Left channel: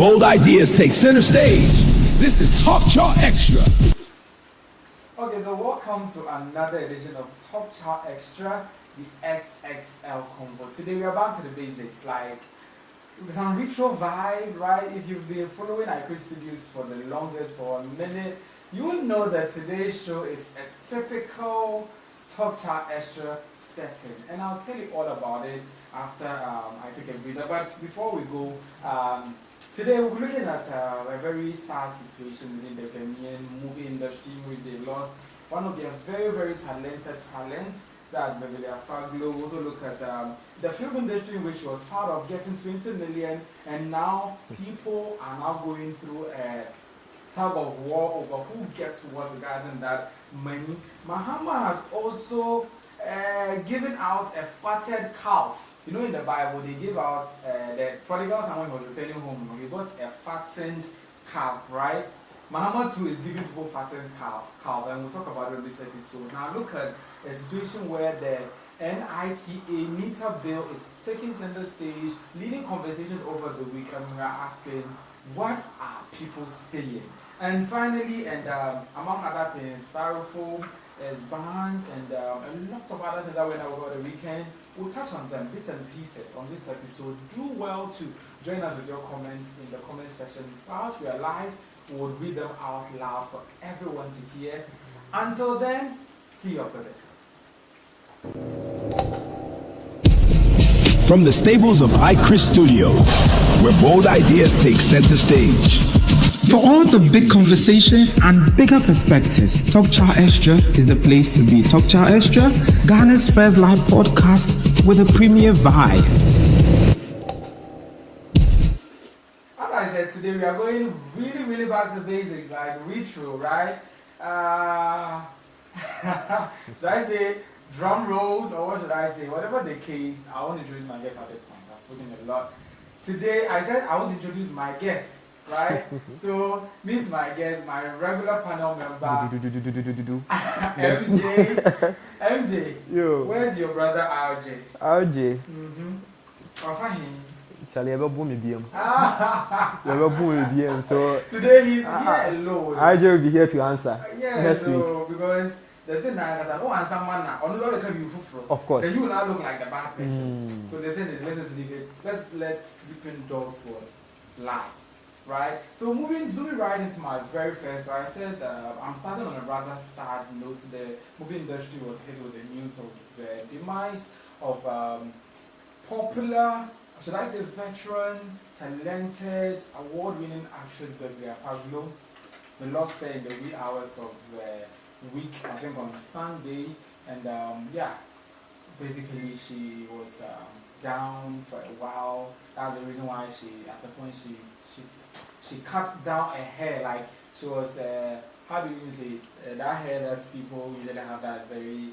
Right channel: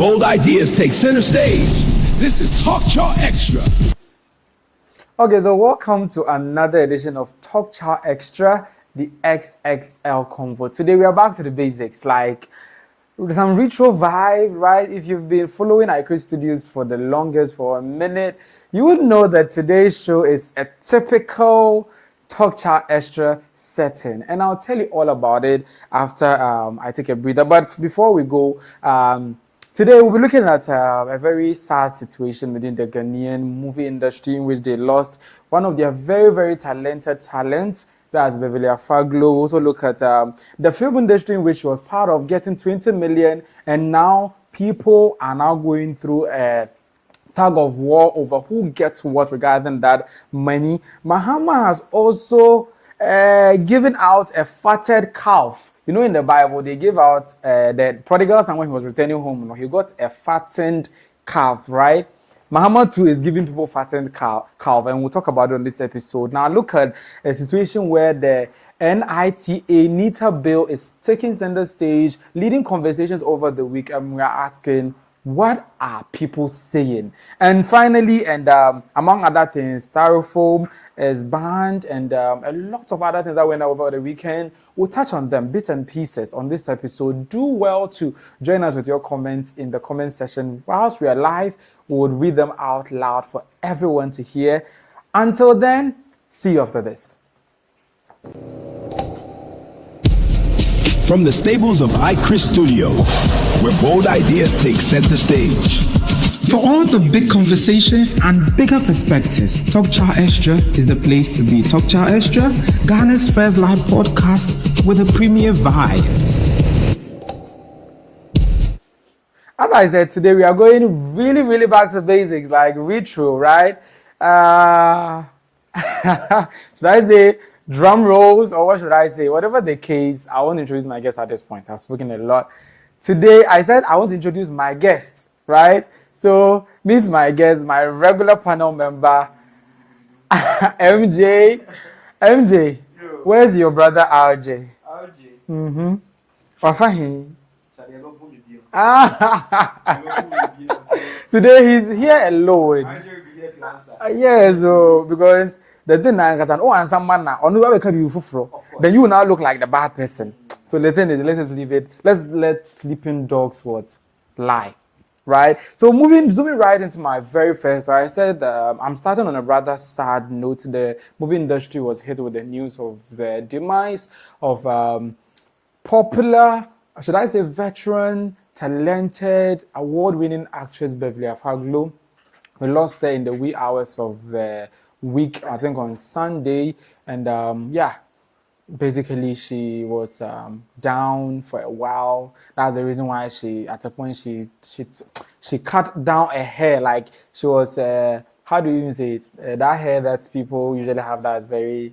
Bold ideas take center stage. This is Chaw Xtra. Okay, so welcome to another edition of Chaw Xtra, the XXL Convo. Today we are back to the basics, like with some retro vibe, right? If you've been following NITA Studios for the longest, for a minute, you would know that today's show is a typical Chaw Xtra setting, and I'll tell you all about it after I take a breather. But before we go, today we'll be looking at a very sad situation within the Ghanaian movie industry, in which they lost one of their very, very talented talents. That's Beverly Afaglo. Also look at the film industry, in which she was part of getting 20 million, and now people are now going through a tug of war over who gets what regarding that money. Mahama has also given out a fatted calf. You know, in the Bible, they give out the prodigal son when he was returning home. He got a fattened calf, right? Mahama too is giving people fattened calf, and we'll talk about it on this episode. Now, look at a situation where the NITA Bill is taking center stage, leading conversations over the week, and we are asking, what are people saying? And finally, and among other things, Styrofoam is banned, and a lot of other things that went over the weekend. We'll touch on them, bits and pieces, on this episode. Do well to join us with your comments in the comment section. Whilst we are live, we would read them out loud for everyone to hear. Until then, see you after this. From the stables of NITA Studios, where bold ideas take center stage. For all the big conversations and bigger perspectives, Chaw Xtra is the place to be. Chaw Xtra, Ghana's first live podcast with a premier vibe. As I said, today we are going really, really back to basics, like retro, right? Should I say drum rolls, or what should I say? Whatever the case, I want to introduce my guest at this point. I've spoken a lot. Today, I said I want to introduce my guest. Right? So, meet my guest, my regular panel member, MJ. MJ, yo. Where's your brother RJ? RJ. Wafahi. Charlie, ever boom medium. So today he's here alone. RJ will be here to answer. Yes, so because the thing I can answer man now. On the way you for. Of course. Then you will now look like the bad person. So the thing is, let's just leave it. Let's let sleeping dogs what lie. Right, so zooming right into my very first, right, I said I'm starting on a rather sad note. The movie industry was hit with the news of the demise of popular, should I say veteran, talented, award-winning actress Beverly Afaglo. We lost her in the wee hours of the week, I think on Sunday, and yeah, basically she was down for a while. That's the reason why at a point she cut down her hair. Like she was how do you even say it? That hair that people usually have that is very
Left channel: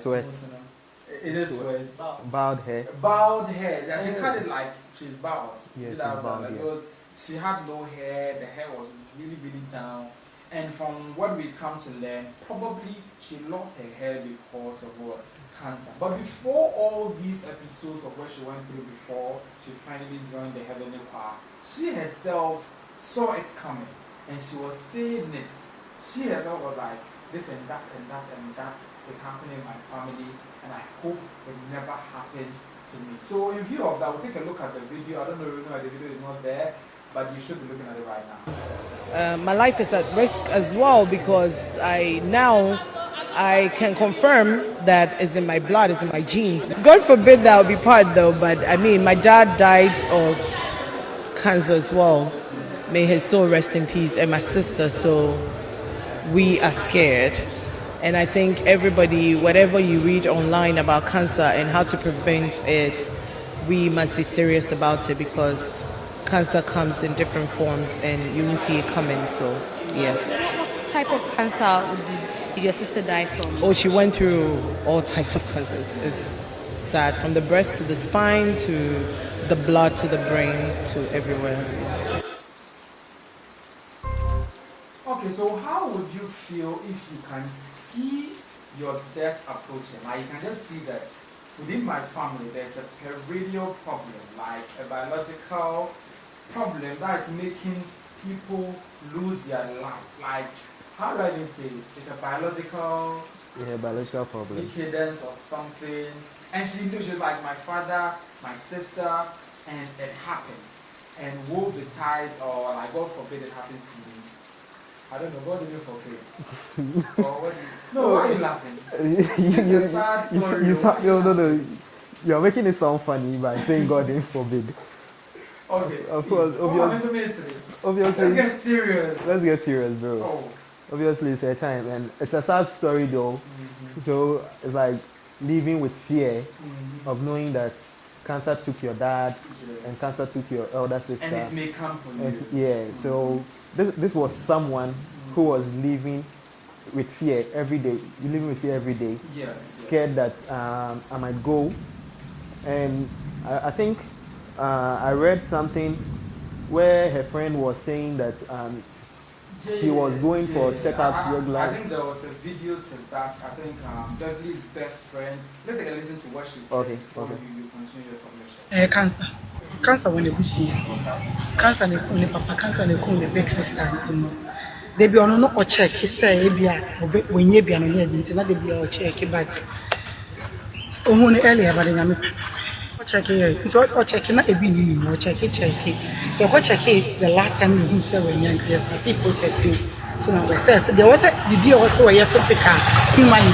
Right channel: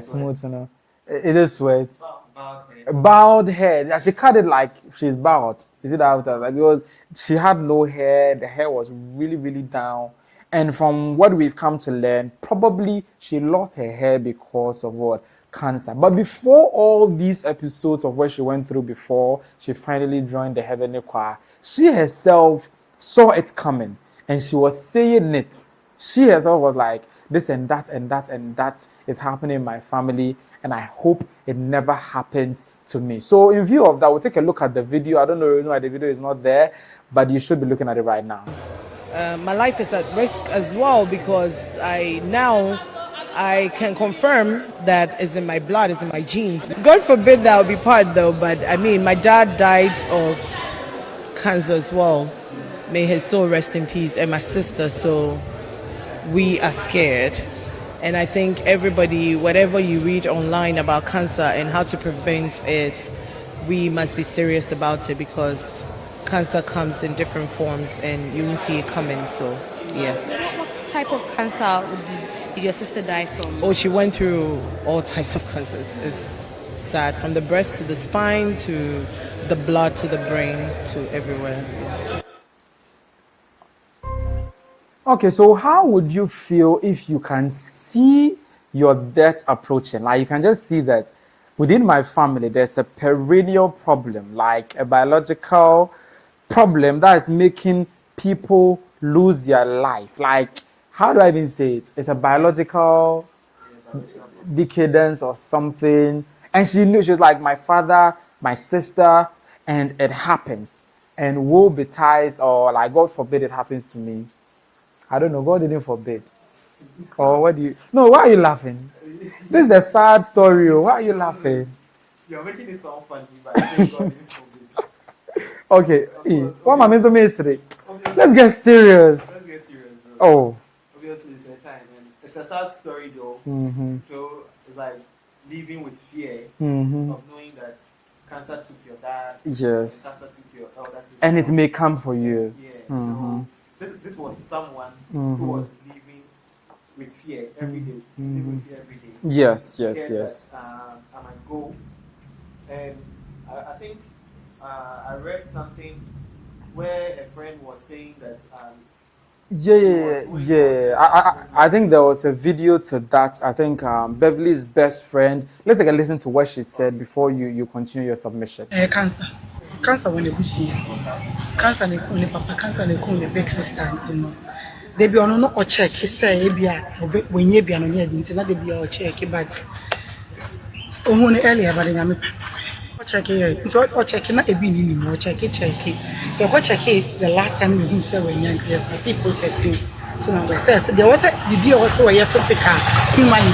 smooth, you know. It is sweat. Bald hair. Bald hair. Yeah, she cut it like she's bald. Is it out there? Like, because she had no hair. The hair was really, really down. And from what we've come to learn, probably she lost her hair because of what? Cancer. But before all these episodes of what she went through before she finally joined the Heavenly Choir, she herself saw it coming, and she was saying it. She herself was like, this and that and that and that is happening in my family, and I hope it never happens to me. So in view of that, we'll take a look at the video. I don't know the reason why the video is not there, but you should be looking at it right now. My life is at risk as well, because I can confirm that it's in my blood, it's in my genes. God forbid that I'll be part though, but I mean, my dad died of cancer as well. May his soul rest in peace, and my sister, so we are scared. And I think everybody, whatever you read online about cancer and how to prevent it, we must be serious about it, because cancer comes in different forms and you will see it coming, so yeah. What type of cancer did your sister die from? Oh, she went through all types of cancers. It's sad, from the breast to the spine to the blood to the brain to everywhere. Okay, so how would you feel if you can see your death approaching? Like you can just see that within my family there's a perennial problem, like a biological problem that is making people lose their life. Like, how do I even say it? It's a biological problem. decadence or something. And she knew, she was like, my father, my sister, and it happens. And woe betides, or like, God forbid it happens to me. I don't know, God didn't forbid. Or what do you... No, why are you laughing? This is a sad story. Why are you laughing? You're making it sound funny by saying God didn't forbid. Okay, Of course. what am I meant mystery? Obviously, Let's get serious. Let's get serious, bro. Oh. Obviously, it's a time, and it's a sad story, though. So it's like living with fear of knowing that cancer took your dad, Yes. and cancer took your elder sister, And it may come for you. Yeah. So this was someone who was living with fear every day. Living with fear every day. Yes, Scared yes. that I might go, and I think I read something where her friend was saying that she was going for checkups regularly. I think there was a video to that. I think Beverly's best friend. Let's take a listen to what she said before you continue your submission. Cancer when you push cancer when you papa cancer when you big sisters, you know. They be on no check. He say when you be on your internet, they be on check, but earlier, but I'm check it. So I check na ebi ni more check it. So I check it the last time you said when you started processing. So now we say there was a be also a physical human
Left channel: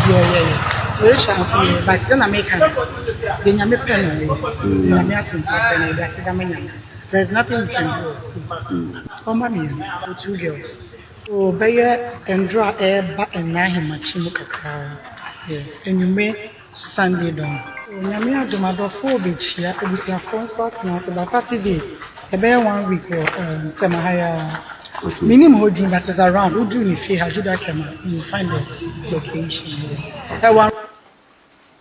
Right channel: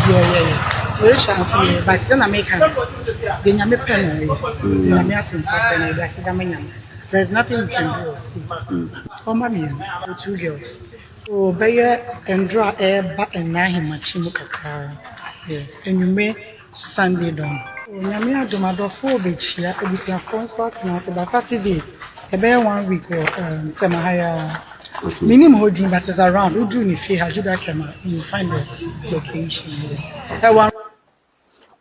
spiritual, but then I make the nyame pen the nyame atum say na that's the nyame. There's nothing we can do. See, oh mommy, with 2 girls. Oh, Baya and draw air back and now him kakara. Yeah, and you may Sunday down. Nyame adomado for be chia obusia comfort na se ba Saturday e be 1 week or temahaya minimum holding that is around who do ni fi hajuda kema you find the location there.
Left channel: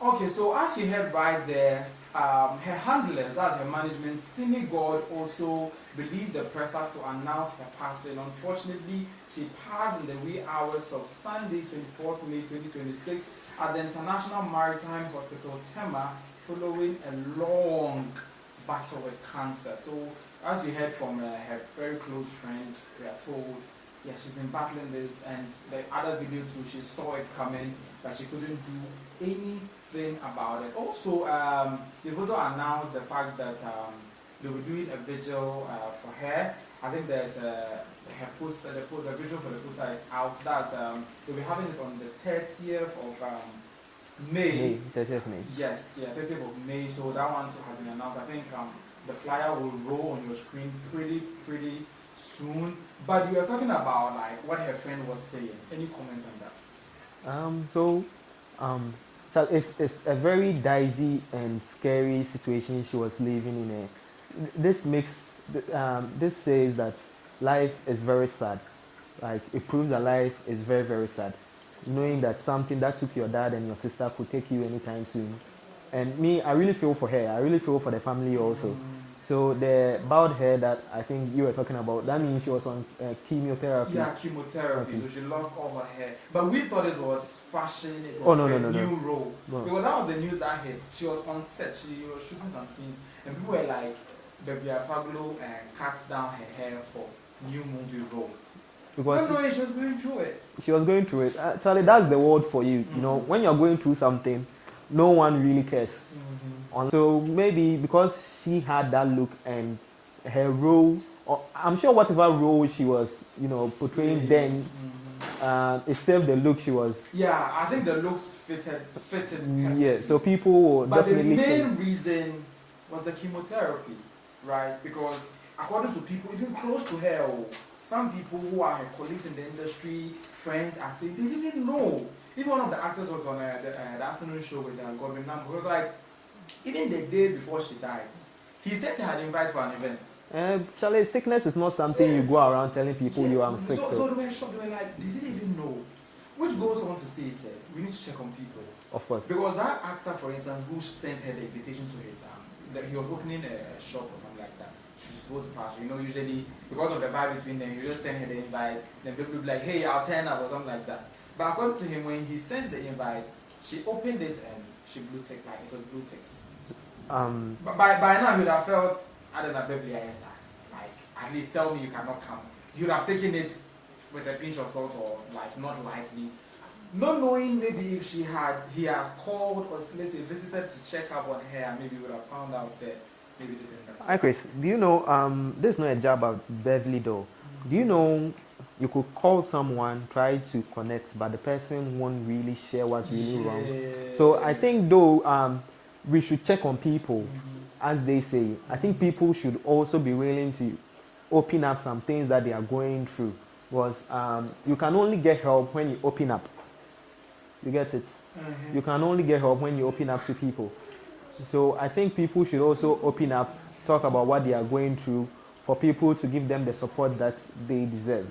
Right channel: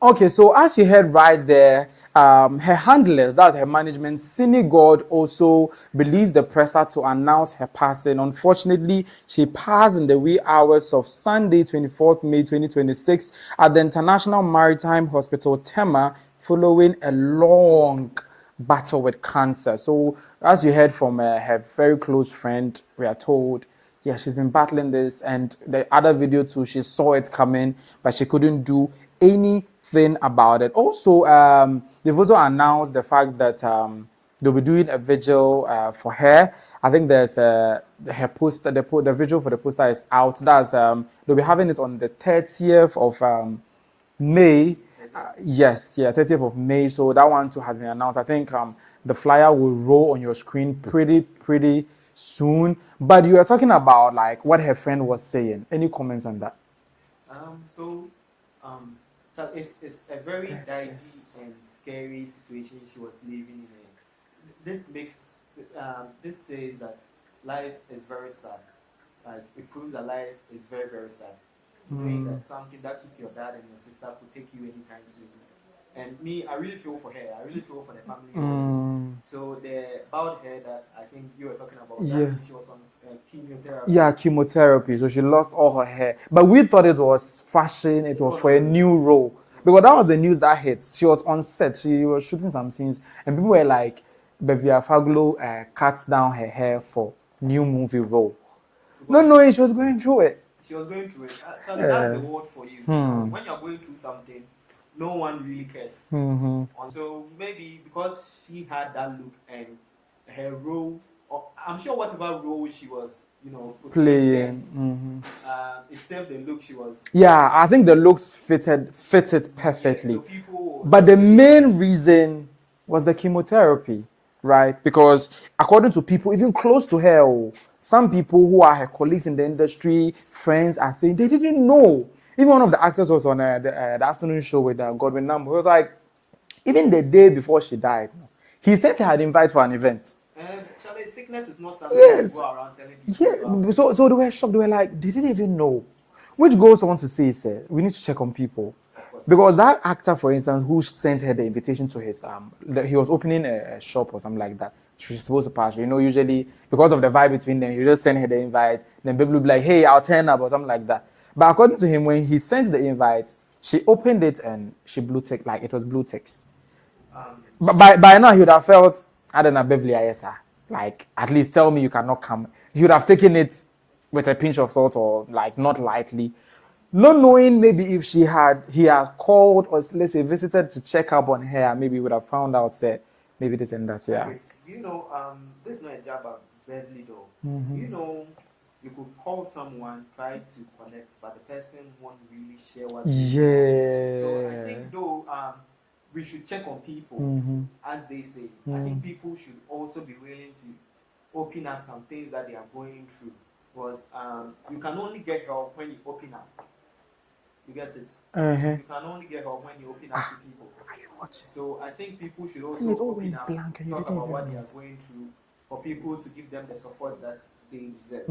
Okay, so as you heard right there, her handlers, that's her management, Cine God, also released the presser to announce her passing. Unfortunately, she passed in the wee hours of Sunday, 24th May 2026 at the International Maritime Hospital, Tema, following a long battle with cancer. So as you heard from her very close friend, we are told, yeah, she's been battling this, and the other video too, she saw it coming, but she couldn't do anything about it. Also, they've also announced the fact that they'll be doing a vigil for her. I think there's her poster, the vigil for the poster is out. That's they'll be having it on the 30th of May. 30th May. Yes, yeah, 30th of May. So that one too has been announced. I think the flyer will roll on your screen pretty soon. But you are talking about like what her friend was saying. Any comments on that? So it's a very dicey and scary situation she was living in. This says that life is very sad. Like, it proves that life is very, very sad. Knowing that something that took your dad and your sister could take you anytime soon. And me, I really feel for her. I really feel for the family also. So the bowed hair that I think you were talking about, that means she was on chemotherapy. Yeah, chemotherapy. So she lost all her hair. But we thought it was fashion. It was for a new role. Because that was the news that hit. She was on set. She was shooting some scenes. And people were like, Beverly Afaglo cuts down her hair for new movie role. No, she was going through it. She was going through it. Actually, that's the word for you. You know, when you're going through something, no one really cares. So maybe because she had that look and her role, or I'm sure whatever role she was, portraying then, it served the look she was. Yeah, I think the looks fitted perfectly. Yeah, so people. But the main reason was the chemotherapy, right? Because according to people even close to her, some people who are her colleagues in the industry, friends, are saying they didn't know. Even one of the actors was on the afternoon show with Godwin Number. He was like, even the day before she died, he sent her an invite for an event. Charlie, sickness is not something you go around telling people you are sick. So they were shocked. They were like, they didn't even know. Which goes on to say, sir, we need to check on people. Of course. Because that actor, for instance, who sent her the invitation to his, he was opening a shop or something like that. She was supposed to pass. Usually, because of the vibe between them, you just send her the invite. Then people will be like, hey, I'll turn up or something like that. But according to him, when he sent the invite, she opened it and she blue tick, like it was blue text. But by now, he would have felt, I don't know, Beverly Afaglo. like, at least tell me you cannot come. You would have taken it with a pinch of salt or like not lightly. Not knowing maybe if he had called or let's say visited to check up on her, maybe he would have found out, said, maybe this and that. Yeah. Do you know, this is not a job of Beverly though. Do you know you could call someone, try to connect, but the person won't really share what's really wrong. So I think though, we should check on people, as they say. I think people should also be willing to open up some things that they are going through. Because you can only get help when you open up. You get it? You can only get help when you open up to people. So I think people should also open up, talk about what they are going through, for people to give them the support that they deserve.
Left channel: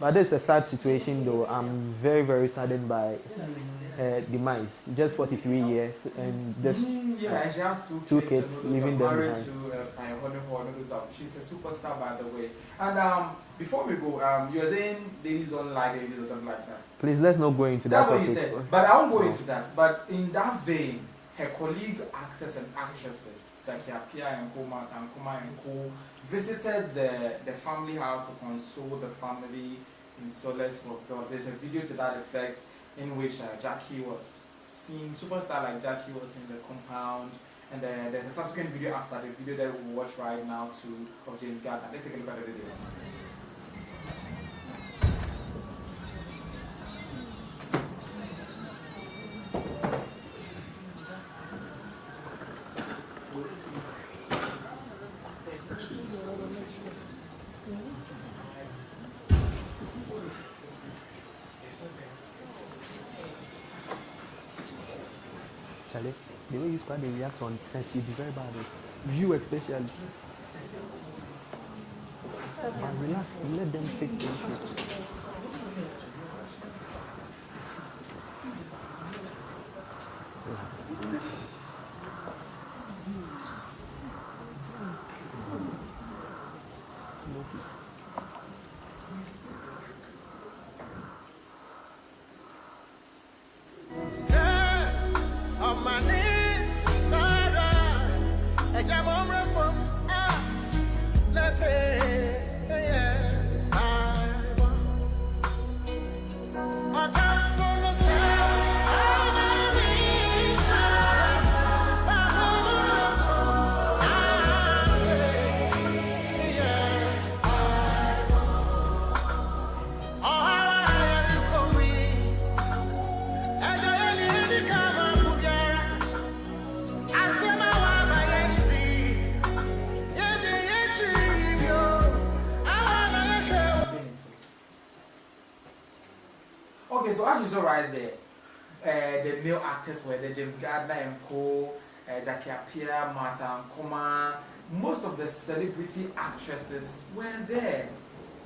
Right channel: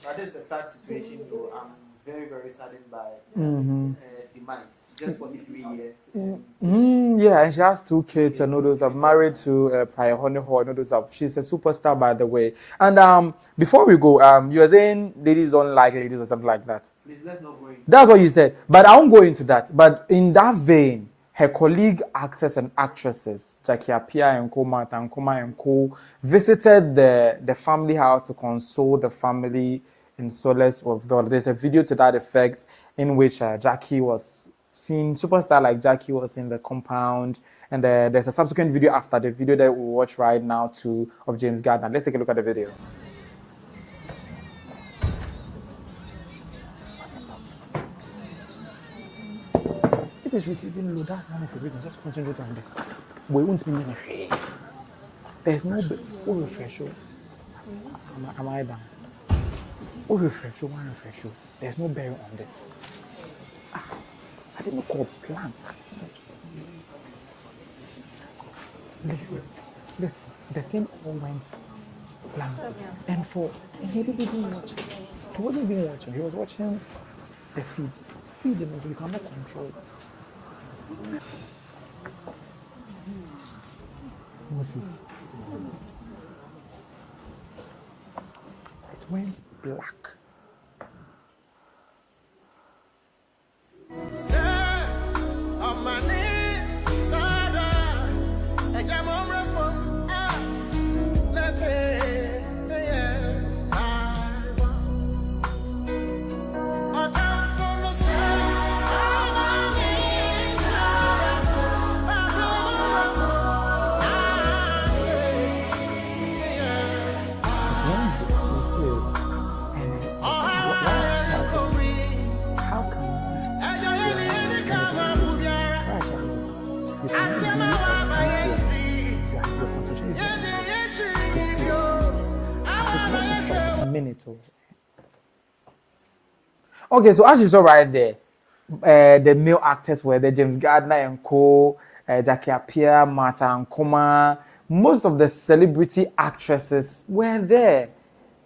But this is a sad situation though. I'm very, very saddened by demise. Just 43 years. And just yeah, and she has two kids and all those are married to Pioneer. She's a superstar, by the way. And before we go, you were saying ladies don't like ladies or something like that. Please, let's not go into that. That's what you said. But I won't go into that. But in that vein, her colleague actors and actresses, Jackie Appiah, Ankomah, and co, visited the family house to console the family in solace of God. There's a video to that effect in which Jackie was seen, superstar like Jackie was in the compound. And there's a subsequent video after the video that we watch right now too of James Gardiner. Let's take a look at the video. There's no am I done? There's no bearing on this. I didn't call plan actually. You know, you start to react on sense, you'd be very bad. You especially. The thing all runs. And for he wasn't even watching. He was watching the feed. Feed him, you cannot control that. Mrs. It went black. Okay, so as you saw right there, the male actors were there, James Gardiner and co, Jackie Appiah, Martha Ankomah. Most of the celebrity actresses were there.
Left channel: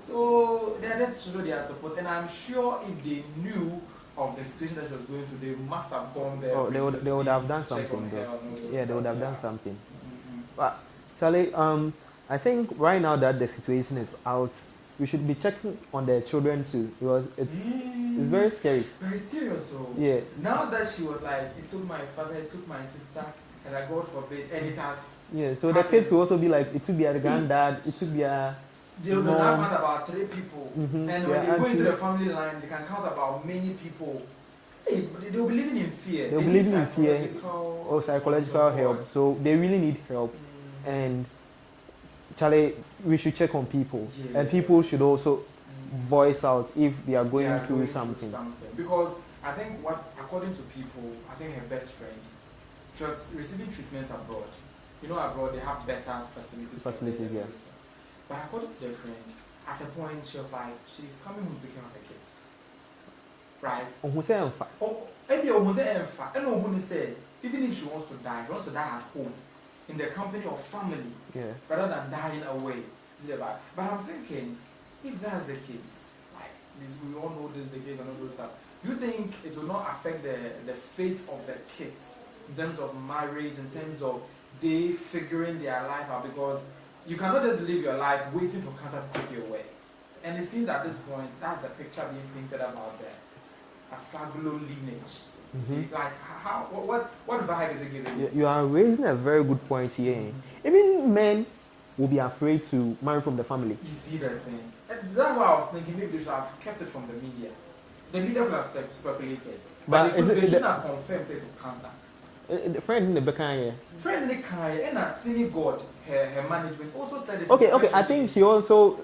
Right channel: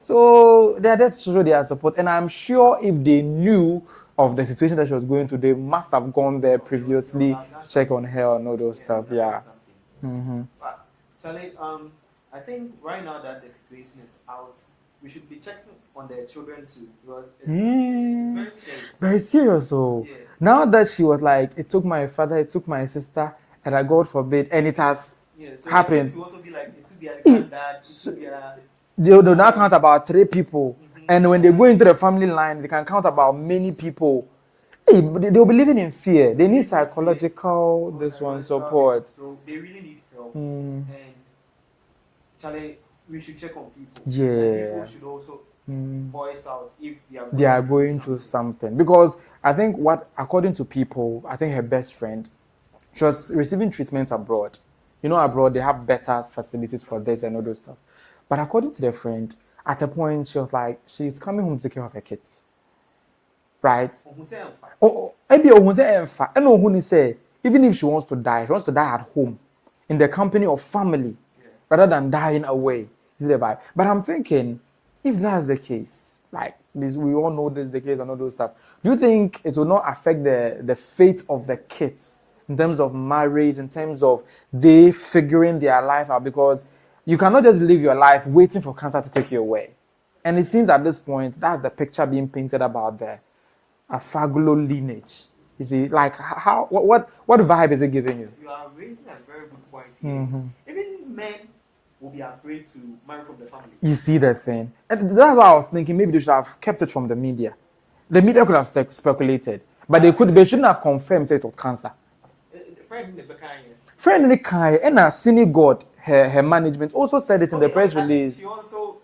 So they are there to show their support. And I'm sure if they knew of the situation that she was going through, they must have gone there previously, check on her and all those stuff. They would have done something. But Charlie, I think right now that the situation is out, we should be checking on their children too, because it's very scary. Very serious, so yeah. Now that she was like, it took my father, it took my sister, and I God forbid, and it has happened. It will also be like, it took their granddad, it took their... They'll now count about 3 people, and when they go into the family line, they can count about many people. Hey, they'll be living in fear. They need psychological support. So they really need help. And Charlie, we should check on people. Yeah. And people should also voice out if they are going through something. Because I think according to people, I think her best friend, she was receiving treatments abroad. You know, abroad they have better facilities for this and all those stuff. But according to their friend, at a point she was like, she's coming home to take care of her kids. Right? Even if she wants to die at home, in the company of family, rather than dying away. But I'm thinking, if that's the case, like this, we all know this is the case and all those stuff. Do you think it will not affect the fate of the kids in terms of marriage, in terms of they figuring their life out? Because you cannot just live your life waiting for cancer to take you away. And it seems at this point, that's the picture being painted about the Afaglo lineage. You see, like what vibe is it giving you? You are raising a very good point here. Even men will be afraid to marry from the family. You see that thing? And that's why I was thinking maybe they should have kept it from the media. The media could have speculated, but they shouldn't have confirmed it was cancer. The friend in the Bekanye. Friend in the Kai and a senior god, her management also said it in the press release. I think she also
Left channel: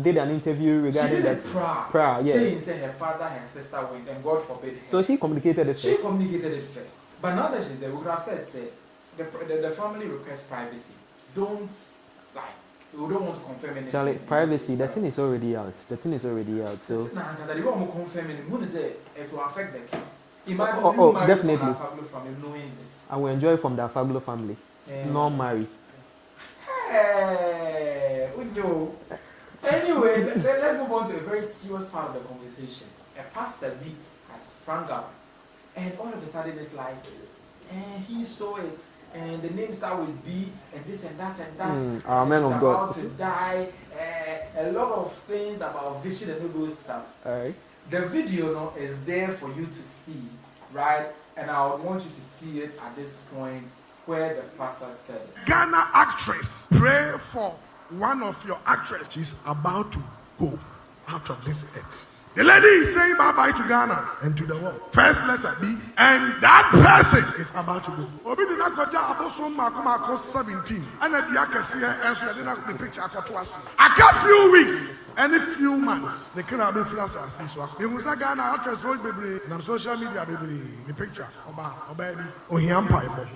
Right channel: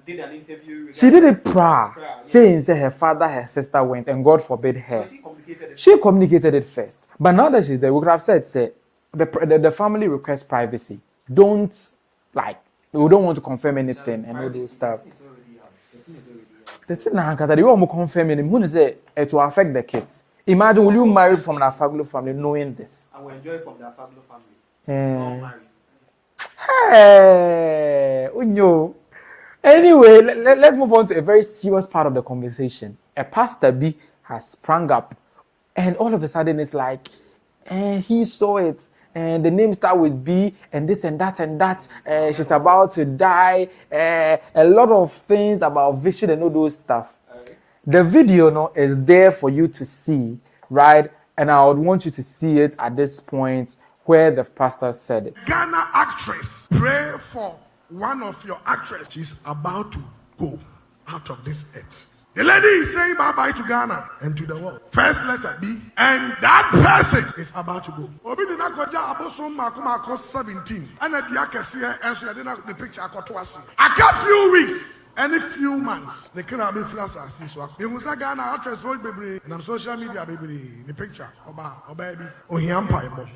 did an interview regarding. She did it prior, yeah. saying that her father, her sister went, and God forbid her. So she communicated it. She communicated it first, but now that she's there, we could have said, say, the family requests privacy. Don't we don't want to confirm anything. Charlie, privacy, the thing is already out. So the thing now, they won't confirm anything. Who say it will affect the kids? Imagine will you marry from the Afaglo family knowing this? I will enjoy from the Afaglo family. Not marry. Hey, Unyo. Anyway, let's move on to a very serious part of the conversation. A pastor B has sprung up, and all of a sudden it's like, he saw it, and the name start with B, and this and that and that. She's about to die. A lot of things about vision and all those stuff. Right. The video is there for you to see, right? And I would want you to see it at this point where the pastor said it. Ghana actress, pray for one of your actresses. She's about to go out of this earth. The lady is saying bye-bye to Ghana and to the world. First letter B. And that person is about to go. Obi did not go to 17. And the picture a few weeks. Any few months, they cannot be flash as this one. They will say Ghana actress voice baby and on social media baby. The picture or baby or empire.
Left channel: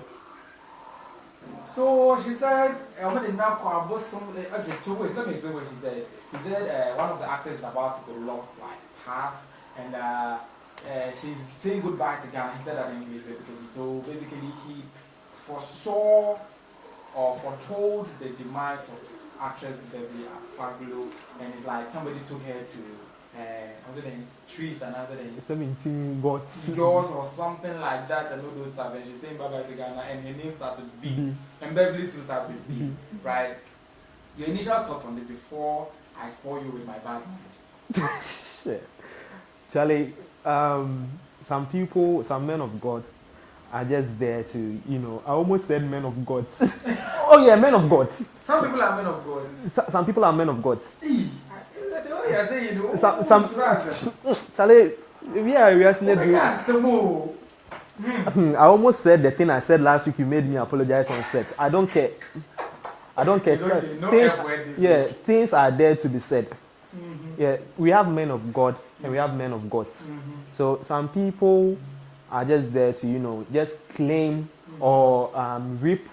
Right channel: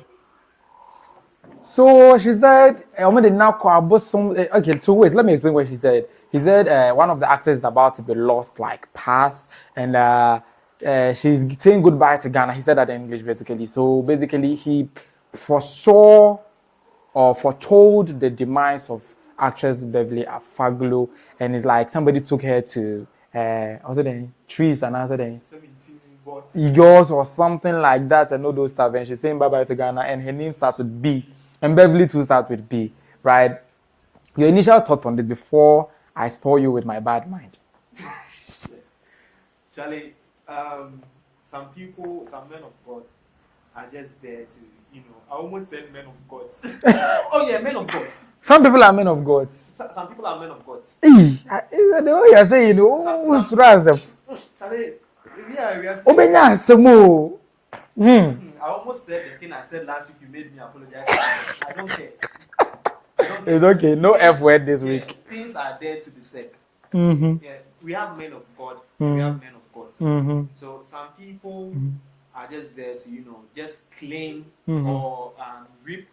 So she said, okay, so wait, let me explain what she said. He said one of the actors is about to be lost, like pass, and she's saying goodbye to Ghana. He said that in English, basically. So basically, he foresaw or foretold the demise of actress Beverly Afaglo, and it's like somebody took her to also then trees and also then 17 gods or something like that, and all those stuff. And she's saying bye bye to Ghana, and her name starts with B, and Beverly too starts with B, right? Your initial thought on this before I spoil you with my bad mind. Shit. Charlie, some people, some men of God are just there to, I almost said men of God. Oh yeah, men of God. Some people are men of God. Some people are men of God. The way you're saying, Charlie, we are I almost said the thing I said last week. You made me apologize for myself. I don't care. It's okay. No F word this week. Things are there to be said. Mm-hmm. Yeah, we have men of God and we have men of gods. Mm-hmm. So some people are just there to, just claim or reap.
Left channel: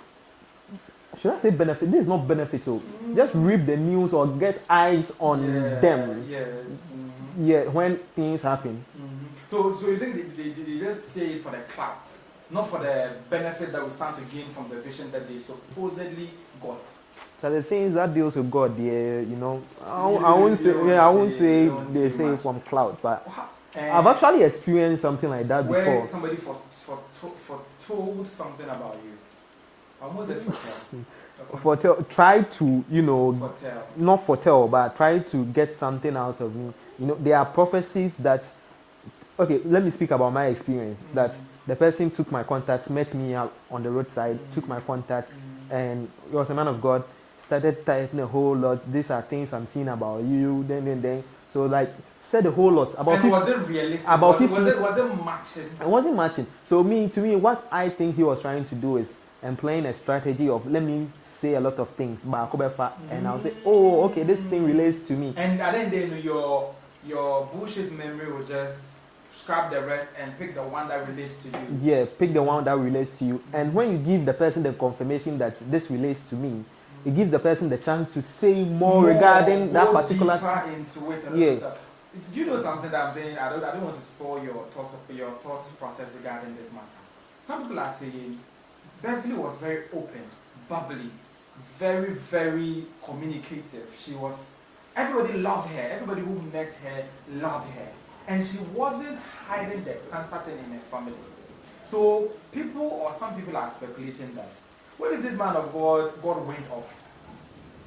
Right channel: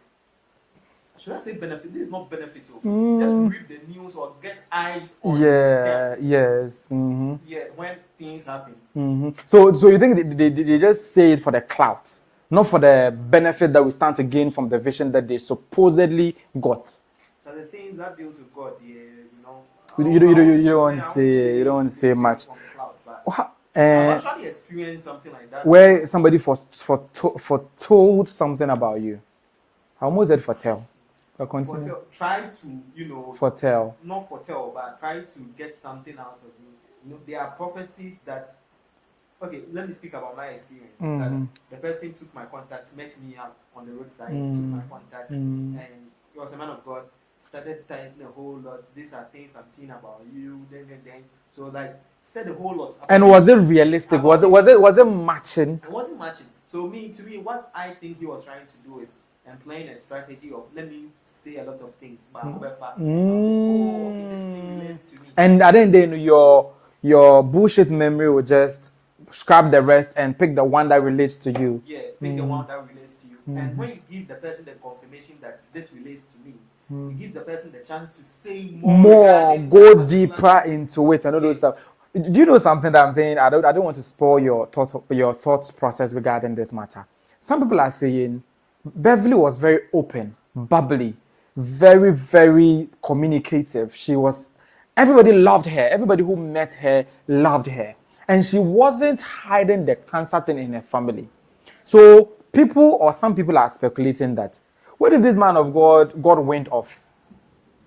Should I say benefit? This is not beneficial. Just reap the news or get eyes on them. Yes. Yeah, when things happen. So you think they just say it for the clout, not for the benefit that we stand to gain from the vision that they supposedly got? So the things that deals with God, I won't say much from clout, but I've actually experienced something like that where before. somebody foretold something about you. I almost said foretell. Try to, foretell. Not foretell, but try to get something out of me. There are prophecies that. Okay, let me speak about my experience. That the person took my contacts, met me out on the roadside, took my contacts, and he was a man of God. Started typing a whole lot. These are things I'm seeing about you. Then. So said a whole lot about. And was it realistic? Was it matching? It wasn't matching. So to me, what I think he was trying to do is employing a strategy of let me say a lot of things, and I'll say, oh, okay, this thing relates to me. And then your bullshit memory will just scrap the rest and pick the one that relates to you. Yeah, pick the one that relates to you. And when you give the person the confirmation that this relates to me, it gives the person the chance to say more regarding go that deeper into it and all those stuff. Do you know something that I'm saying? I don't want to spoil your thoughts process regarding this matter. Some people are saying Beverly was very open, bubbly, very, very communicative. Everybody loved her. Everybody who met her loved her. And she wasn't hiding the cancer thing in her family. So some people are speculating that, where did this man of God went off?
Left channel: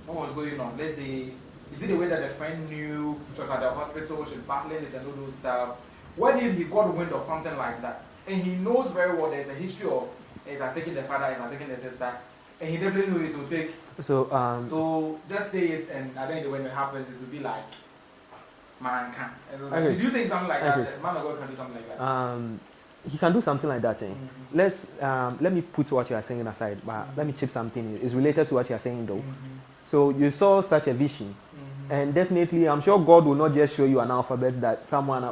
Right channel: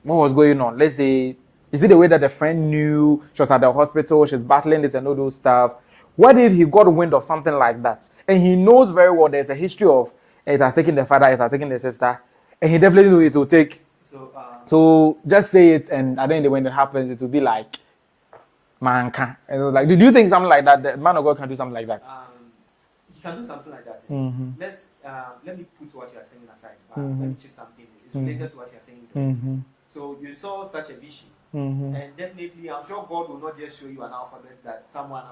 What was going on? Let's say, is it the way that the friend knew she was at the hospital, she's battling this and all those stuff? What if he got wind of something like that? And he knows very well there's a history of it has taken the father, it has taken the sister, and he definitely knows it will take. So just say it, and I think when it happens, it will be like, manka. Like, do you think something like that? The man of God can do something like that? He can do something like that. Let me put what you are saying aside, but let me chip something. It's related to what you are saying, though. So you saw such a vision, and definitely, I'm sure God will not just show you an alphabet that someone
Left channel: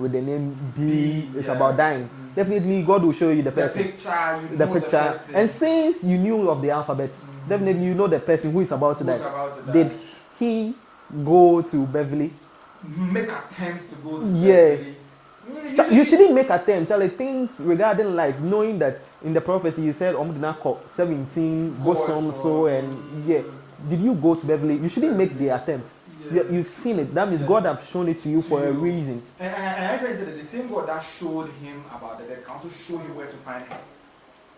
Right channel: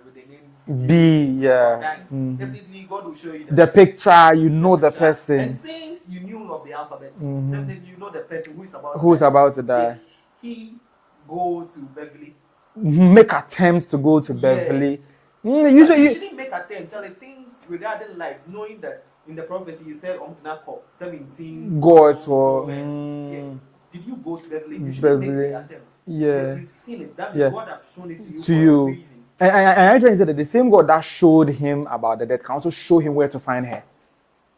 with the name B is about dying. Definitely, God will show you the picture. The person, and since you knew of the alphabet, definitely you know the person who is about to die. Did he go to Beverly? Make attempts to go to Beverly. Usually, you shouldn't make attempts. Charlie, things regarding life, knowing that in the prophecy you said 17 gods did you go to Beverly? You shouldn't make the attempt. You've seen it. That means God has shown it to you for a reason. And I try to say that the same God that showed him about the death can also show him where to find her.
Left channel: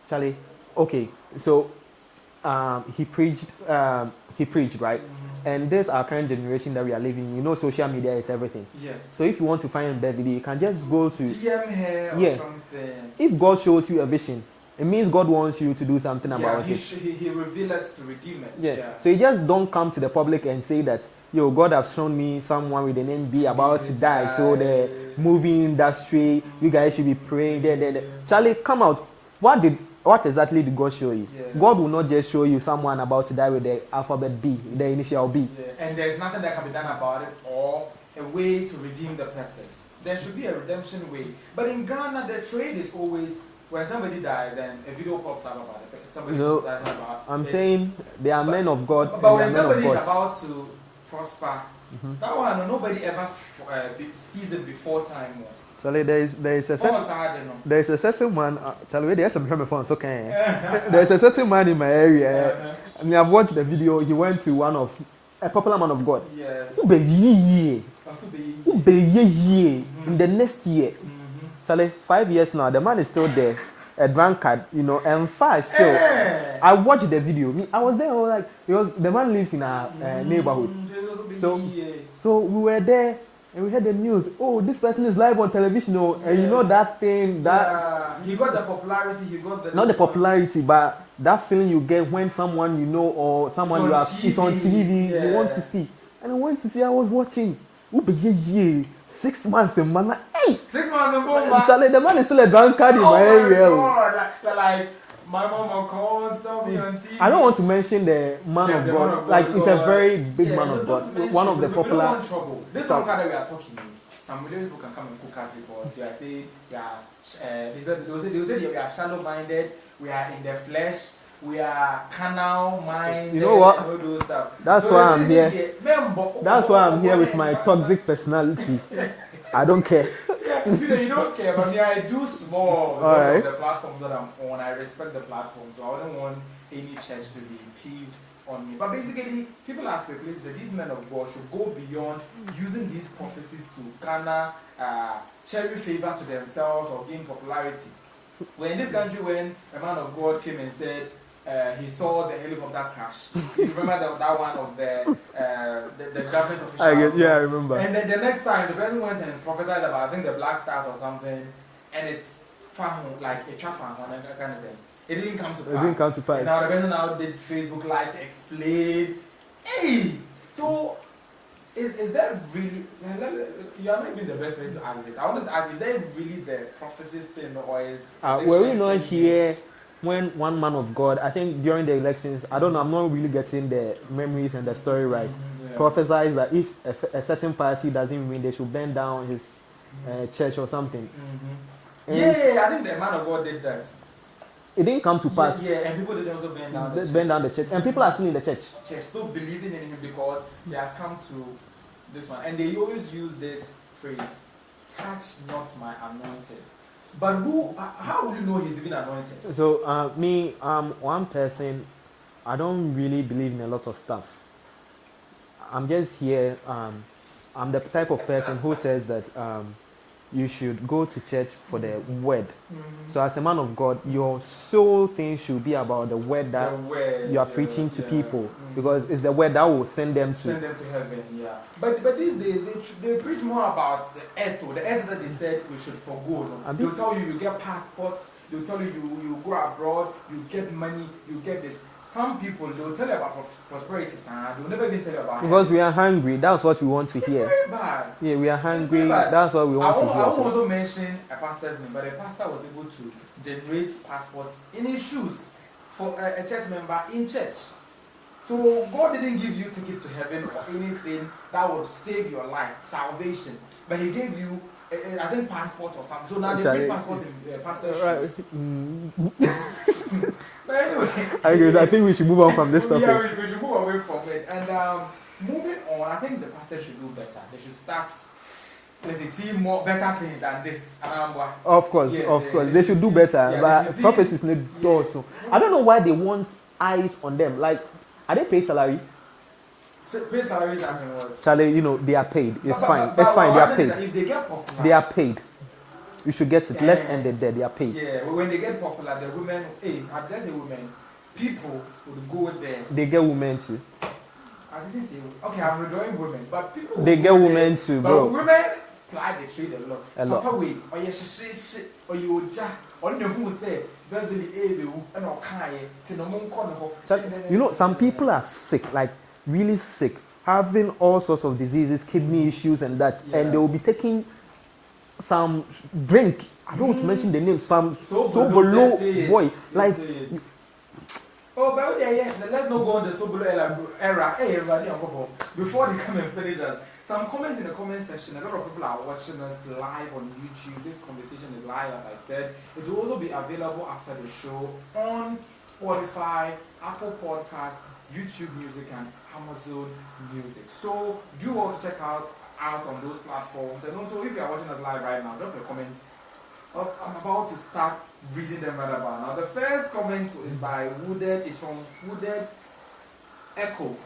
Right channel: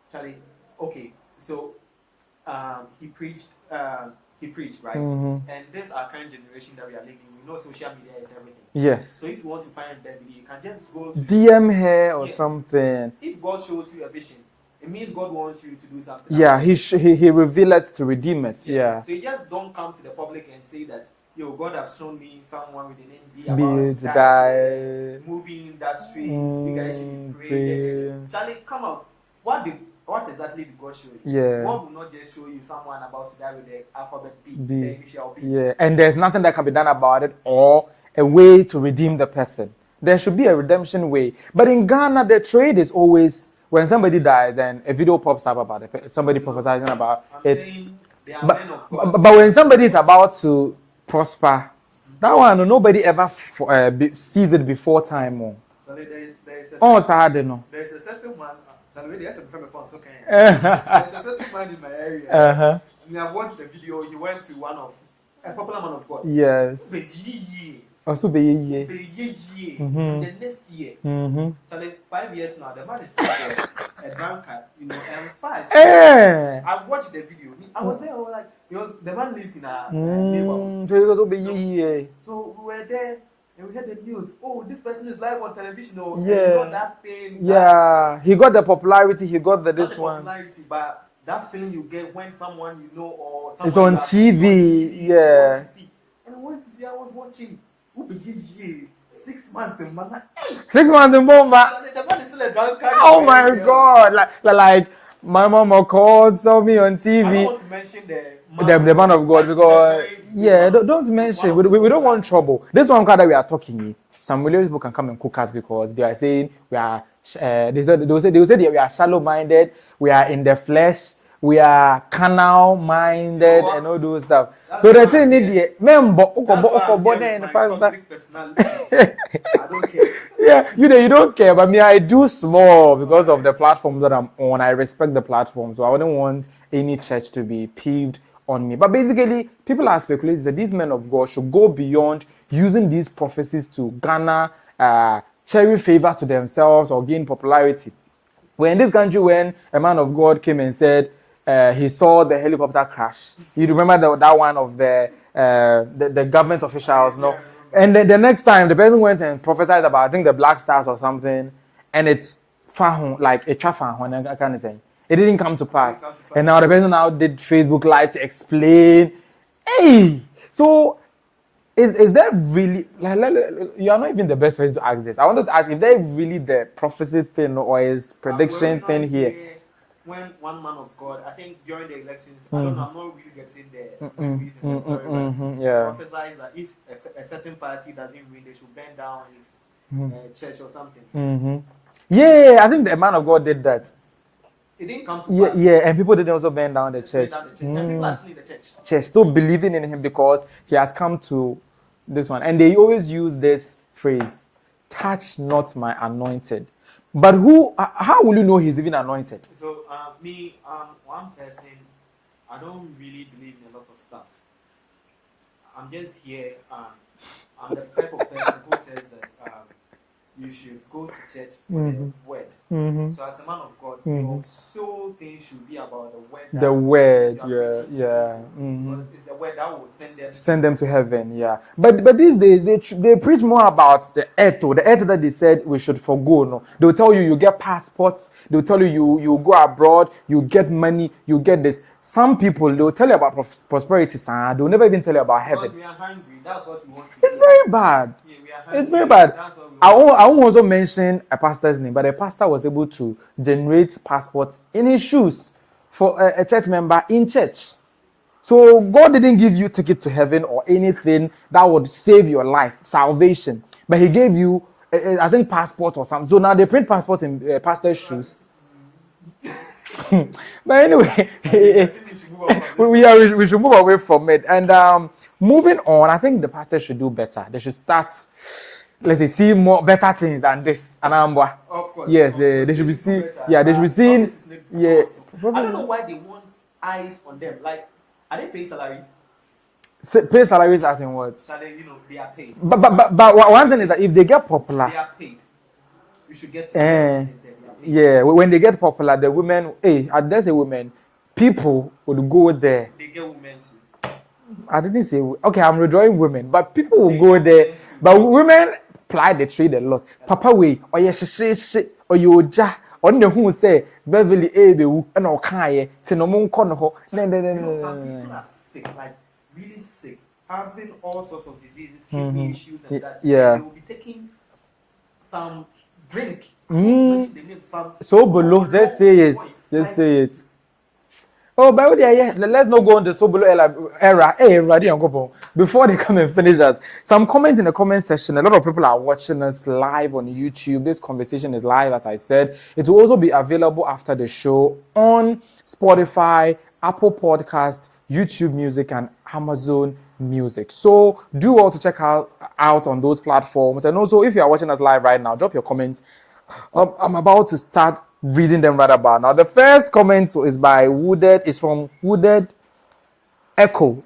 Charlie, okay, so he preached, right? And this our current generation that we are living. You know, social media is everything. Yes. So if you want to find Beverly, you can just go to DM her or something. If God shows you a vision, it means God wants you to do something about it. He revealed it to redeem it. So you just don't come to the public and say that, yo, God has shown me someone with the name B about to die. So the movie industry, you guys should be praying. Charlie, come out. What exactly did God show you? God will not just show you someone about to die with the alphabet B, the initial B. And there's nothing that can be done about it or a way to redeem the person. There should be a redemption way. But in Ghana, the trade is always, when somebody dies, then a video pops up about it. Somebody prophesying about it. I'm saying they are men of God. But when somebody is about to prosper, that one, nobody ever sees it before time. Charlie, there is a certain man. Charlie, there's some phone, so can there's a certain man in my area. I mean, I've watched the video. He went to a popular man of God. Yes. Also, in the next year. Charlie, 5 years now, the man is still there, a drunkard, and fast. I watched the video. I was there. I was like, the man lives in our neighborhood. So we were there. And we heard the news. Oh, this person is live on television. And you know that thing. He got the popularity. He got the not the popularity, but that feeling you get when someone you know or someone is on TV. You want to see. And I went to see. I was watching. 6 months in man. Hey, 6 months in man. Charlie, the man is still a drunkard. Oh my God! Like my mama called, saw me on TV. I don't want to mention the man of God because it's a very big don't mention. We don't want trouble. This one that we are talking, some million people can come and cook us because they are saying we are. They will say we are shallow-minded. We are in the flesh. We are carnal-minded and all those stuff. That's so why they say that's why I'm here with my toxic personality. I don't care. You don't care, but me, I do small because of the platform that I'm on. I respect the platform, so I wouldn't want any church to be peeved on me. But basically, people are speculating that these men of God should go beyond using these prophecies to garner cherry favor to themselves or gain popularity. When in this country, when a man of God came and said he saw the helicopter crash, you remember that one of the government officials? I remember. And then the next time, the person went and prophesied about, I think, the Black Stars or something, and it's like a chafa kind of thing. It didn't come to pass. And now the person now did Facebook Live to explain. Hey, so is there really, you are not even the best person to ask this. I wanted to ask if there really the prophecy thing or is prediction thing here. When one man of God, I think during the elections, I don't know, I'm not really getting the memories and the story right. Prophesies that if a certain party doesn't win, they should burn down his church or something. I think the man of God did that. It didn't come to pass. And people didn't also burn down the church. And people are still in the church. Still believing in him because he has come to this one. And they always use this phrase, touch not my anointed. But how will you know he's even anointed? So, one person, I don't really believe in a lot of stuff. I'm just here, I'm the type of person who says that you should go to church for the word. So as a man of God, your sole thing should be about the word that you are preaching to people, because it's the word that will send them to heaven. But these days they preach more about the earth that they said we should forgo. No, they'll tell you get passports. They'll tell you you go abroad, you get money, you get this. some people, they'll tell you about prosperity, they'll never even tell you about because heaven. we are hungry. That's what we want to It's hear. very bad. Yeah, we are hungry. It's very bad. That's what we want I to hear. won't also mention a pastor's name, but the pastor was able to generate passports in his shoes for a church member in church. So God didn't give you ticket to heaven or anything that would save your life, salvation. But he gave you, I think, passport or something. So now they print passports in pastor's shoes. But anyway, I think we should move on from this. We should move away from it. And moving on, I think the pastors should do better. They should start, let's say, see more better things than this. Of course. Yes, they should do better. Yeah, they should see. Yes. I don't know why they want eyes on them. Like, are they paid salary? Pay salaries as in what? Charlie, you know, they are paid. But one thing is that if they get popular, they are paid. You should get it. Let's end it there. They are paid. Yeah, when they get popular, the women, I dare say women, people would go there. They get women too. I didn't say, okay, I'm withdrawing women, but people will They go get there. women too, But bro. women ply the trade a lot. Papa way, or yes, or you ja. On the who say Beverly Afaglo and Okaye, Tinomon Kono. You know, some people are sick, like really sick, having all sorts of diseases, kidney issues, and that. Yeah. And they will be taking some drink. I don't want to mention the name. Some Sobolo, just say it. Boy, Just like, say it. Oh, by the way, yeah, let's not go on the Sobolo era. Hey, before they come and finish us, some comments in the comment section. A lot of people are watching us live on YouTube. This conversation is live, as I said. It will also be available after the show on Spotify, Apple Podcasts, YouTube Music, and Amazon Music. So do all to check out on those platforms. And also, if you are watching us live right now, drop your comments. I'm about to start reading them right about now. The first comment is by Wooded. It's from Wooded Echo.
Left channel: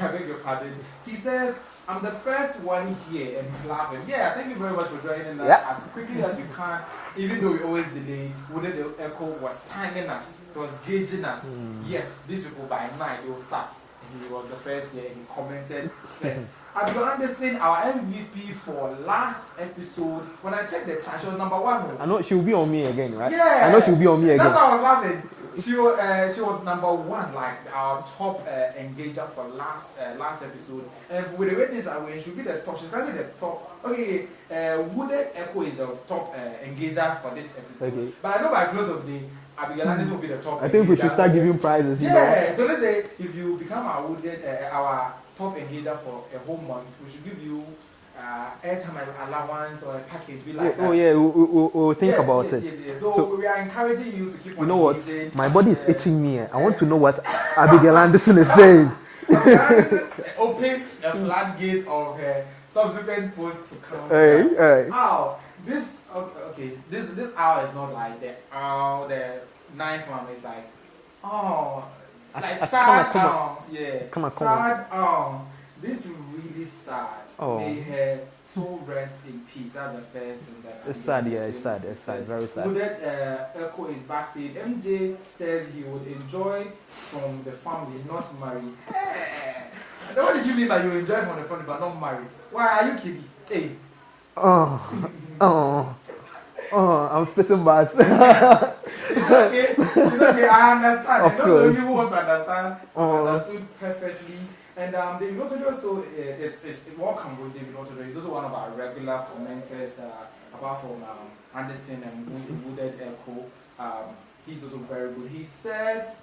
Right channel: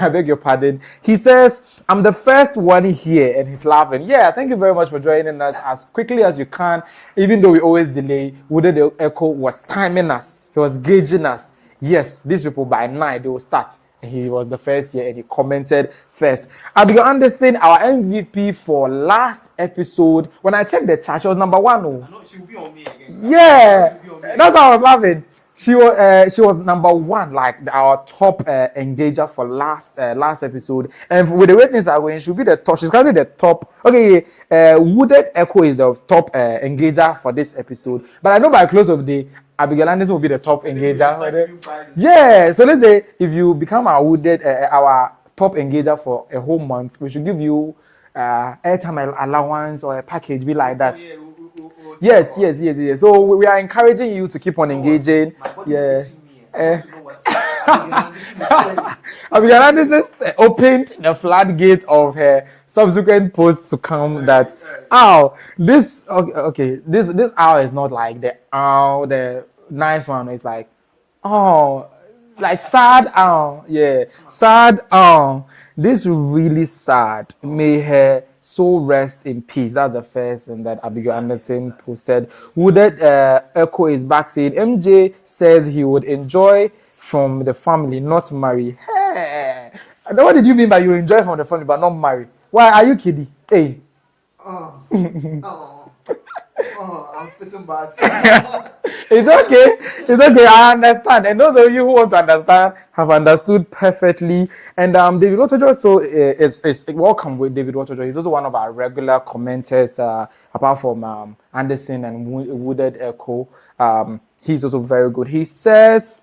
I beg your pardon. He says, I'm the first one here, and he's laughing. Yeah, thank you very much for joining us as quickly as you can. Even though we always delay, Wooded Echo was timing us. He was gauging us. Yes, these people by 9 they will start. And he was the first here, and he commented first. Abigail Anderson, our MVP for last episode. When I checked the chat, she was number 1. I know she'll be on me again, right? Yeah, I know she'll be on me again. That's how I was laughing. She was number 1, like our top engager for last episode. And with the way things are going, she'll be the top. She's currently the top. Okay, Wooded Echo is the top engager for this episode. Okay. But I know by close of the day, Abigail Anderson will be the top engager. I think we should start giving prizes. Yeah, so let's say if you become our Wooded, our top engager for a whole month, we should give you airtime allowance or a package be like that. Oh yeah, we'll think about it. Yes. So we are encouraging you to keep on engaging. My body is itching me. I want to know what Abigail Anderson is saying. Abigail Anderson opened the floodgates of her subsequent posts to come this hour is not like the nice one. It's like like sad sad this really sad. May her soul rest in peace. That's the first thing that Abigail Anderson instead. Wooded Echo is back saying MJ says he would enjoy from the family, not marry. Hey. What did you mean by you enjoy from the family but not marry? Why are you kidding? Hey. I'm spitting bars. It's okay. I understand. And those of you who want to understand have understood perfectly. And David Waterjoy is welcome with David Waterjoy. He's also one of our regular commenters, apart from Anderson and Wooded Echo. He's also very good. He says,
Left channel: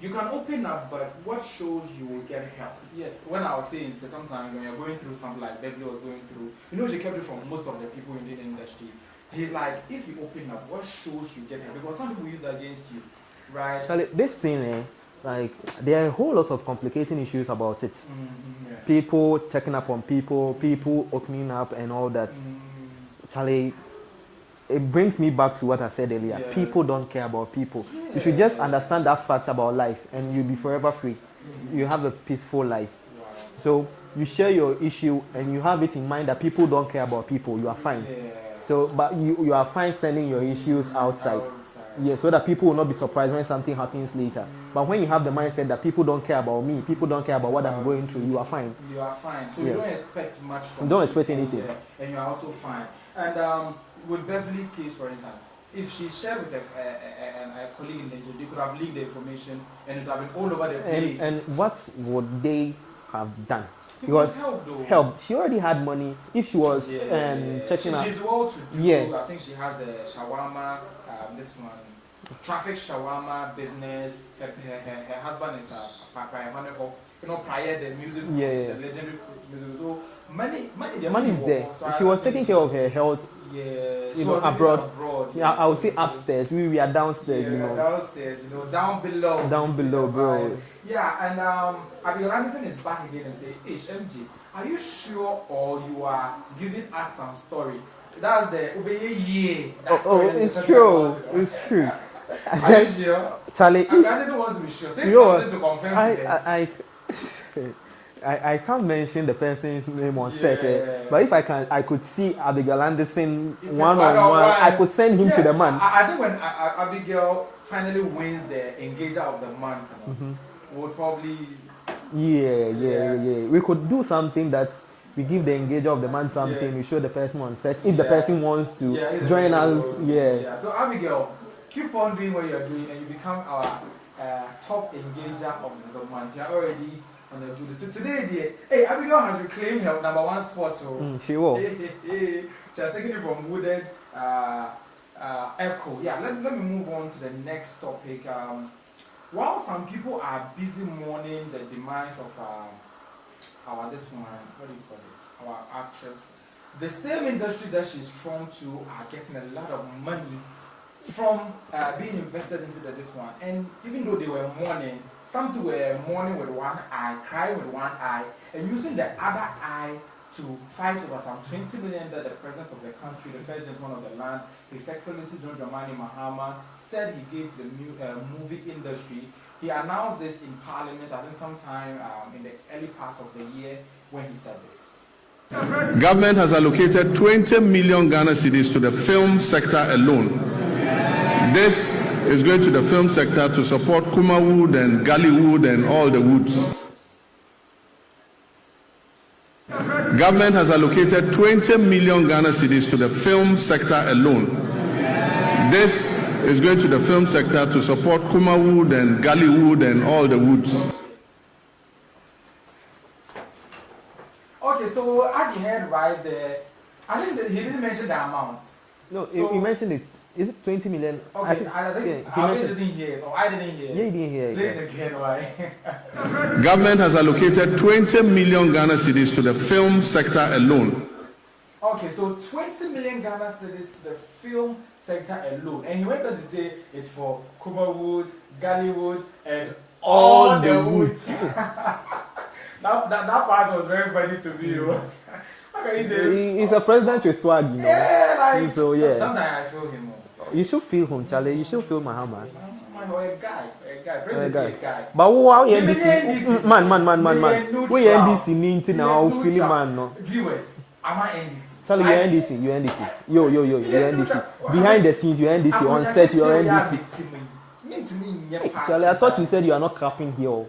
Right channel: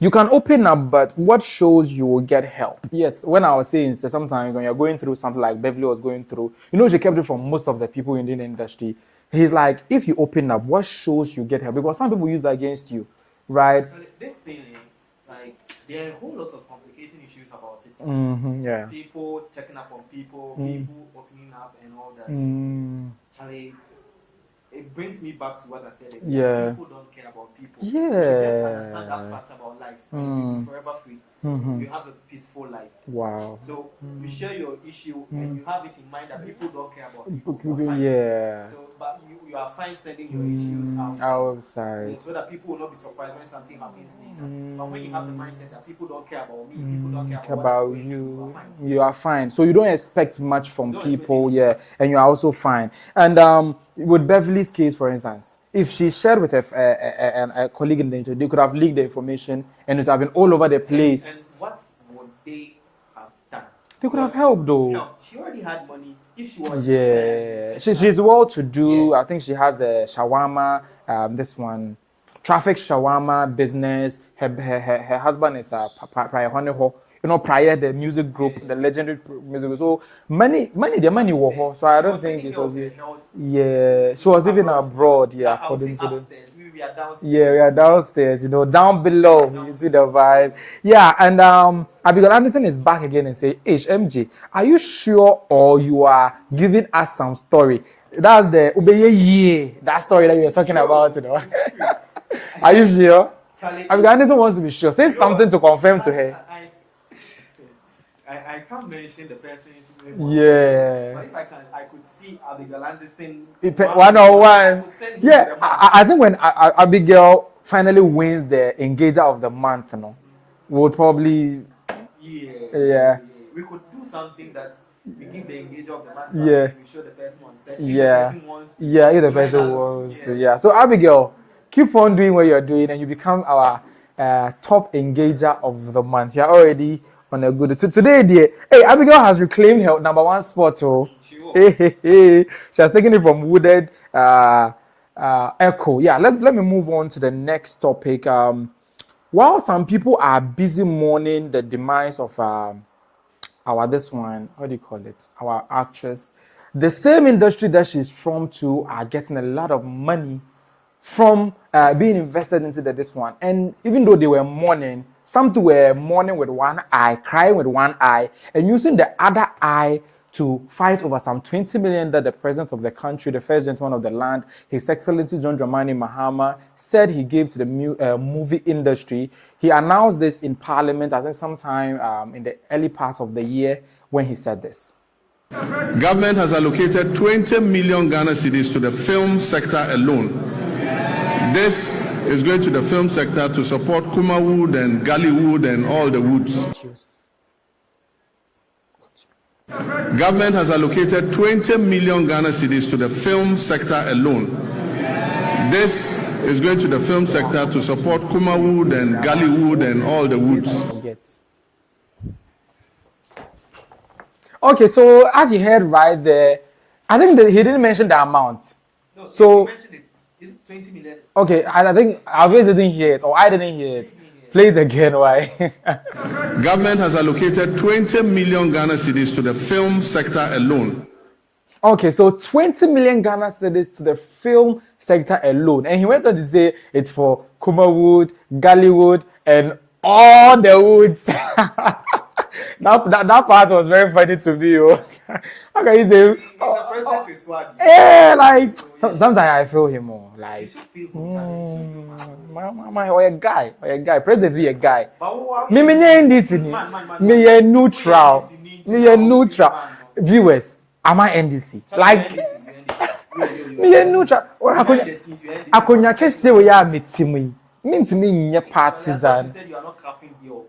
you can open up, but what shows you will get help? Yes, when I was saying sometimes when you're going through something like Beverly was going through, she kept it from most of the people in the industry. He's like, if you open up, what shows you get help? Because some people use that against you, right? Charlie, this thing, there are a whole lot of complicating issues about it. Yeah. People checking up on people, people opening up and all that. Charlie, it brings me back to what I said earlier. Yeah. People don't care about people. Yeah. You should just understand that fact about life and you'll be forever free. You have a peaceful life. Wow. So you share your issue and you have it in mind that people don't care about people. You are fine. Yeah. So, but you are fine sending your issues outside. Yeah, so that people will not be surprised when something happens later. But when you have the mindset that people don't care about me, people don't care about what I'm going through, you are fine. You are fine. So you don't expect much from Don't expect people. anything. Yeah, and you are also fine. And with Beverly's case, for instance, if she shared with a colleague in the interview, they could have leaked the information and it would have been all over the place. And what would they have done? You could have helped though. Help. She already had money. If she was she's well to do. Yeah. I think she has a shawarma, this one, traffic shawarma business. Her husband is a prior honeyho. You know, prior the music group, the legendary music group. So the money was. So she was taking care of her health. Yeah, she was even abroad. Yeah, I would say upstairs. We are downstairs. Yeah, we are downstairs. You know, down below. See the vibe. Yeah, and Abigail Anderson is back again and say, MJ, are you sure or you are giving us some story? That's the that story that you're talking about. You know? It's true. Are you sure? Charlie, Abigail Anderson wants to be sure. Say something to confirm to her. I can't mention the person's name on set, but if I could see Abigail Anderson one-on-one, I could send him to the man. I think when Abigail finally wins the Engager of the Month, you know, we would probably we could do something that we give the Engager of the Month something, we show the person on set if the person wants to if the join person us. Wants to. So Abigail, keep on doing what you're doing and you become our top Engager of the Month. You're already on a good. So today, dear, Abigail has reclaimed her #1 spot. She will. She has taken it from Wooded Echo. Yeah, let me move on to the next topic. While some people are busy mourning the demise of our this one, what do you call it? Our actress. The same industry that she's from too are getting a lot of money from being invested into this one. And even though they were mourning, some too were mourning with one eye, crying with one eye, and using the other eye to fight over some 20 million that the president of the country, the first gentleman of the land, His Excellency John Mahama, said he gave to the movie industry. He announced this in Parliament, I think sometime in the early part of the year when he said this. Government has allocated 20 million Ghana cedis to the film sector alone. This is going to the film sector to support Kuma wood and Galley wood and all the woods. Government has allocated 20 million Ghana cedis to the film sector alone. This is going to the film sector to support Kuma wood and Galley wood and all the woods. Okay, so as you heard right there, I think that he didn't mention the amount. No, so he mentioned it. Is it 20 million? Okay, I think Always didn't hear it, or I didn't hear it. Didn't hear it. Play it again, why? Government has allocated 20 million Ghana cedis to the film sector alone. Okay, so 20 million Ghana cedis to the film sector alone. And he went on to say it's for Kuma wood, Galley wood, and all the woods. Now that part was very funny to me. Okay, he's a president with swag. Yeah, like so, sometimes I feel him. Like, you should feel him, Charlie. You should feel Mahama. Or a guy. President be a guy. But who me NDC. Man. Me a neutral. Me a neutral. Viewers. Am I NDC? Charlie, like NDC. You NDC. Yo. Me a neutral. Behind the scenes, you NDC. I couldn't just say we are meeting me. Mean to me, your party. I thought you said you are not clapping here.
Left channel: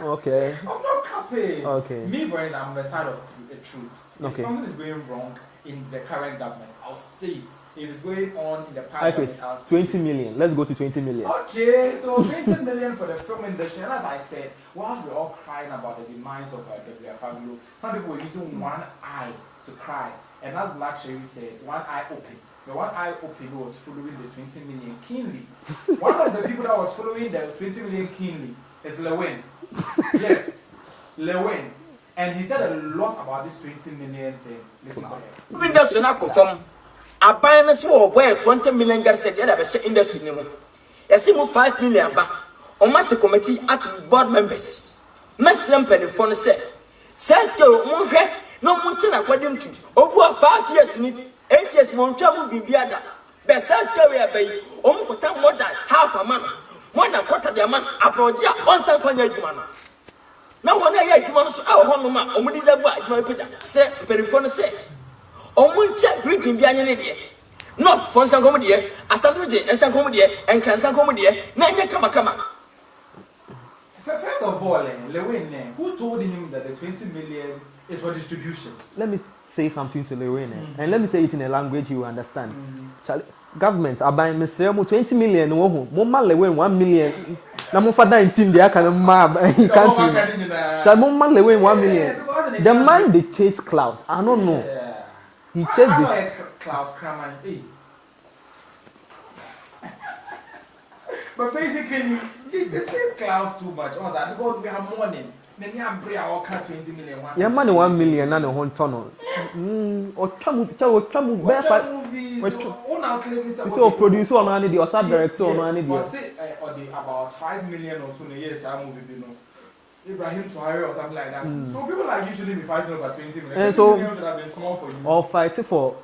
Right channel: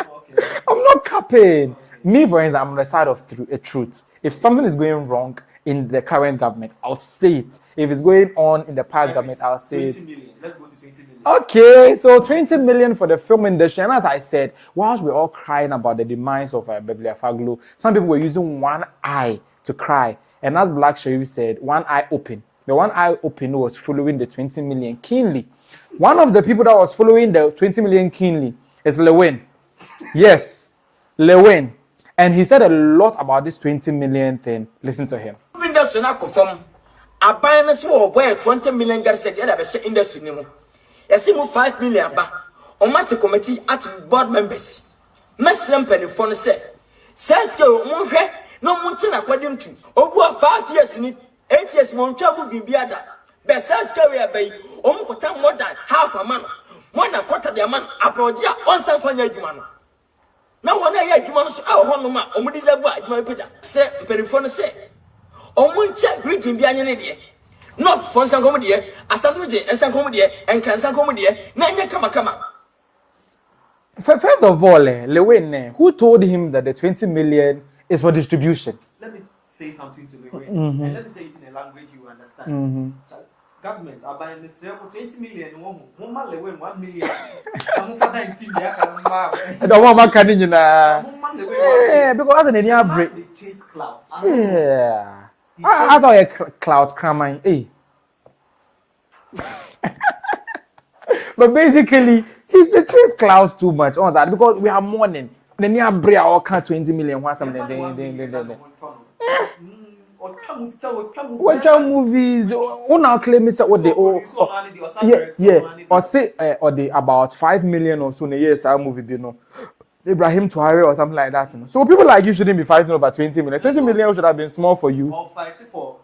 Okay. I'm not capping. Okay. Me, for instance, I'm on the side of truth. If something is going wrong in the current government, I'll say it. If it's going on in the past government, I'll say 20 million. Let's go to 20 million. Okay, so 20 million for the film industry. And as I said, whilst we're all crying about the demise of Beverly Afaglo, some people were using one eye to cry. And as Black Sherif said, one eye open. The one eye open was following the 20 million keenly. One of the people that was following the 20 million keenly is Lewin. Yes, Lewin. And he said a lot about this 20 million thing. Listen to him. Industry na confirm. Abana so boy 20 million Ghana said the be industry ni mo. Yesi mo 5 million ba. Omate committee at board members. Meslam penifo no say. Says go mo hwe no mo nche na kwadim tu. Obu 5 years ni 8 years mo ntwa mo bibia da. Be says go we abai. Omo kota more than half a man. More than quarter the man aproja on san fanya adwuma no. Na wona ya adwuma no so e ho no ma omo deserve adwuma peta. Se penifo no say. Omo nche greeting bia nye ne de. No for san komo de, asanto je ensan komo de, enkansan komo de, na nye kama. First of all, Lewin, who told him that the 20 million is for distribution? Let me say something to Lewin, and let me say it in a language you understand. Charlie, government aban me say mo 20 million wo hu mo ma lewe 1 million na mo fa 19 dey aka ma the one man can nyina so mo ma lewe 1 million because as the man dey chase cloud I don't know he chase about a cloud cramming but basically he just chase clouds too much on that because we are mourning then you bring all 20 million once yeah man 1 million na no honton Watch movies. Now claim say what they produce or money or direct or money or say or they about 5 million or so in a year style movie you know Ibrahim Touare or something like that. So people like you shouldn't be fighting over 20 million. 20 million should have been small for you. Or fighting for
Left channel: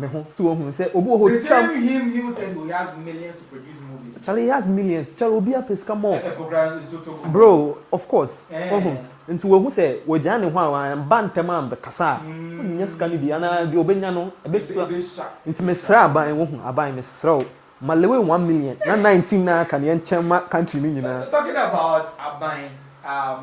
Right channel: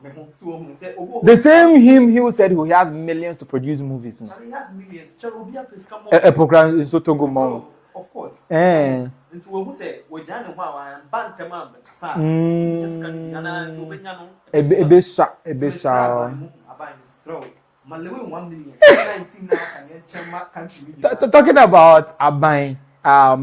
the same him who said he has millions to produce movies. Charlie he has millions. Charlie will be a pesca more. A program in Sotogo. Bro, of course. Into who say we Johnny Juan Bantaman the Casa. Yes, can be Anna Diobenyano. A bit shot. It's Miss Rabbi. I buy Miss Throw. Malawi 1 million. 19 na Canadian country million. Talking about Abai,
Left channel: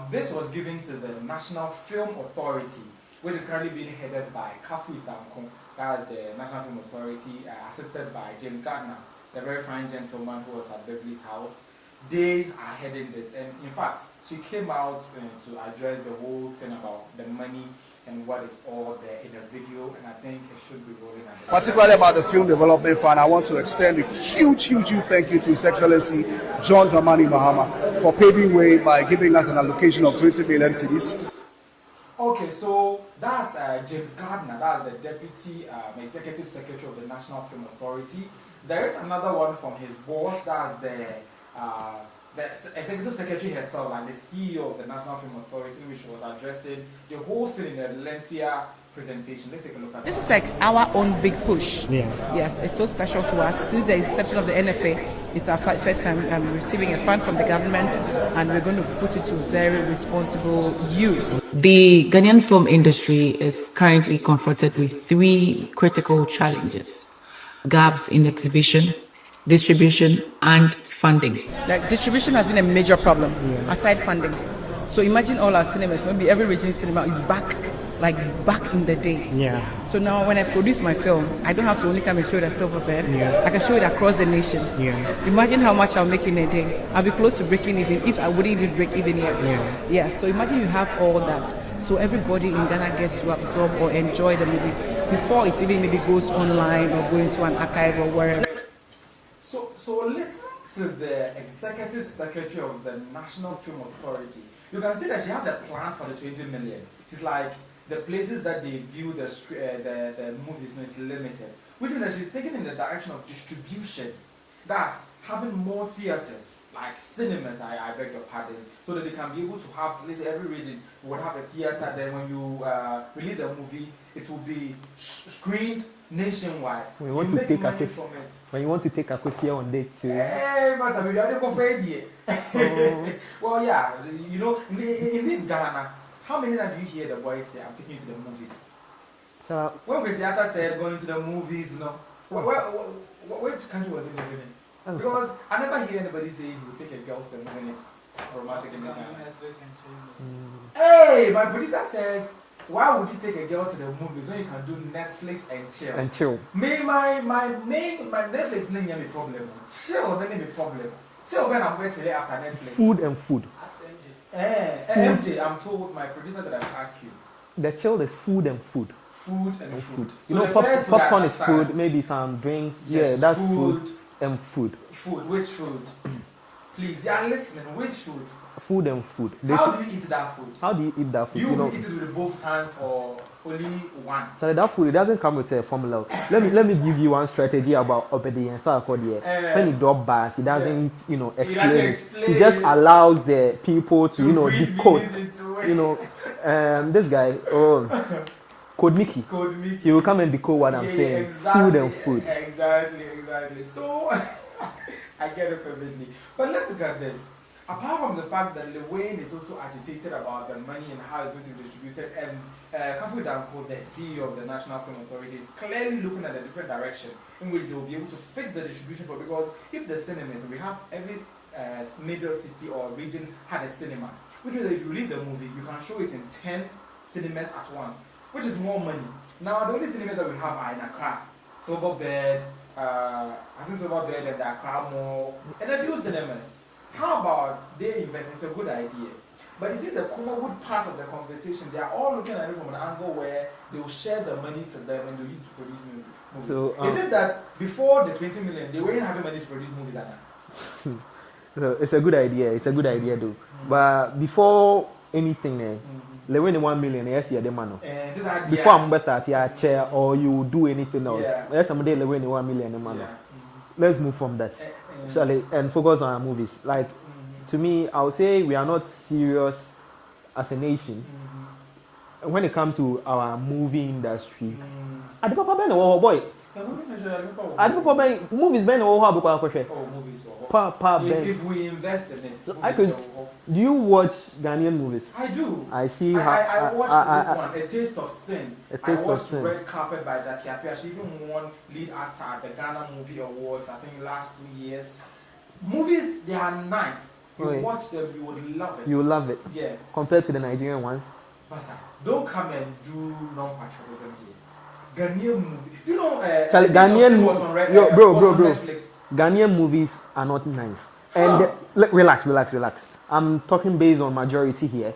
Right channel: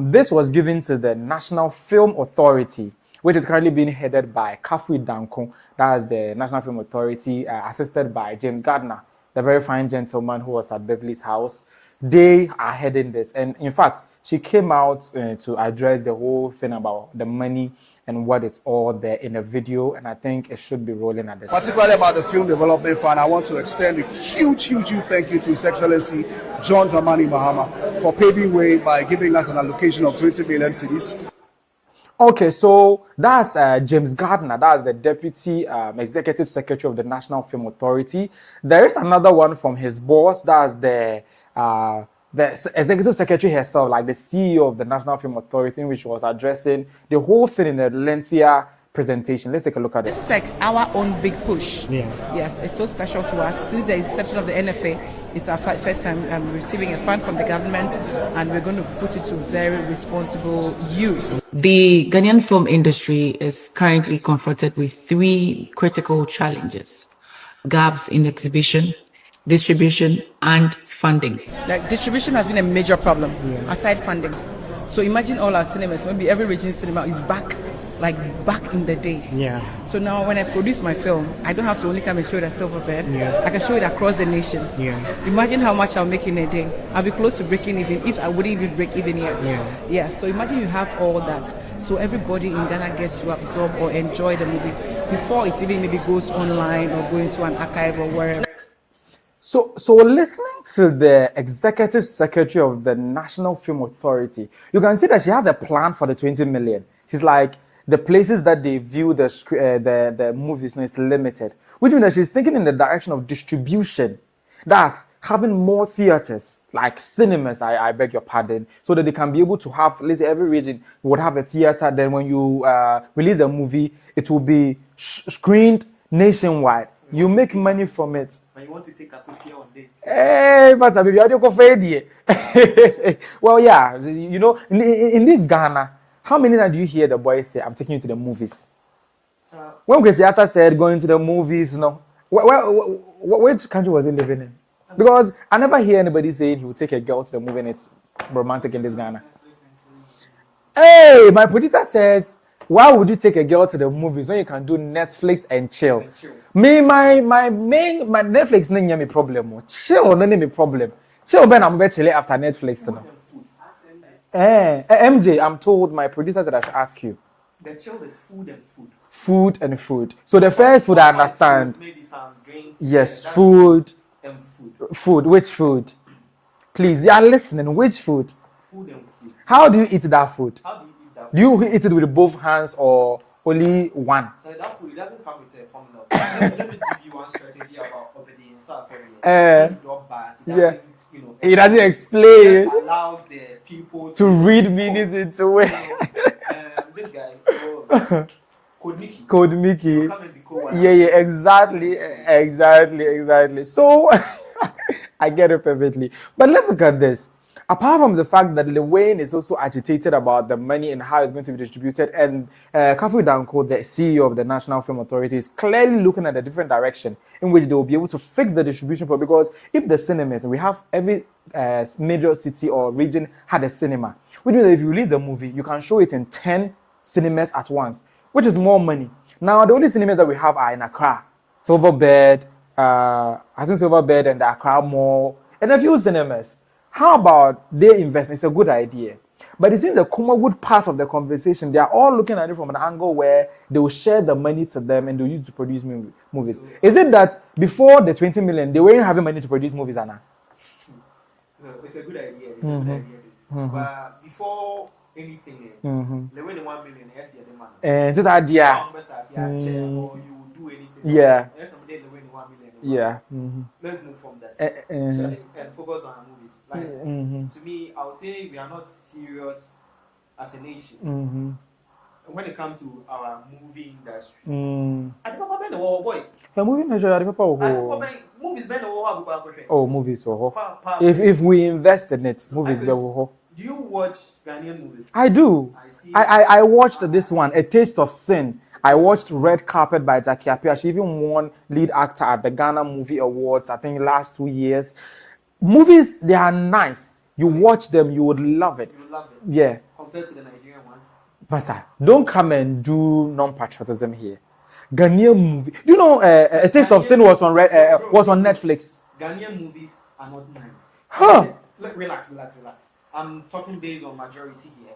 this was given to the National Film Authority, which is currently being headed by Kafu Danko. That's the National Film Authority, assisted by James Gardiner, the very fine gentleman who was at Beverly's house. They are heading this. And in fact, she came out to address the whole thing about the money and what is all there in the video. And I think it should be rolling at this. Particularly about the Film Development Fund, I want to extend a huge thank you to His Excellency John Mahama for paving way by giving us an allocation of 20 million cedis. Okay, so that's James Gardiner. That's the Deputy Executive Secretary of the National Film Authority. There is another one from his boss. That's the Executive Secretary herself, like the CEO of the National Film Authority, which was addressing the whole thing in a lengthier presentation. Let's take a look at this. This is like our own big push. Yeah. Yes, it's so special to us. Since the inception of the NFA, it's our first time receiving a fund from the government, and we're going to put it to very responsible use. The Ghanaian film industry is currently confronted with 3 critical challenges: gaps in exhibition, distribution, and funding. Like distribution has been a major problem, aside funding. So imagine all our cinemas, maybe every region cinema is back in the days. Yeah. So now when I produce my film, I don't have to only come and show it at Silverbird. Yeah. I can show it across the nation. Yeah. Imagine how much I'll make in a day. I'll be close to breaking even if I wouldn't even break even yet. Yeah. Yeah. So imagine you have all that. So everybody in Ghana gets to absorb or enjoy the movie before it even maybe goes online or going to an archive or wherever. So listening to the Executive Secretary of the National Film Authority, you can see that she has a plan for the 20 million. She's like, the places that they view the movies is limited, which means that she's thinking in the direction of distribution. That's having more theaters, like cinemas, I beg your pardon, so that they can be able to have, let's say every region would have a theater. Then when you release a movie, it will be screened nationwide. You make money from it. When you want to take a question on date. Hey, Master Baby, I don't go for well, yeah, you know, in this Ghana, how many times do you hear the boys say, I'm taking you to the movies? When Graciata said going to the movies, no. Which country was he living in? Because I never hear anybody saying he will take a girl to the movie and it's romantic in this Ghana. Hey, my producer says, why would you take a girl to the movies when you can do Netflix and chill? Me, my Netflix no me problem. Chill no me problem. Chill when I'm better after Netflix. Food and food. MJ, I'm told my producer that I should ask you. The chill is food and food. Food and food. So the first food I understand. Food, maybe some drinks. Yes, that's food and food. Food. Which food? Please, you are listening. Which food? Food and food. How do you eat that food? How do you eat that food? Do you eat it with both hands or only one? So that food, it doesn't come with a formula. let me give you one strategy about obedience. It doesn't, you know, it doesn't explain. It just allows the people to read meanings into it. You know, this guy, Code Mickey. He will come and decode what I'm saying. Yeah, exactly. Food. Exactly. So I get it perfectly. But let's look at this. Apart from the fact that Lil Wayne is also agitated about the money and how it's going to be distributed, and Kafu Danko, the CEO of the National Film Authority, is clearly looking at a different direction in which they will be able to fix the distribution problem. Because if the cinemas, we have every major city or region had a cinema, which means that if you release the movie, you can show it in 10 cinemas at once, which is more money. Now, the only cinemas that we have are in Accra, Silverbird, I think Silverbird and the Accra Mall, and a few cinemas. How about they invest? It's a good idea. But it seems the Kumawood part of the conversation, they are all looking at it from an angle where they will share the money to them and they'll use it to produce movies. So, is it that before the 20 million, they weren't having money to produce movies, Anna? So it's a good idea. It's a good idea, though. But before anything, they win 1 million. Yes, yeah, the man. And this idea, chair or you do anything else. Yeah. Yes, someday they win 1 million. Yeah. Let's move from that. And focus on our movies. Like to me, I would say we are not serious as a nation when it comes to our movie industry. Oh boy. Movies if we invest in it, movies do you watch Ghanaian movies? I do. I see. I watched this one, A Taste of Sin. I watched Red Carpet by Jackie Appiah. She even won lead actor at the Ghana Movie Awards, I think last 2 years. Movies, they are nice. You watch them, you would love it. You would love it. Yeah. Compared to the Nigerian ones. Pastor, don't come and do non-patriotism here. Ghanaian movie. You know, A Taste of Sin was on Netflix. Ghanaian movies are not nice. Relax. I'm talking based on majority here.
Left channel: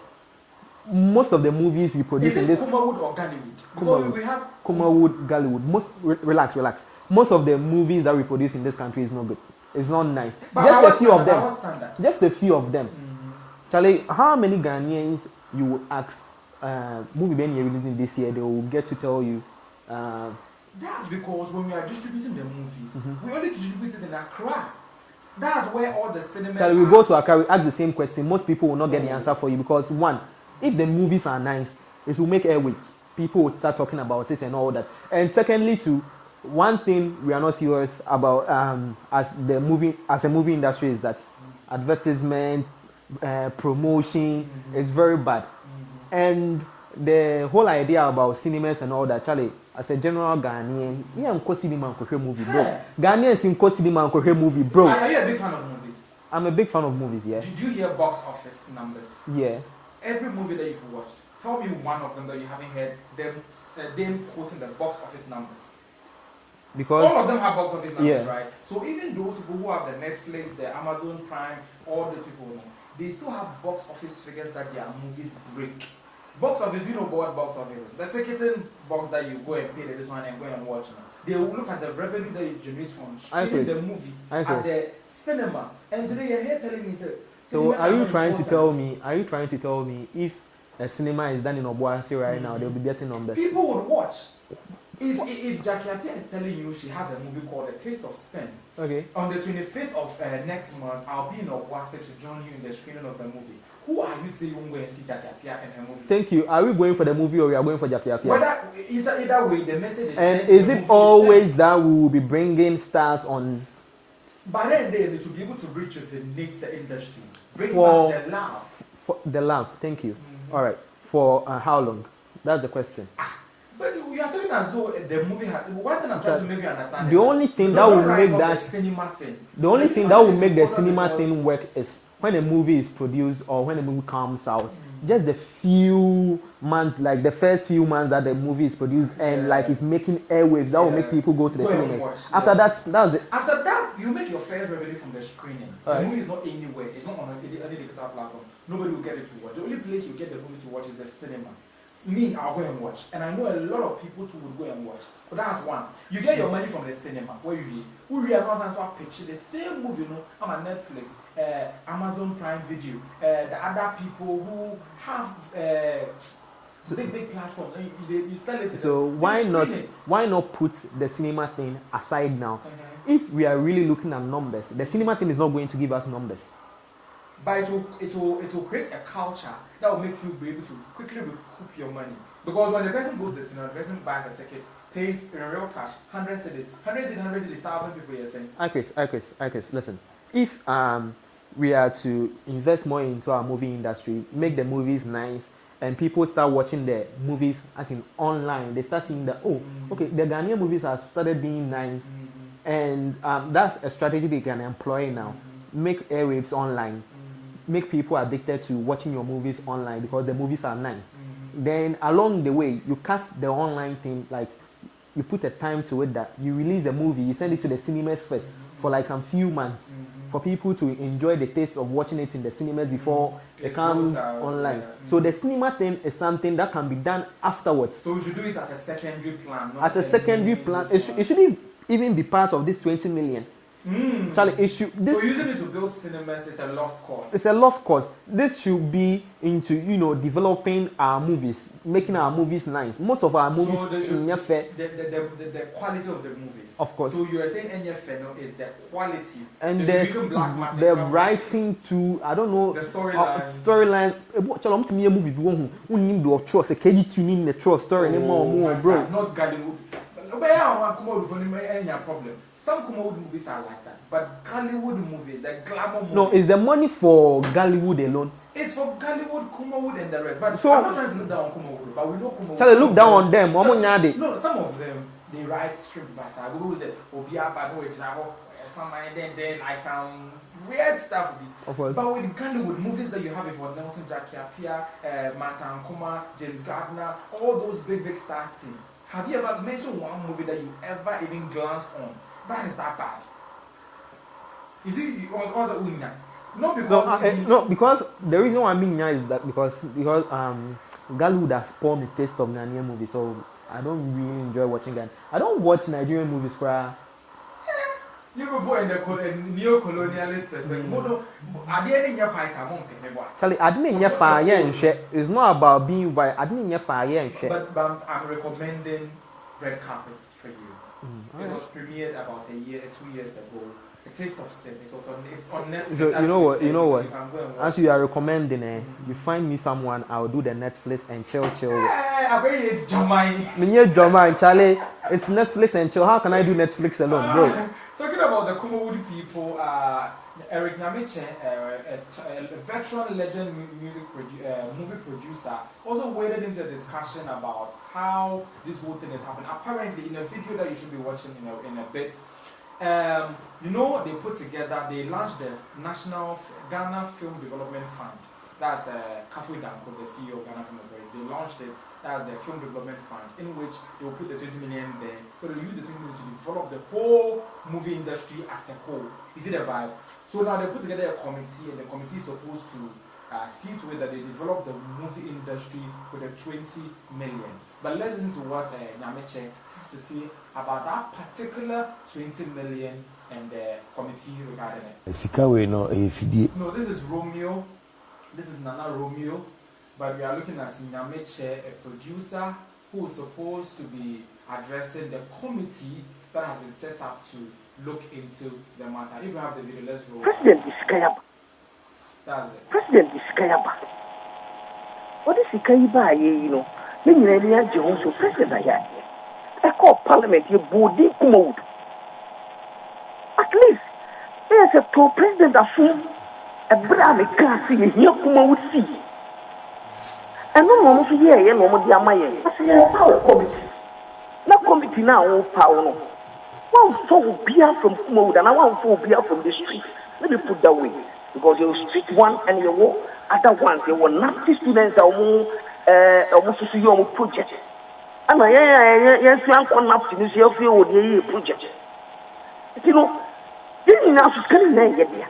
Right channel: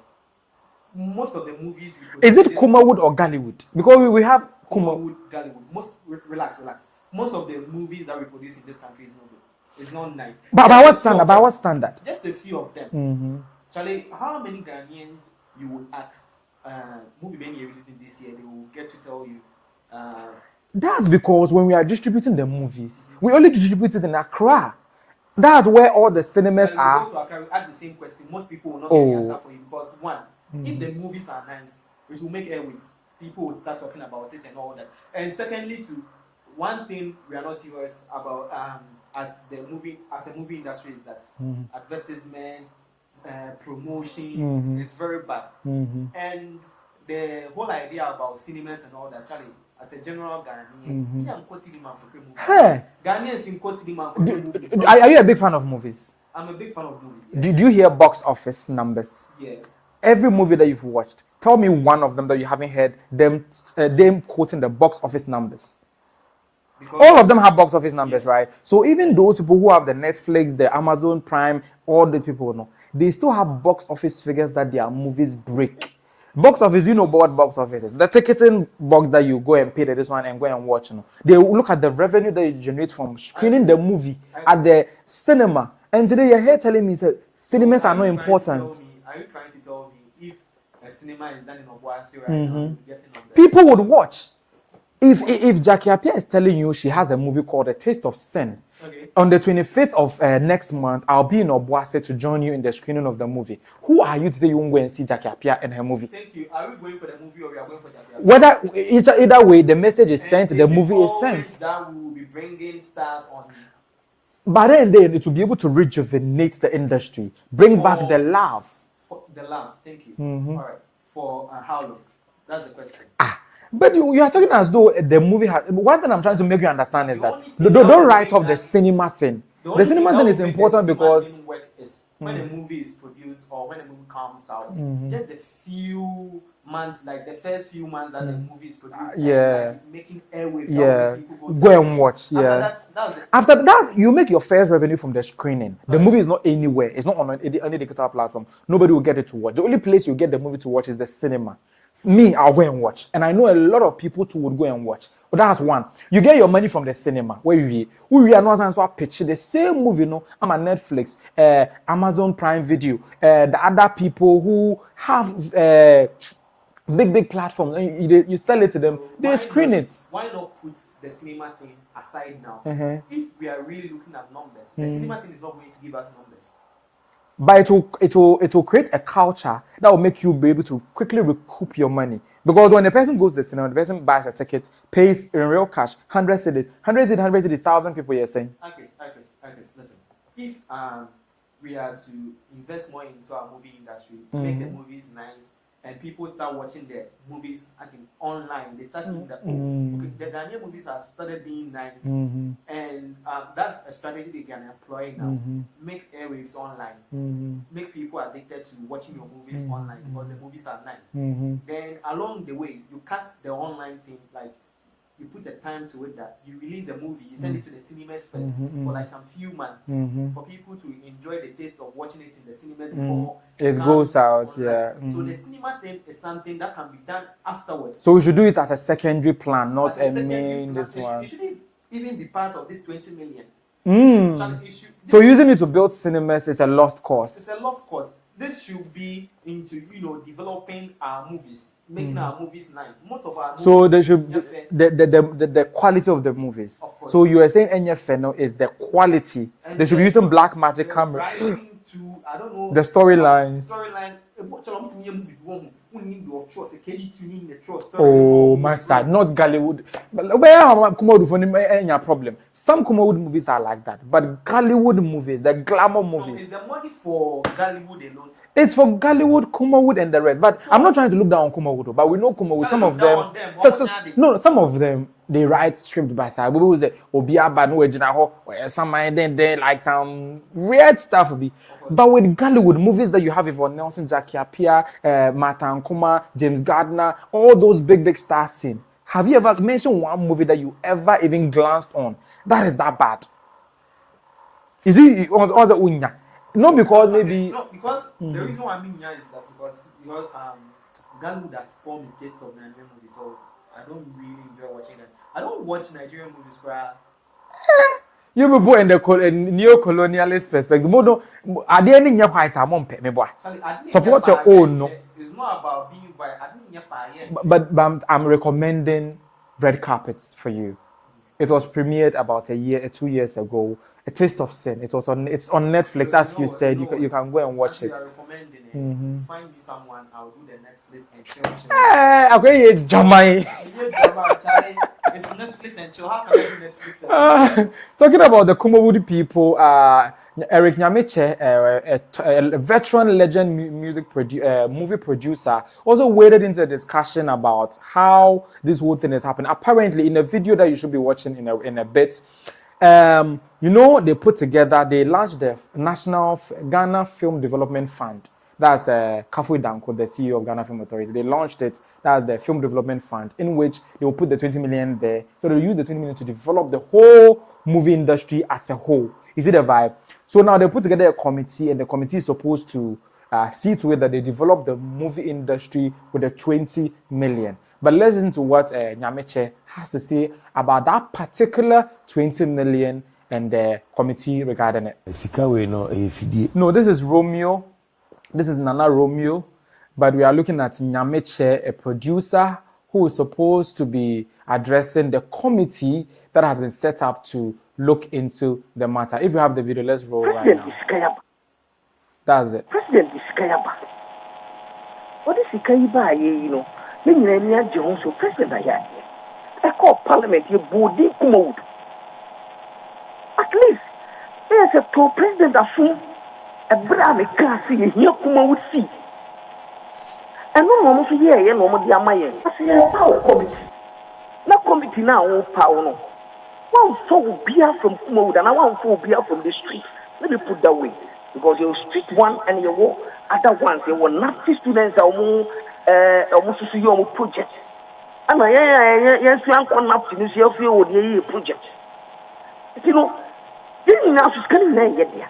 Most of the movies we produce. Is it Kumawood or Gallywood? Because we have Kumawood, Gallywood. Relax. Most of the movies that we produce in this country is not good. It's not nice. But what standard? Just a few of them. Charlie, how many Ghanaians you will ask? Movie when you're releasing this year, they will get to tell you. That's because when we are distributing the movies, we only distribute it in Accra. That's where all the cinemas are. We go to Accra, we ask the same question. Most people will not get the answer for you because one, if the movies are nice, it will make airwaves. People will start talking about it and all that. And secondly, too, one thing we are not serious about as a movie industry is that advertisement, promotion is very bad. And the whole idea about cinemas and all that, Charlie, as a general Ghanaian, Ghanaians in cinema movie, bro. Are you a big fan of movies? I'm a big fan of movies, yeah. Did you hear box office numbers? Yeah. Every movie that you've watched, tell me one of them that you haven't heard them quoting the box office numbers. Because all of them have box office numbers, right? So even those people who have the Netflix, the Amazon Prime, all the people know, they still have box office figures that their movies break. Box office, you know what box office is? The ticketing box that you go and pay this one and go and watch. You know. They look at the revenue that you generate from screening the movie at the cinema. And today you're here telling me that cinemas are not important. Are you trying to tell me if a cinema is done in Obuasi right now, they'll be getting numbers? People would watch. If Jackie Appiah is telling you she has a movie called A Taste of Sin, on the 25th of next month, I'll be in Obuasi to join you in the screening of the movie. Who are you to say you won't go and see Jackie Appiah and her movie? Thank you. Are we going for the movie or we are going for Jackie Appiah? Either way, the message is sent. The movie is always that we will be bringing stars on. But then it will be able to rejuvenate the industry, bring back the love. The love. Thank you. All right. For how long? That's the question. But you are talking as though the movie has. One thing I'm trying to make you understand is the only thing don't write off the cinema thing. The only thing that will make the cinema thing work is when a movie is produced or when a movie comes out. Just the few months, like the first few months that the movie is produced, and like it's making airwaves. That will make people go to the cinema. And watch. After that's it. After that, you make your first revenue from the screening. The movie is not anywhere. It's not on any digital platform. Nobody will get it to watch. The only place you get the movie to watch is the cinema. Me, I'll go and watch. And I know a lot of people too would go and watch. But that's one. You get your money from the cinema. Where you are not pitch the same movie, no. I'm on Netflix, Amazon Prime Video, the other people who have big platforms. You sell it to them. Why not put the cinema thing aside now? If we are really looking at numbers, the cinema thing is not going to give us numbers. But it will create a culture that will make you be able to quickly recoup your money. Because when the person goes to the cinema, the person buys a ticket, pays in real cash, 100 cedis, 1,000 people you're saying. Chris, listen. If we are to invest more into our movie industry, make the movies nice, and people start watching the movies as in online, they start seeing that, the Ghanaian movies have started being nice, and that's a strategy they can employ now. Make airwaves online, make people addicted to watching your movies online because the movies are nice. Then along the way, you cut the online thing, like you put a time to it that you release a movie, you send it to the cinemas first for like some few months for people to enjoy the taste of watching it in the cinemas before it goes out. Online. Yeah. So the cinema thing is something that can be done afterwards. So we should do it as a secondary plan, not as a secondary plan. It shouldn't even be part of this 20 million. Charlie, so using it to build cinemas is a lost cause. It's a lost cause. This should be into developing our movies, making our movies nice. Most of our movies. So they should the quality of the movies. Of course. So you are saying NFNO is the quality. And they should be using black magic. They're writing to the storyline. Storyline. Oh my side, not Gollywood. Where problem? Some Kumawood movies are like that, but Gollywood movies, the glamour movies. No, is the money for Gollywood alone? It's for Gollywood, Kumawood, and the rest. But so, I'm not trying to look down on Kumawood, but we know Kumawood. So look down on them. No, some of them they write script by side. We will say, "Obiaba no ejinaho," or some then like some weird stuff. But with Gollywood movies that you have for Nelson, Jackie Appiah, Ankomah, James Gardiner, all those big stars seen. Have you ever mentioned one movie that you ever even glanced on that is that bad? Is it on the unya? No, because because the reason why I mean is that because Gollywood has spoiled the taste of Ghanaian movies, so I don't really enjoy watching Ghanaian. I don't watch Nigerian movies cry. You people in the neo-colonialist perspective, are there any white among people? Charlie, I didn't support your own. It's not about being white. I didn't fire. But I'm recommending Red Carpets for you. It was premiered about 2 years ago. A Taste of Sin. It's on Netflix. As you said, you can go and watch. As you are recommending it, you find me someone, I'll do the Netflix and chill. Okay, Jamai. Charlie. It's Netflix and chill. How can I do Netflix alone? Talking about the Kumawood people, Eric Nyamiche, a veteran legend movie producer, also waded into a discussion about how this whole thing is happening. Apparently, in a video that you should be watching in a bit, they put together, they launched the National Ghana Film Development Fund. That's Kafui Danko, the CEO of Ghana Film Authority. They launched it. That's the Film Development Fund, in which they will put the 20 million there. So they'll use the 20 million to develop the whole movie industry as a whole. You see the vibe? So now they put together a committee, and the committee is supposed to see to it that they develop the movie industry with the 20 million. But let's listen to what Nyamiche has to say about that particular 20 million and the committee regarding it. No, this is Romeo. This is Nana Romeo. But we are looking at Nyamiche, a producer who is supposed to be addressing the committee that has been set up to look into the matter. If you have the video, let's roll. President Iskayaba. That's it. President Iskayaba. What is Iskayaba? So President Ayaya. I call Parliament a body mode. At least there's a pro-president of a brave class in here would see. And no one to hear no more dear my power committee. No committee now, power. One for beer from Kumawood and one for beer from the street. Let me put that way. Because your street one and your war, other ones, they were nasty students are more almost to see your project. And yes, you are not to see your project. You know, this is now scanning there.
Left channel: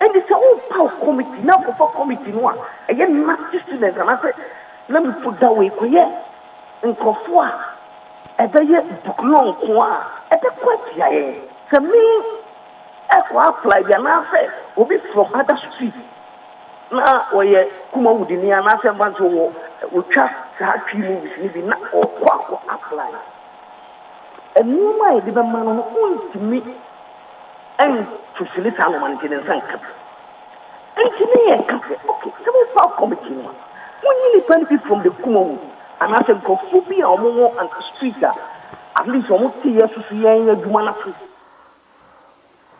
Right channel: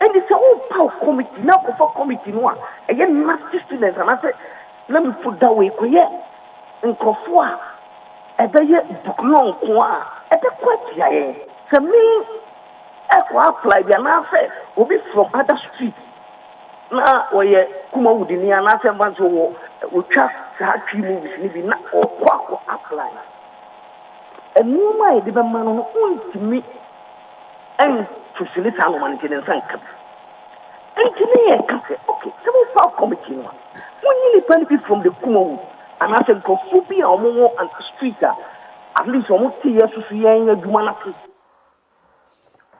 And it's a whole power committee, now for committee one. Again, nasty students, and I said, let me put that way, and Kofua, and the year book long, at the quite so me, I apply the answer will be from other streets. Now, where Kumawood in the answer months will trust that movies, maybe not or quack apply. And you might be the man on to me and to select our maintenance and cap. And to me, I can say, okay, so we found committee one. When you benefit from the Kumawood, and I said, go phobia or more and streets at least almost 2 years to see a human.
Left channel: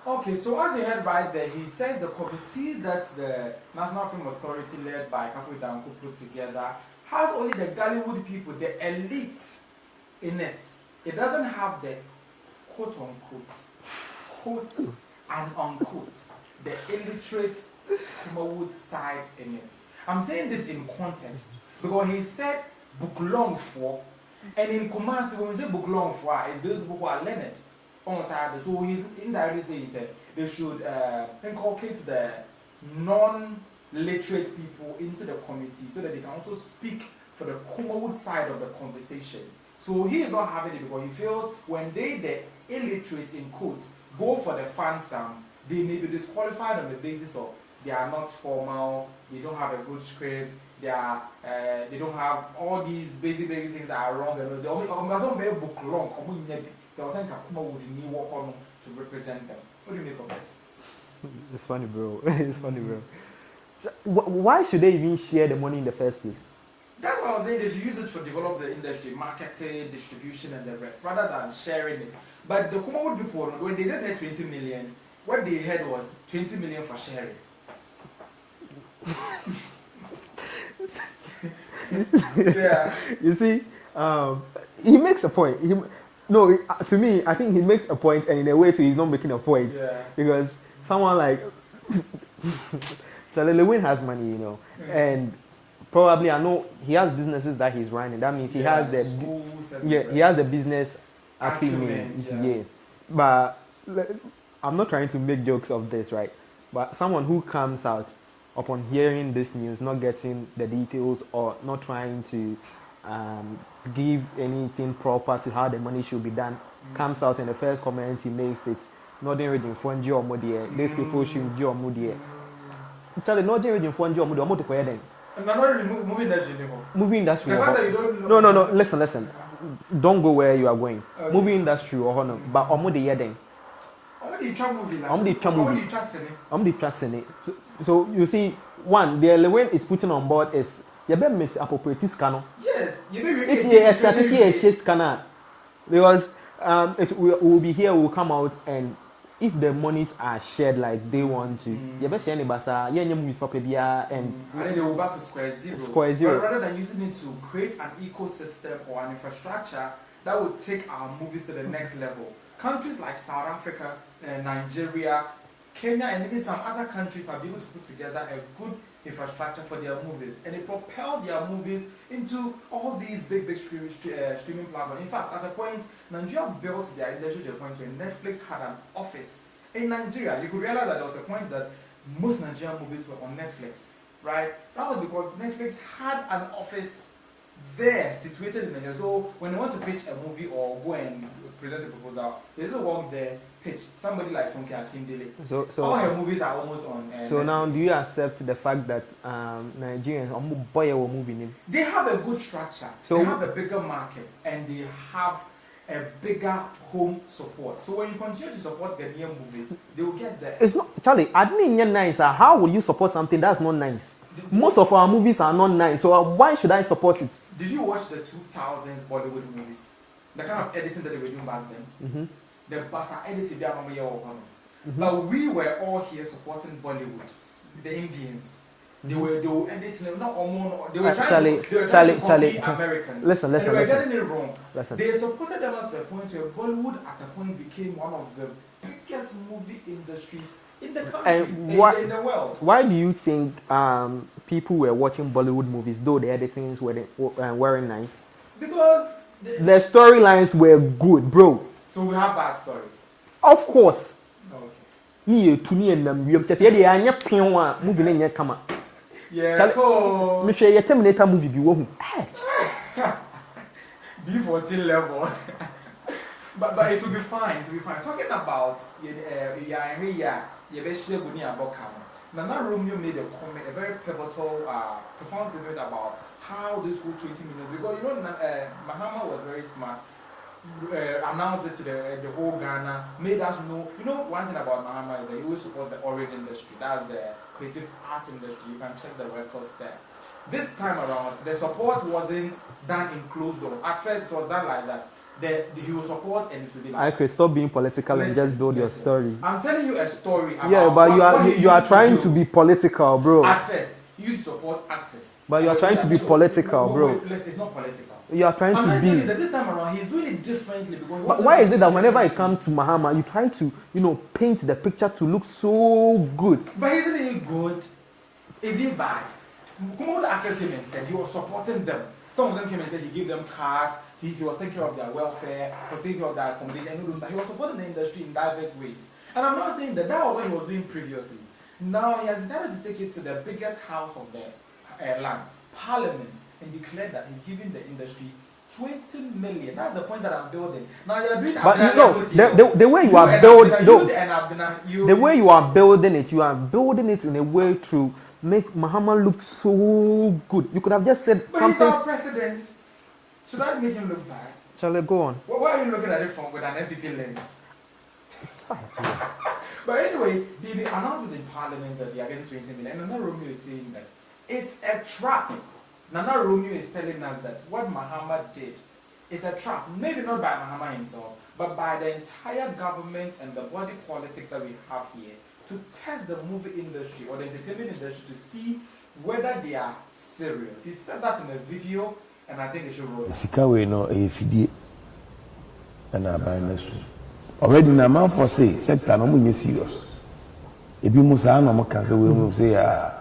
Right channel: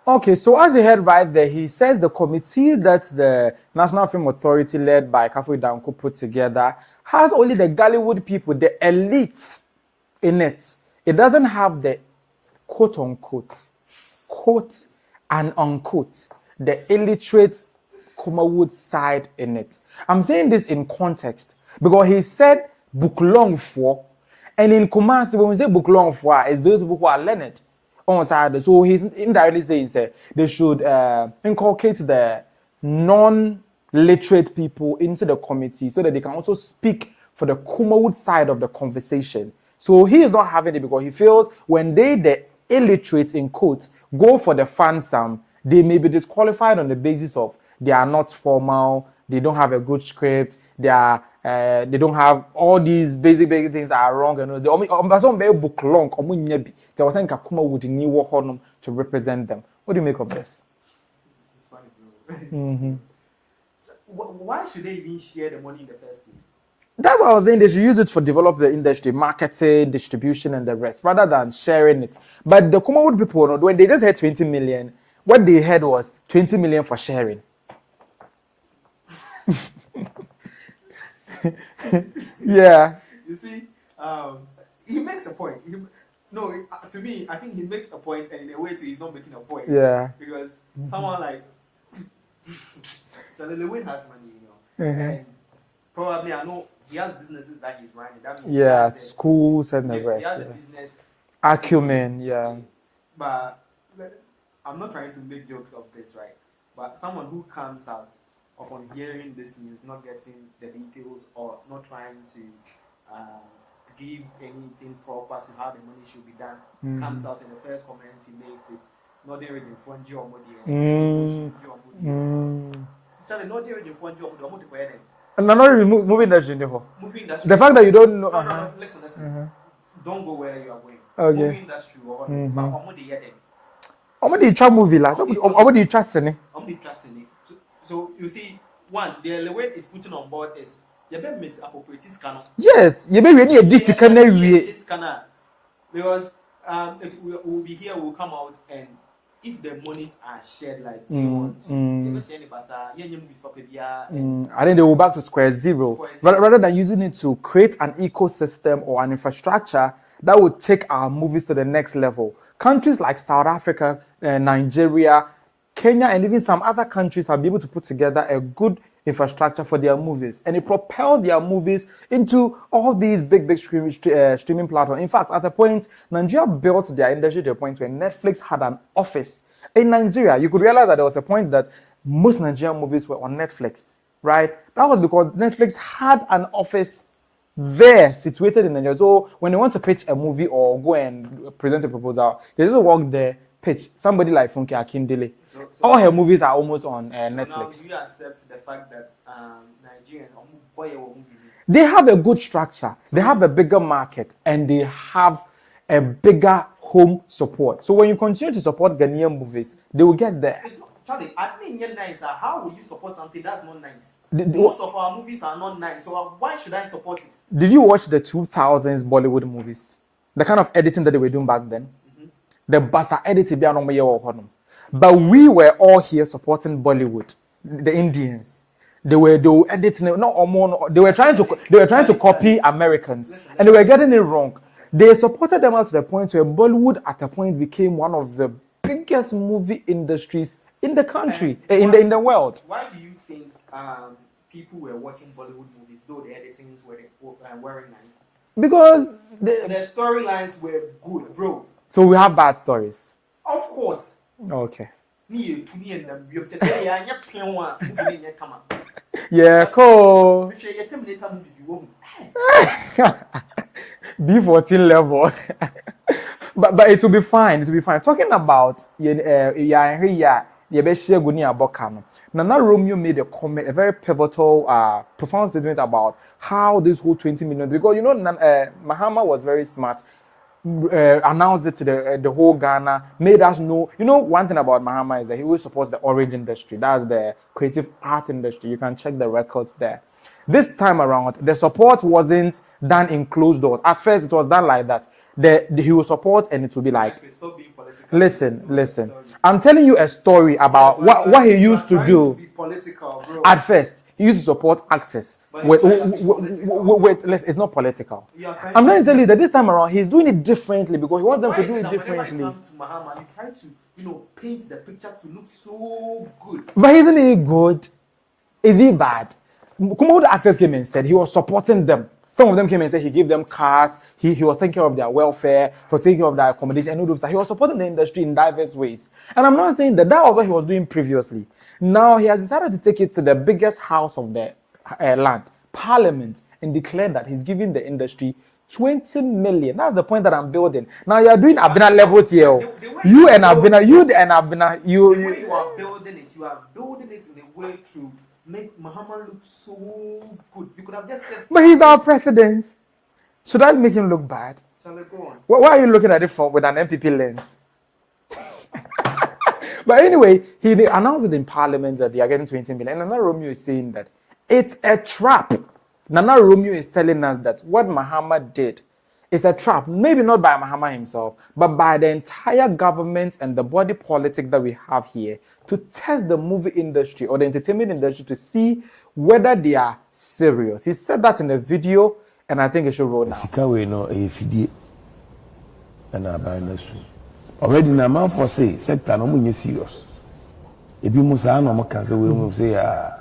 Okay, so as you heard right there, he says the committee that the National Film Authority led by Kafui Danko put together has only the Gollywood people, the elite in it. It doesn't have the quote-unquote, quote and unquote, the illiterate Kumawood side in it. I'm saying this in context because he said book long for, And in Kumasi, when we say book long for, it's those people who are learned on side. So he's indirectly saying they should inculcate the non-literate people into the committee so that they can also speak for the Kumawood side of the conversation. So he is not having it because he feels when the illiterate in quotes go for the fun sum, they may be disqualified on the basis of they are not formal, they don't have a good script, they don't have all these basic things that are wrong. And they only book long. They were saying Kumawood new to represent them. What do you make of this? It's funny, bro. It's funny, bro. So, why should they even share the money in the first place? That's what I was saying. They should use it for develop the industry, marketing, distribution, and the rest, rather than sharing it. But the Kumawood people, when they just had 20 million, what they had was 20 million for sharing. Yeah. You see, he makes a point. To me, I think he makes a point, and in a way, too, he's not making a point. Yeah. Because someone like Charlie Lewin has money, and probably I know he has businesses that he's running. That means he has the schools and he has the business acumen. Yeah. But I'm not trying to make jokes of this, right? But someone who comes out upon hearing this news, not getting the details or not trying to give anything proper to how the money should be done, comes out in the first comment he makes it. Not reading fund your money. These people should do your money. Charlie, not reading fund your money. I'm not really moving industry. Movie industry. The fact that you don't know. No. Listen. Don't go where you are going. Okay. Movie industry or no. But I'm the year. I'm the trust movie. I'm the trust in it. I'm the trust in it. So you see, one, the element is putting on board is you better miss appropriate scanner. Yes, you better really a scanner because it will be here. Will come out and. If the monies are shared like they want to, you better share any basa. Yeah, movies for and I think they will back to square zero. But rather than using it to create an ecosystem or an infrastructure that would take our movies to the next level. Countries like South Africa, Nigeria, Kenya, and even some other countries have been able to put together a good infrastructure for their movies, and it propelled their movies into all these big streaming platforms. In fact, at a point, Nigeria built their industry to a point where Netflix had an office in Nigeria. You could realize that there was a point that most Nigerian movies were on Netflix, right? That was because Netflix had an office there situated in Nigeria. So when they want to pitch a movie or go and present a proposal, they just walk there, pitch. Somebody like Funke Akindele. So all her movies are almost on Netflix. Now, do you accept the fact that Nigerians are moving in? They have a good structure. So they have a bigger market and they have a bigger home support. So when you continue to support Ghanaian movies, they will get there. It's not, Charlie, I didn't hear nice. How will you support something that's not nice? Most of our movies are not nice. So why should I support it? Did you watch the 2000s Bollywood movies? The kind of editing that they were doing back then? Mm-hmm. The basa editing, but we were all here supporting Bollywood, the Indians. They were editing, they were trying to copy Americans, and they were getting it wrong. They supported them up to the point where Bollywood at a point became one of the biggest movie industries in the country, in the world. Why do you think people were watching Bollywood movies though the editings weren't nice? Because the storylines were good, bro. So we have bad stories. Of course. Okay. Yeah, cool. Terminator movie B14 level. but it will be fine. It will be fine. Talking about Nana Romeo made a very pivotal, profound statement about how this whole 20 million, because Mahama was very smart. Announced it to the whole Ghana, made us know. One thing about Mahama is that he always supports the orange industry. That's the creative art industry. You can check the records there. This time around, the support wasn't done in closed doors. At first, it was done like that. He will support, and it will be like. Okay, stop being political. Listen. I'm telling you a story about what he used to do. You are trying to be political, bro. At first. He used to support actors. But you're trying to be political. It's not political. You are trying I'm trying to tell you that this time around he's doing it differently because why is it that whenever it comes to Mahama, you try to, paint the picture to look so good? But isn't he good? Is he bad? Kumawood actors came and said he was supporting them. Some of them came and said he gave them cars, he was taking care of their welfare, he was taking care of their accommodation, and all those stuff. He was supporting the industry in diverse ways. And I'm not saying that was what he was doing previously. Now he has decided to take it to the biggest house of the land, Parliament, and declare that he's giving the industry 20 million. That's the point that I'm building. Now you are doing Abena levels here. The way you and Abena, the way you are building it in a way to make Mahama look so good. You could have just said, but he's our president. Should I make him look bad? Shall I go on? Why are you looking at it with an MPP lens? But anyway, he announced it in Parliament that they are getting 20 million. And Nana Romeo is saying that it's a trap. Nana Romeo is telling us that what Mahama did is a trap. Maybe not by Mahama himself, but by the entire government and the body politic that we have here to test the movie industry or the entertainment industry to see whether they are serious. He said that in a video, and I think it should roll down. Sikawe no efidie na abanesu. Already na man for say sector no munye serious. Ebi musa na mo kaze we mu say ya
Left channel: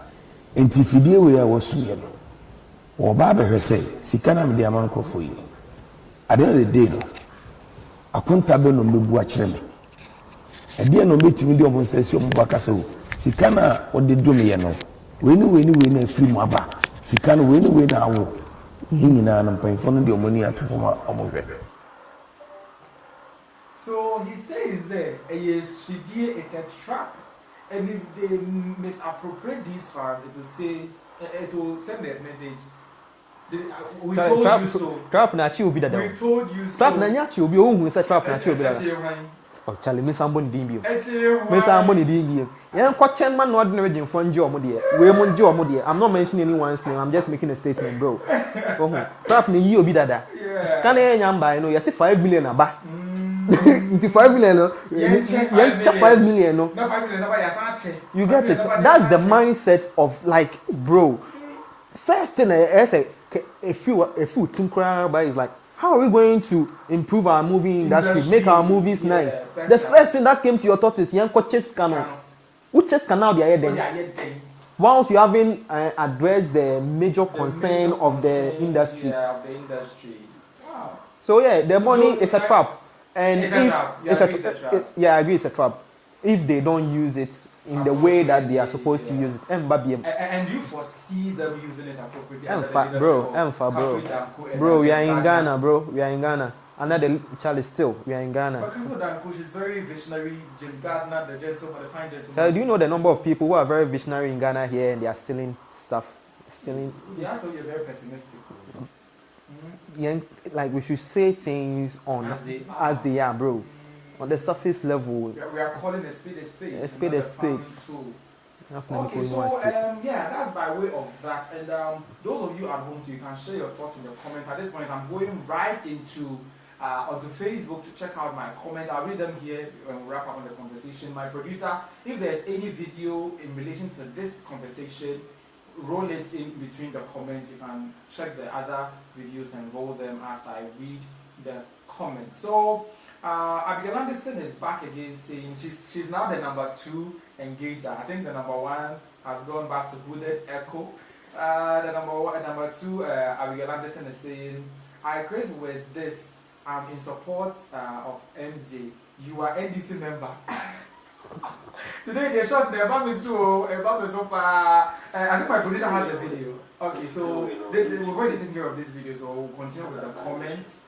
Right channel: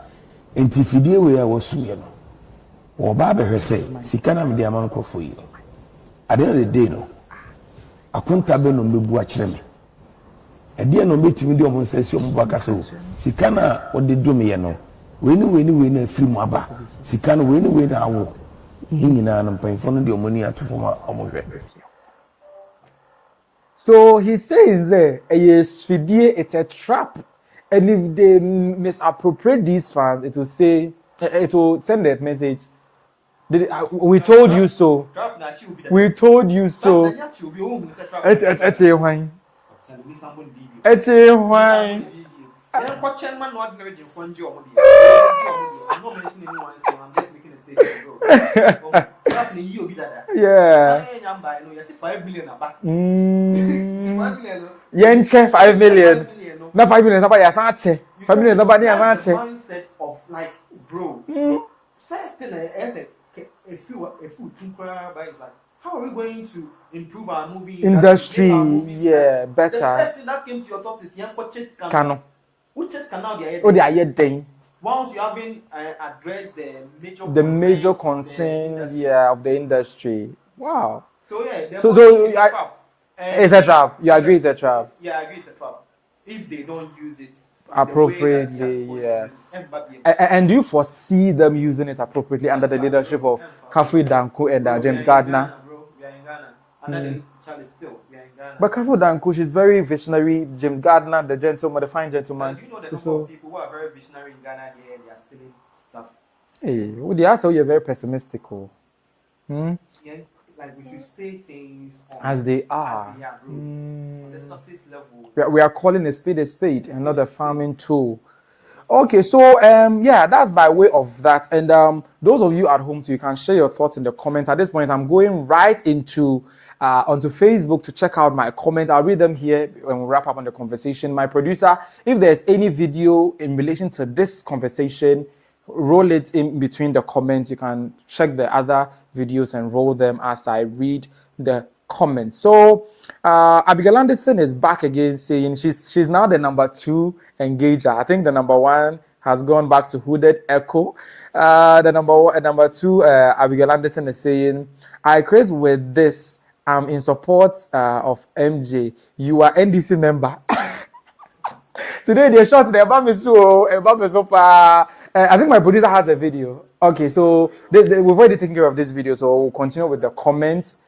enti fidie we ya wasu ye no. Oba be say sika na me de aman krofo yi. At the end of the day no. Akonta be no mebu a kire me. Ede no betimi de omo say si omo baka so. Sika na o de do me ye no. We ni na free mu aba. Sika no we na awo. So he says it's a trap, and if they misappropriate these funds, it will send that message. We told you so. We told you so. I'm not mentioning anyone's name. I'm just making a statement, bro. You be that. Yeah. You see 5 million aba. 5 million. Yenche 5 million. 5 million. No. Not 5 million. Somebody has answered. That's the mindset of like, bro. First thing I say, if you think about is like, how are we going to improve our movie industry, make our movies nice? Better. The first thing that came to your thought is young coaches can. Which is canal they are here. Once you haven't addressed the major concern of the industry. Wow. So yeah, the money is a trap. And it's a trap. You agree it's a trap? Yeah, I agree it's a trap. If they don't use it in the way that they are supposed to use it. And do you foresee them using it appropriately under the leadership of Kafui Danko and James Gardiner? We are in Ghana, bro. We are in Ghana. Another Charlie still, we are in Ghana. But Kafui Danko, she's very visionary. James Gardiner, the gentleman, the fine gentleman. Do you know the number of people who are very visionary in Ghana here and they are stealing stuff? They are so you're very pessimistic. Yeah, like we should say things on as they are, bro. On the surface level. We are calling a spade and not a farming tool. Okay, so yeah, that's by way of that. And those of you at home too, you can share your thoughts in the comments. At this point, I'm going right into onto Facebook to check out my comments. I'll read them here when we wrap up on the conversation. My producer, if there's any video in relation to this conversation, roll it in between the comments. You can check the other videos and roll them as I read the comments. So Abigail Anderson is back again saying she's now the number 2 engager. I think the number 1 has gone back to Hooded Echo. The number 2, Abigail Anderson is saying, I Chris with this. I'm in support of MJ. You are NDC member. Today they're short. I think my producer has a video. Okay, so we've already taken care of this video, so we'll continue with the comments.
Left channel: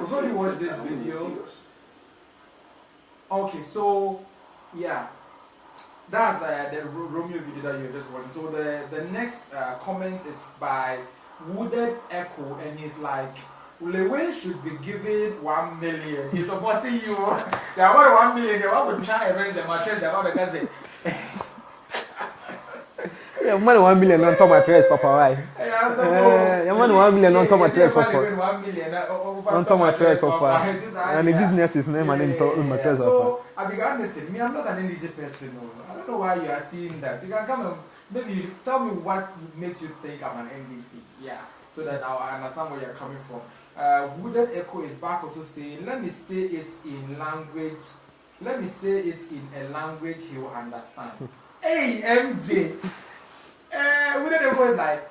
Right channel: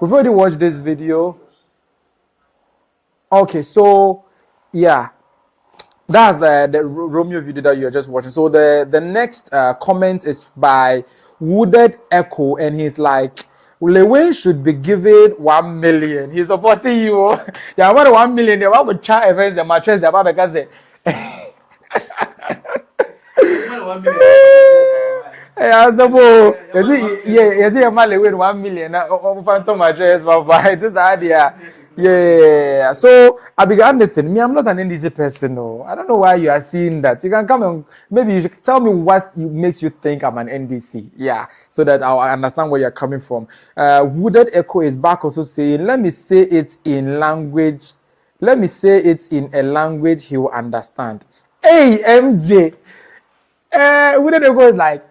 We've already watched this video. Okay, so yeah, that's the Romeo video that you're just watching. So the next comment is by Wooded Echo, and he's like, Lewen should be given 1 million. He's supporting you. Yeah, what 1 million? You want to try events and matches about because 1 million for my dress, Papa. Why? Yeah, so 1 million. For my dress, Papa. This idea. Yeah. So Abigail Anderson, me, I'm not an NDC person. No, I don't know why you are seeing that. You can come and maybe you should tell me what makes you think I'm an NDC. Yeah, so that I'll understand where you're coming from. Wooded Echo is back also saying, let me say it in language. Let me say it in a language he will understand. Hey, MJ. Wooded Echo is like,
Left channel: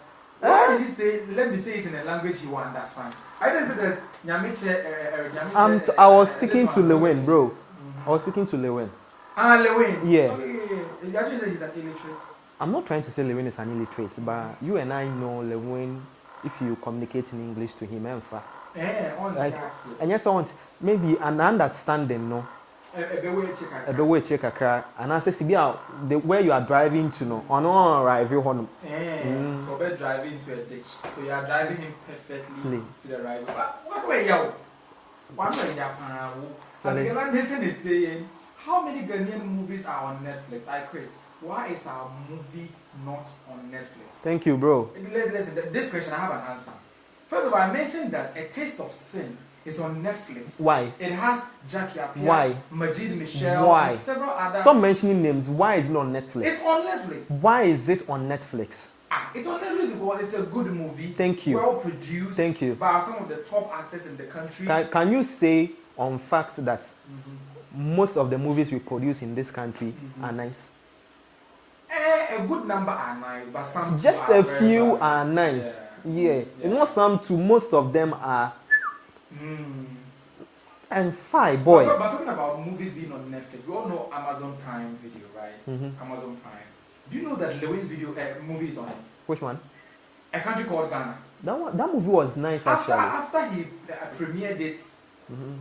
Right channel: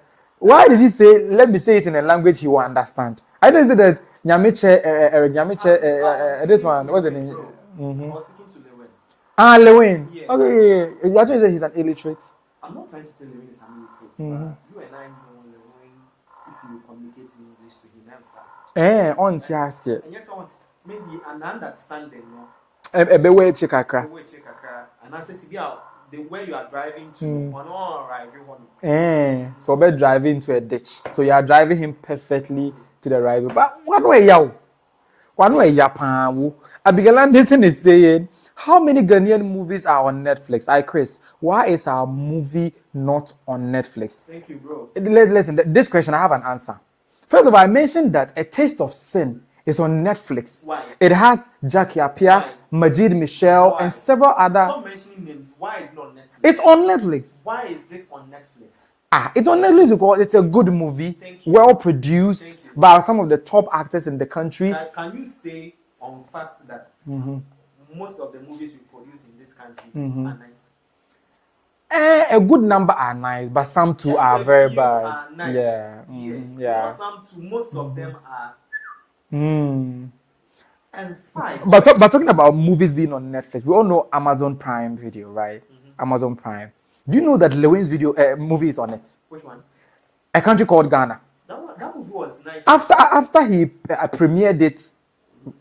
Why did he say, let me say it in a language he will understand? I didn't say that Nyamiche, I was speaking to Lewin, bro. I was speaking to Lewin. Ah, Lewin. Yeah. Okay. You actually say he's an illiterate. I'm not trying to say Lewin is an illiterate, but you and I know Lewin, if you communicate in English to him, and yes, I want maybe an understanding, no. And I say, where you are driving to, on arrive home. So we're driving to a ditch. So you are driving him perfectly to the right. But one way, Abigail Anderson is saying, how many Ghanaian movies are on Netflix? Chris, why is our movie not on Netflix? Thank you, bro. Listen, this question, I have an answer. First of all, I mentioned that A Taste of Sin is on Netflix. Why? It has Jackie Appiah, Majid Michelle, and several other. Stop mentioning names. Why is it on Netflix? It's on Netflix. Why is it on Netflix? It's on Netflix because it's a good movie. Thank you. Well produced. Thank you. By some of the top actors in the country. Can you say on fact that most of the movies we produce in this country are nice? A good number are nice, but some too are very bad. Just a few are nice. Yeah. Not some too. Most of them are. And fine. But talking about movies being on Netflix, we all know Amazon Prime Video, right? Amazon Prime. Do you know that Lewin's movie is on it? Which one? A Country Called Ghana. That movie was nice. After he premiered it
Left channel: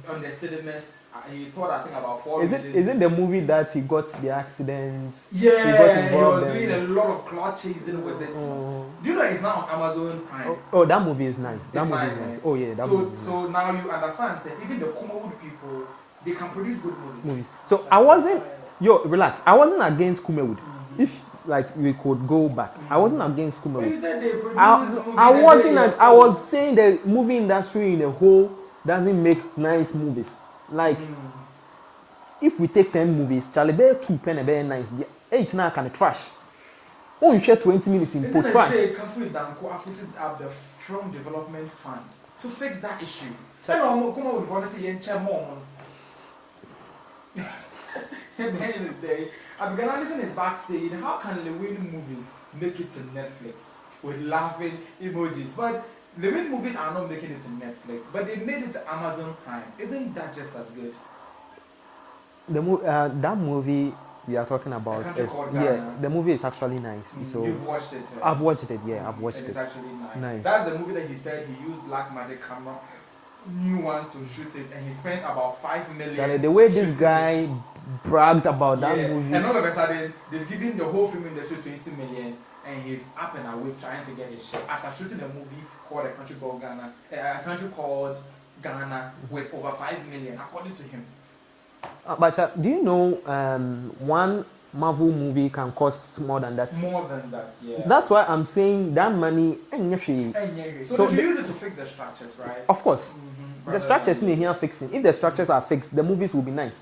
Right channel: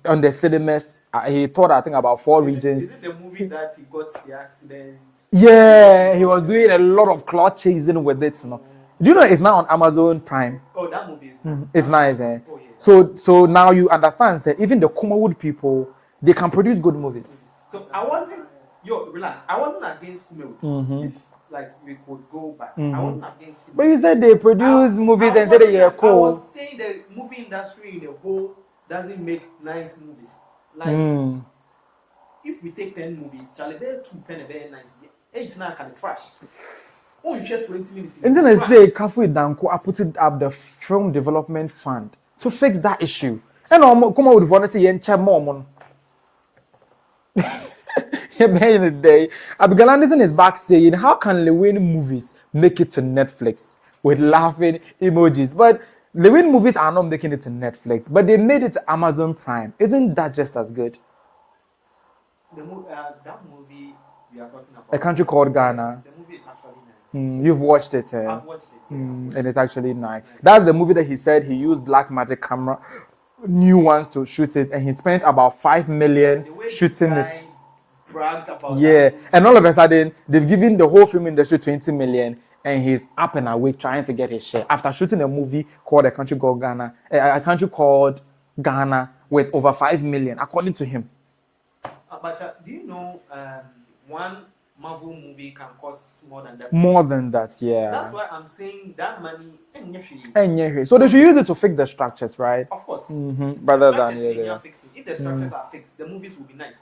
on the cinemas, he thought, I think, about 4 regions. Is it the movie that he got the accidents? Yeah, he was doing a lot of clout chasing with it. Do you know it's now on Amazon Prime? Oh, that movie is nice. It's nice, eh? Oh, yeah. So now you understand, say, even the Kumawood people, they can produce good movies. So relax. I wasn't against Kumawood. If we could go back, I wasn't against Kumawood. But you said they produce movies. I was saying the movie industry in a whole doesn't make nice movies. If we take 10 movies, Charlie Bear 2 pen very nice. 8 now can trash. Oh, you share 20 minutes in. And then I say, Kafu Danko, I put it up the Film Development Fund to fix that issue. And come out with one say, "Yencha mom." Back in the day, Abigail Anderson is back saying, "How can Lewin movies make it to Netflix with laughing emojis?" But Lewin movies are not making it to Netflix, but they made it to Amazon Prime. Isn't that just as good? That movie we are talking about, A Country Called Ghana. The movie is actually nice. So you've watched it. I've watched it. Yeah, I've watched it. And it's actually nice. That's the movie that he said he used black magic camera, new ones to shoot it, and he spent about 5 million the way shooting this guy it. bragged about that movie. And all of a sudden they've given the whole film industry 20 million, and he's up and away trying to get his share after shooting a movie called A Country Called Ghana, A Country Called Ghana with over 5 million, according to him. But do you know one Marvel movie can cost more than that? More than that, yeah. That's why I'm saying that money. So they should use it to fix the structures, right? Of course. The structures in here fixing. If the structures are fixed, the movies will be nice.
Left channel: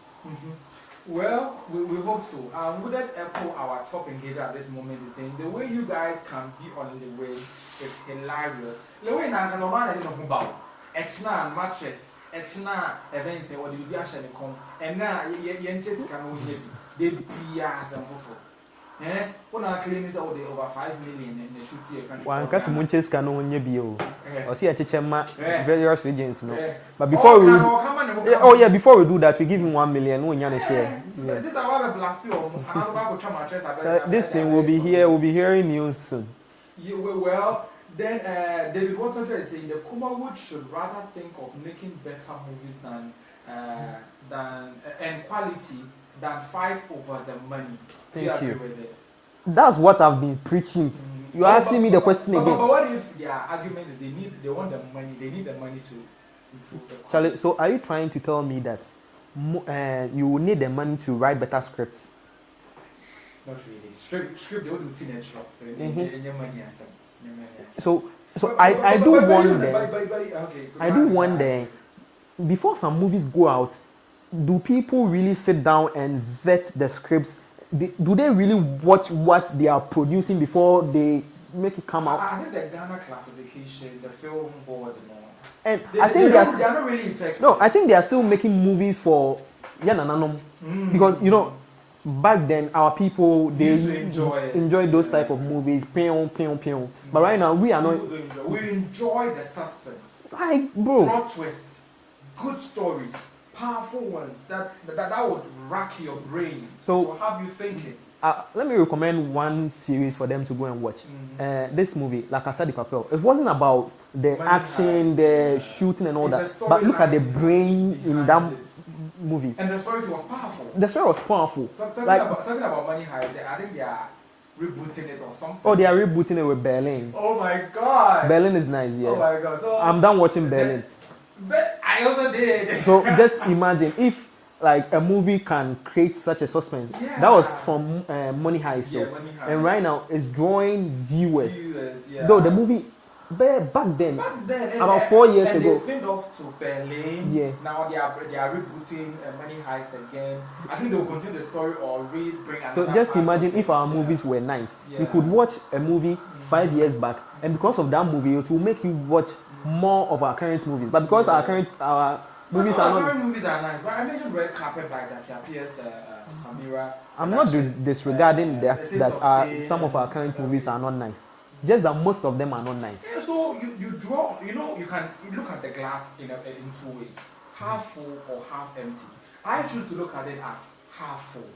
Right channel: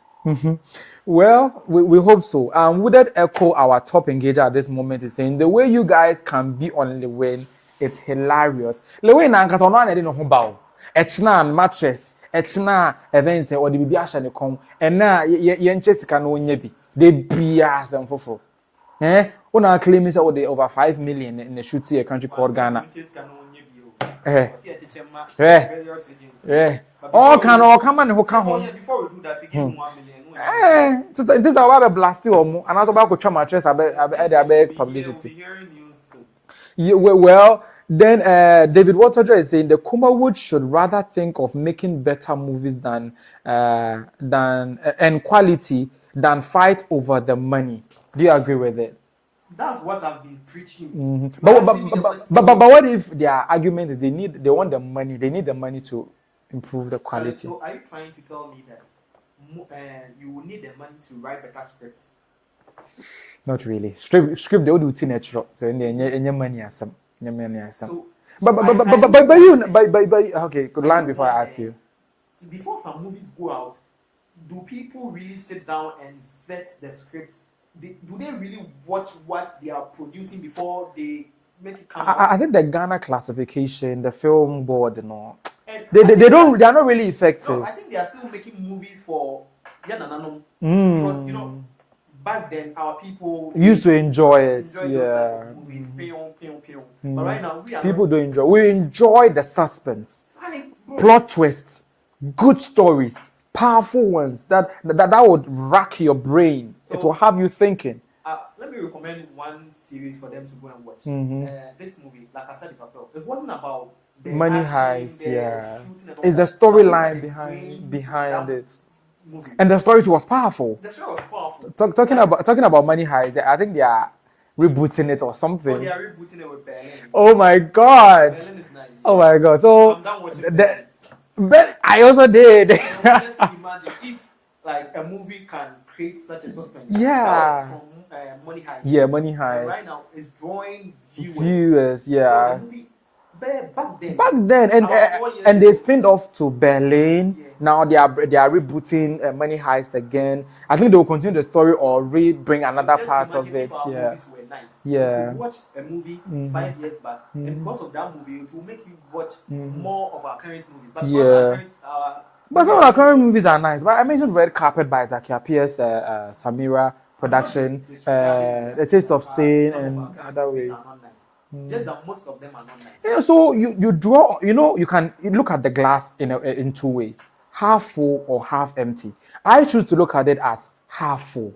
Well, we hope so. Would that echo our top engager at this moment is saying the way you guys can be on Lewin, it's hilarious. Lewin and Kasona didn't know about Xtra mattress, Xtra events or the Bibiasha come, and now Yenches can only be they be as and for. When our claim is over 5 million in the shooting A Country Called Ghana. Yenches can only be various regions. But before before we do that, we give him 1 million. This is our blast you, and I was about to try mattress. We'll be hearing news soon. Well, then David Waterger is saying the Kumawood should rather think of making better movies than and quality than fight over the money. Do you agree with it? That's what I've been preaching. You asking me the question. But what if their argument is they want the money? They need the money to improve the quality. So are you trying to tell me that you will need the money to write better scripts? Not really. Script they will do it in Xtra. So any money as some. Okay. Good line before I ask you. Before some movies go out, do people really sit down and vet the scripts? Do they really watch what they are producing before they make it come out? I think the Ghana classification, the film board, they are not really effective. No, I think they are still making movies for because back then our people used to enjoy those type of movies. But right now people don't enjoy. We enjoy the suspense, like bro, plot twists, good stories, powerful ones that would rack your brain. So it will have you thinking. Let me recommend one series for them to go and watch. This movie, La Casa de Papel. It wasn't about the money action, heist, the shooting and all that. It's the storyline, the brain behind that movie. And the story was powerful. The story was powerful. Talking about money heist, I think they are rebooting it or something. Oh, they are rebooting it with Berlin. Oh my God. Berlin is nice. Yeah. Oh my God. So I'm done watching Berlin. But I also did. So just imagine if like a movie can create such a suspense. Yeah. That was from Money Heist. Yeah, Money Heist. And right now it's drawing viewers. Yeah. Though the movie back then, and about 4 years and ago, they spinned off to Berlin. Yeah. Now they are rebooting Money Heist again. I think they will continue the story or bring another. So just part imagine of if it. our movies were nice. Yeah. You could watch a movie 5 years back, and because of that movie, it will make you watch more of our current movies. But because but some of our current movies are nice. But I mentioned Red Carpet by Jackie Appiah's Samira production. I'm not disregarding the Taste of Sin. Some of our current movies are not nice. Just that most of them are not nice. Yeah, so you draw, you can look at the glass in two ways, half full or half empty. I choose to look at it as half full.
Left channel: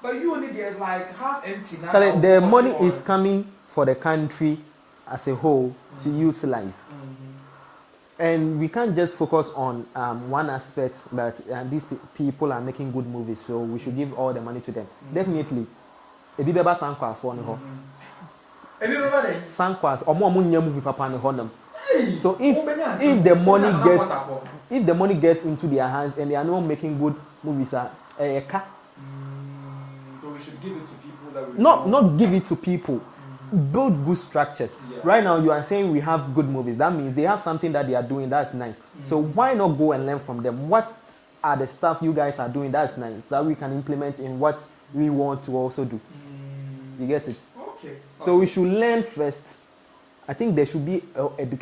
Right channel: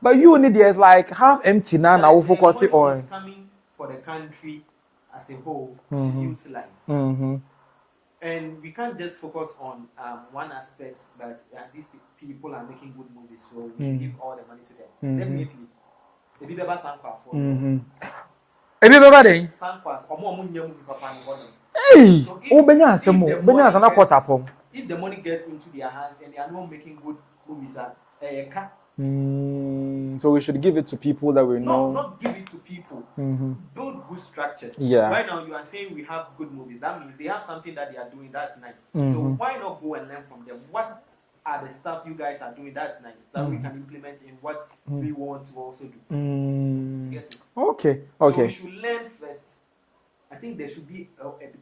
But you only there's like half empty now. So the money is coming for the country as a whole to utilize. And we can't just focus on one aspect that these people are making good movies, so we should give all the money to them. Definitely. Ebi beba Sankwas for no. Ebi beba dey Sankwas omo nya movie papa ne honam. So if the money gets into their hands and they are not making good movies, so we should give it to people that we know. Not give it to people. Build good structures. Yeah. Right now you are saying we have good movies. That means they have something that they are doing that's nice. So why not go and learn from them? What are the stuff you guys are doing that's nice that we can implement in what we want to also do? You get it? Okay. So we should learn first. I think there should be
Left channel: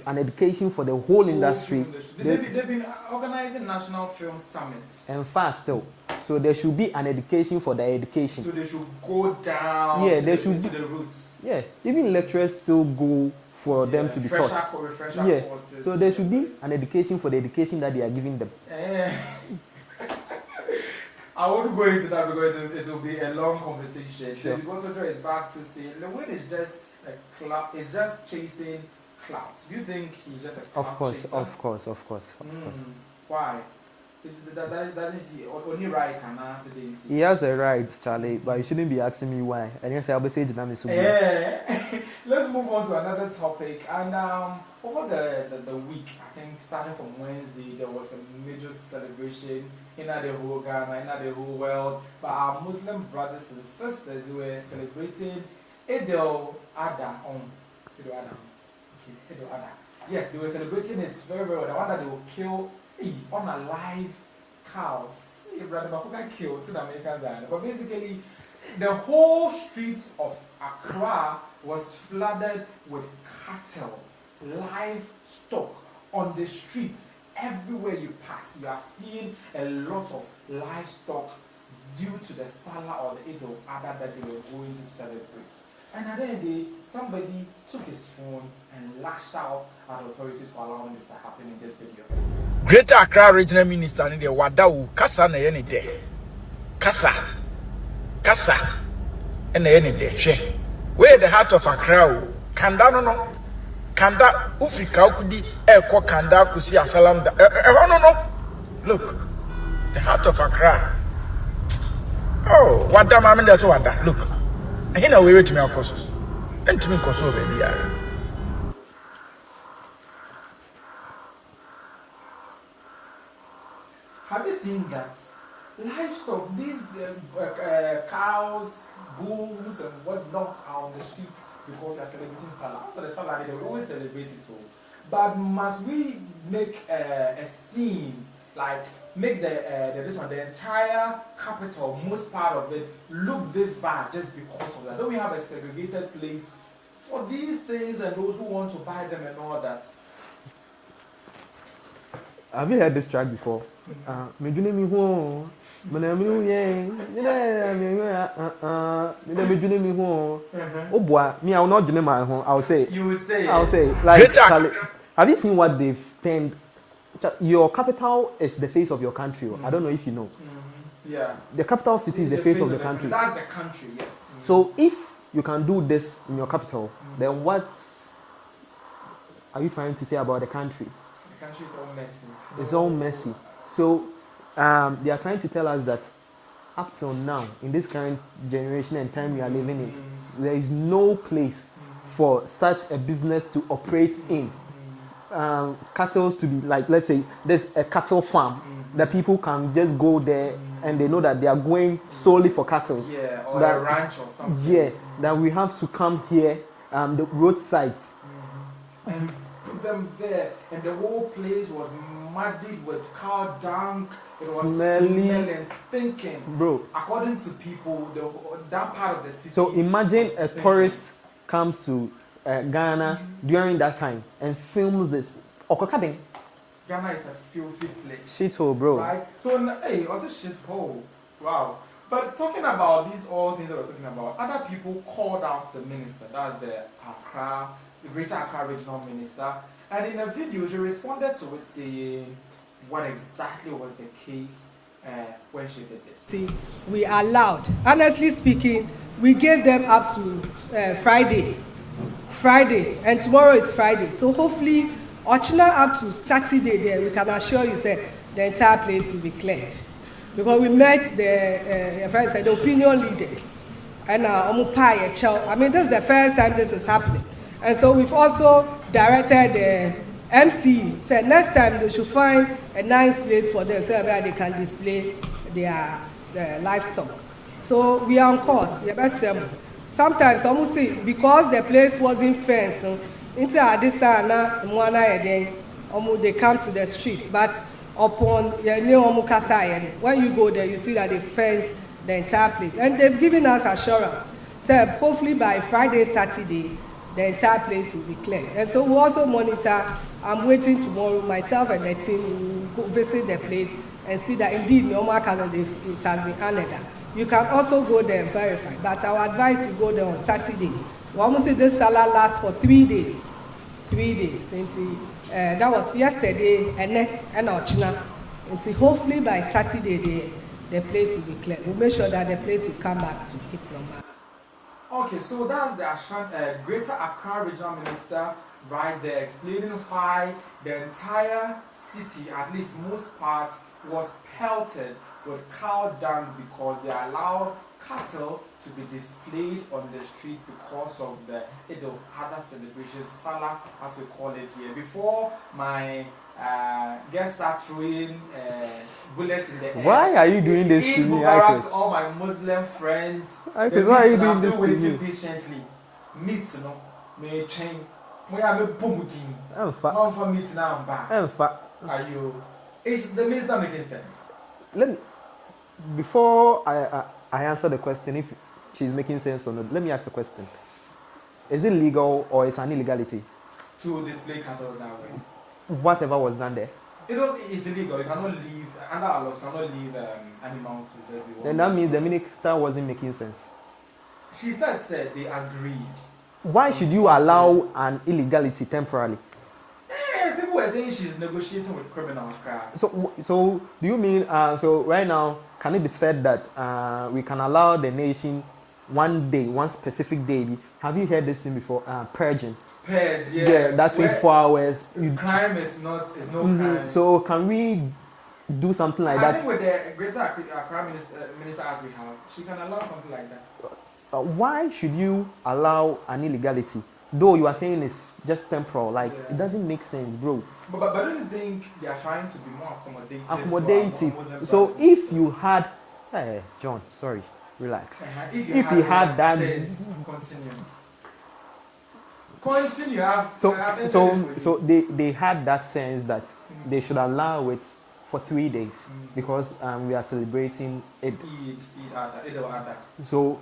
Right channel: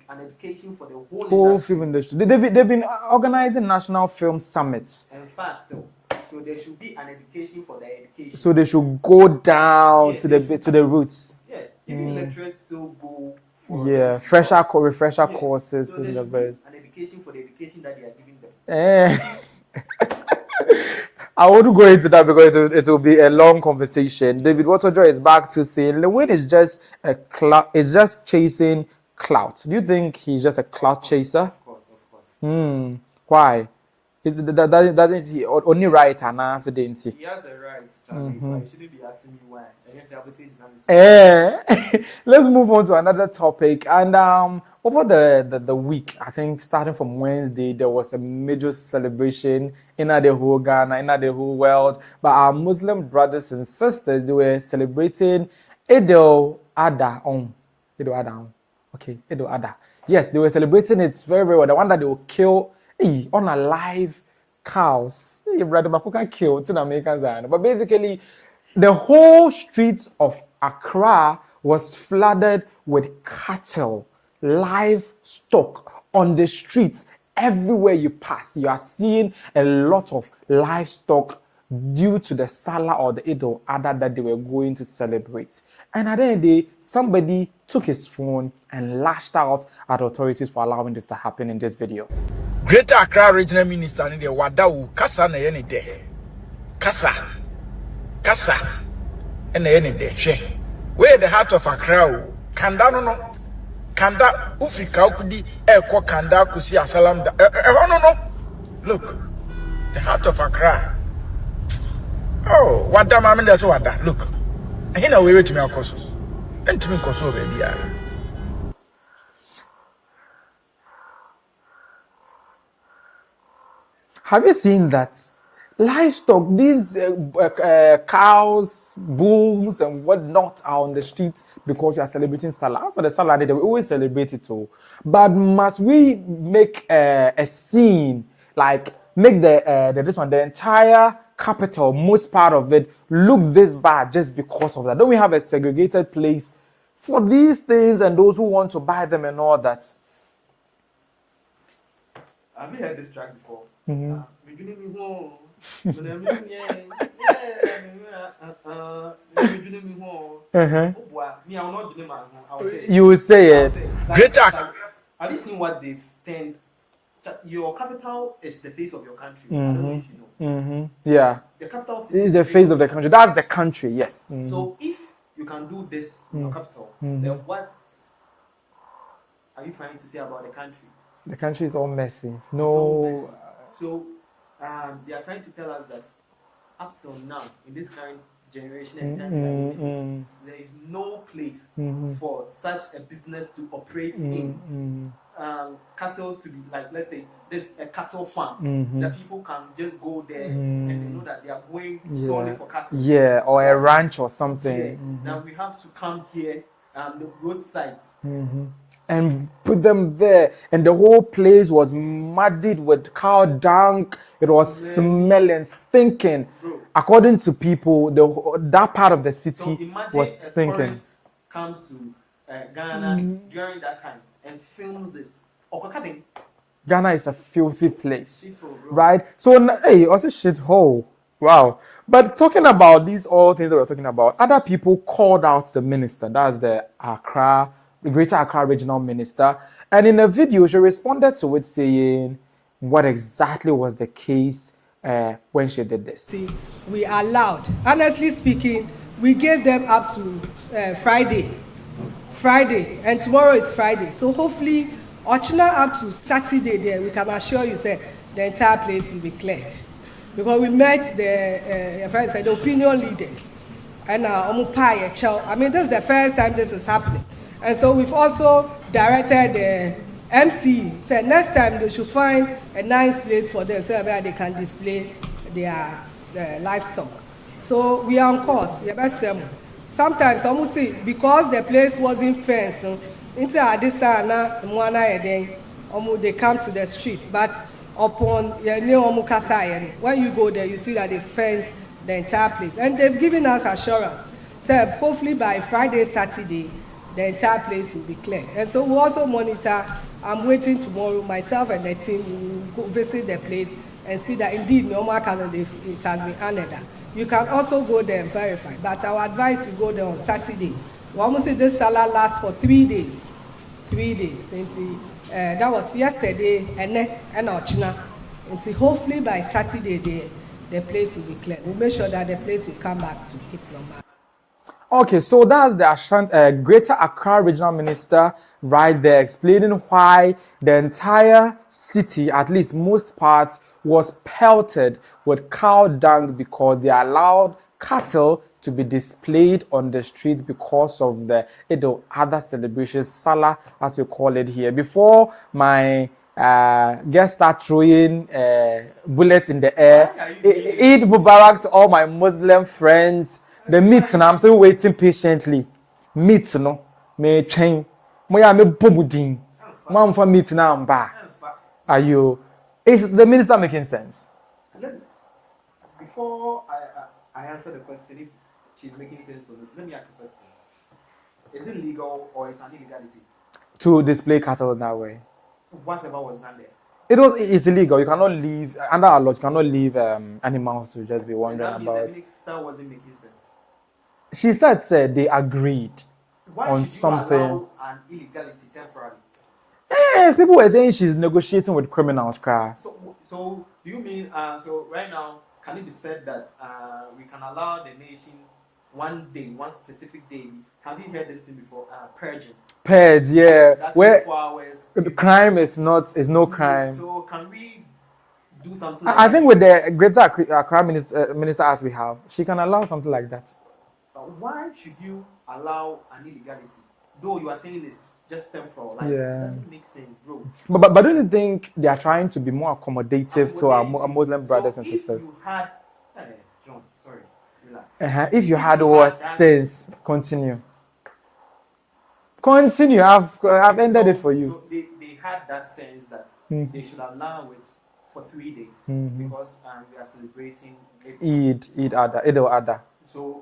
an education for the whole industry. They've been organizing national film summits and fast still. So there should be an education for the education. So they should go down to the roots. Yeah, even lecturers still go for them to be refresher courses. So there should be an education for the education that they are giving them. I won't go into that because it will be a long conversation. Sure. David Waterjoy is back to saying Lewin is just chasing clout. Do you think he's just a clout chaser? Of course. Why? Doesn't he only right and answer, didn't he? He has a right, Charlie, but you shouldn't be asking me why. And yes, I'll be saying let's move on to another topic. And over the week, I think starting from Wednesday, there was a major celebration in the whole Ghana, in the whole world. But our Muslim brothers and sisters, they were celebrating Idul Adha. Idul Adha. Yes, they were celebrating it very, very well. The one that they will kill on a live cows. But basically, the whole streets of Accra was flooded with cattle, livestock on the streets. Everywhere you pass, you are seeing a lot of livestock due to the Salah or the Idul Adha that they were going to celebrate. And at the end of the day, somebody took his phone and lashed out at authorities for allowing this to happen in this video. Greater Accra Regional Minister in the Wadawu Kasa na yene de. Kasa na yene de. Where the heart of Accra Kanda no. Kanda Ufrika ukudi eko Kanda kusi asalam da. No. Look. The heart of Accra. Oh, wada mama nda so wada. Look. Ahina we wait me akoso. Entimi koso baby ya. Have you seen that? Livestock, these cows, bulls, and whatnot are on the streets because we are celebrating Salah. So the Salah day, we always celebrate it too. But must we make a scene, like make the entire capital, most part of it, look this bad just because of that? Don't we have a segregated place for these things and those who want to buy them and all that? Have you heard this track before? Me do me home. Oh boy, me I will not do my home. I will say. You will say it. I will say. Like, have you seen what they've turned? Your capital is the face of your country. I don't know if you know. Yeah. The capital city is the face of the country. That's the country, yes. So if you can do this in your capital, then what are you trying to say about the country? The country is all messy. No. It's all messy. So they are trying to tell us that up till now, in this current generation and time we are living in, there is no place for such a business to operate in. Cattle to be like, let's say, there's a cattle farm that people can just go there and they know that they are going solely for cattle. Yeah, or a ranch or something. Yeah, that we have to come here, the roadside. And put them there, and the whole place was muddied with cow dung. It was smelling, stinking. Bro, according to people, that part of the city. So imagine was a stinking. tourist comes to Ghana during that time and films this. Ghana is a filthy place. Shithole, bro. Right? So, hey, also shithole. Wow. But talking about these all things that we're talking about, other people called out the minister. That's the Greater Accra Regional Minister. And in a video, she responded to it saying what exactly was the case when she did this. See, we allowed, honestly speaking, we gave them up to Friday, and tomorrow is Friday. So hopefully, Ochina up to Saturday there, we can assure you that the entire place will be cleared. Because we met the opinion leaders and Chaw. I mean, this is the first time this is happening. And so we've also directed the MC, said next time they should find a nice place for them so where they can display their livestock. So we are on course. Sometimes almost see because the place wasn't fenced, they come to the street. But upon when you go there, you see that they fence the entire place. And they've given us assurance. So hopefully by Friday, Saturday, the entire place will be cleared. And so we also monitor. I'm waiting tomorrow, myself and the team will go visit the place and see that indeed normal calendar it has been honored. You can also go there and verify. But our advice you go there on Saturday. We almost see this salah lasts for 3 days. 3 days. That was yesterday and Ochina. Until hopefully by Saturday the place will be cleared. We'll make sure that the place will come back to its normal. Okay, so that's the Greater Accra Regional Minister right there explaining why the entire city, at least most parts, was pelted with cow dung because they allowed cattle to be displayed on the street because of the other celebrations, Salah as we call it here. Before my guests start throwing bullets in the air, why are you doing this? Eid Mubarak to all my Muslim friends. The meat, and I'm still waiting patiently. Meat, no, me train. Me pomudin. Man for meat now. I'm back. Are you? Is the minister making sense? Before I answer the question, if she's making sense or not, let me ask the question: is it legal or is it an illegality to display cattle that way? Whatever was done there. It's illegal. You cannot leave under our law. You cannot leave animals to just be one. And that means the minister wasn't making sense. She said they agreed. Why should you allow an illegality temporarily? People were saying she's negotiating with criminals. So do you mean so right now can it be said that we can allow the nation one day, one specific day? Have you heard this thing before? Purging. Purge, yeah. That 24 hours. Crime is no crime. So can we do something like that? I think with the Greater Accra minister as we have, she can allow something like that. Why should you allow an illegality? Though you are saying it's just temporal, like it doesn't make sense, bro. But don't you think they are trying to be more accommodative to our Muslim brothers and sisters? So if you had, John, sorry, relax. If you had what sense, continue. Continue. I've ended it for you. So they had that sense that they should allow it for 3 days because we are celebrating Eid al-Adha. So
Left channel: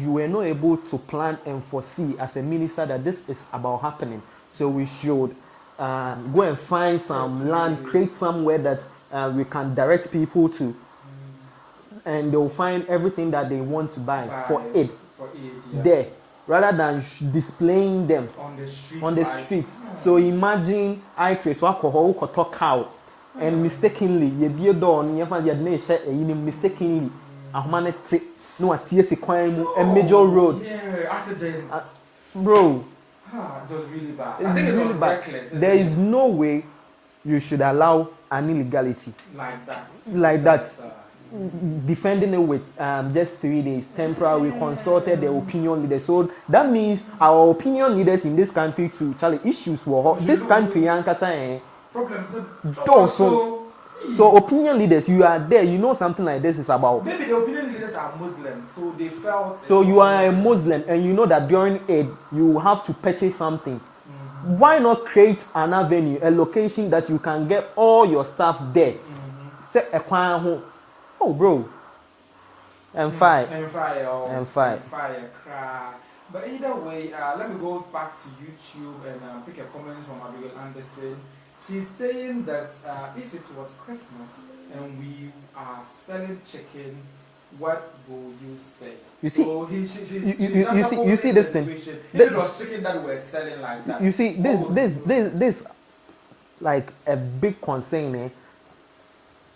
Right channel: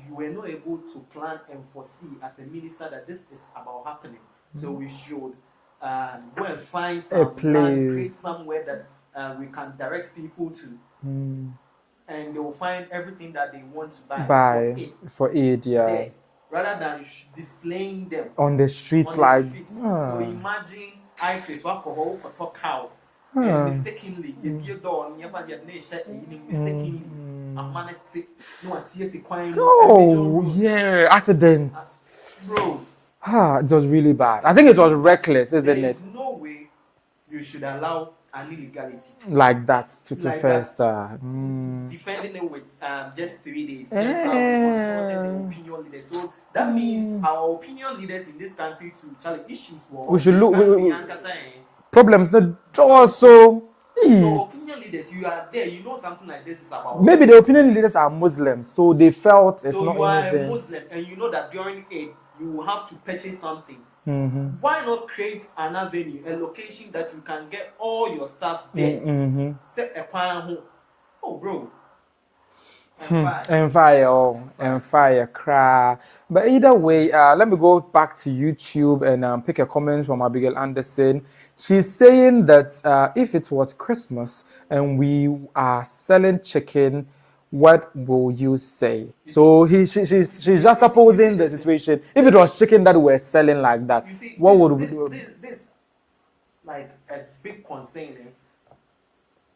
you were not able to plan and foresee as a minister that this is about happening. So we should go and find some land, create somewhere that we can direct people to, and they'll find everything that they want to buy for aid, yeah. There, rather than displaying them on the streets. So imagine I face alcohol cow and mistakenly you door you find your nation mistakenly no a major road. Yeah, accident. Bro. It was really bad. I think it was reckless. There is no way you should allow an illegality like that. Defending it with just 3 days. Temporarily consulted the opinion leaders. So that means our opinion leaders in this country to Charlie issues were this country problems not so opinion leaders, you are there, you know something like this is about. Maybe the opinion leaders are Muslims, so they felt. So you are a Muslim, and you know that during Eid you have to purchase something. Why not create an avenue, a location that you can get all your stuff there? Set a plan home. Oh, bro. And fire, cry. But either way, let me go back to YouTube and pick a comment from Abigail Anderson. She's saying that if it was Christmas and we are selling chicken, what will you say? She's just opposing the situation. If it was chicken that we're selling like that, you see, this like a big concern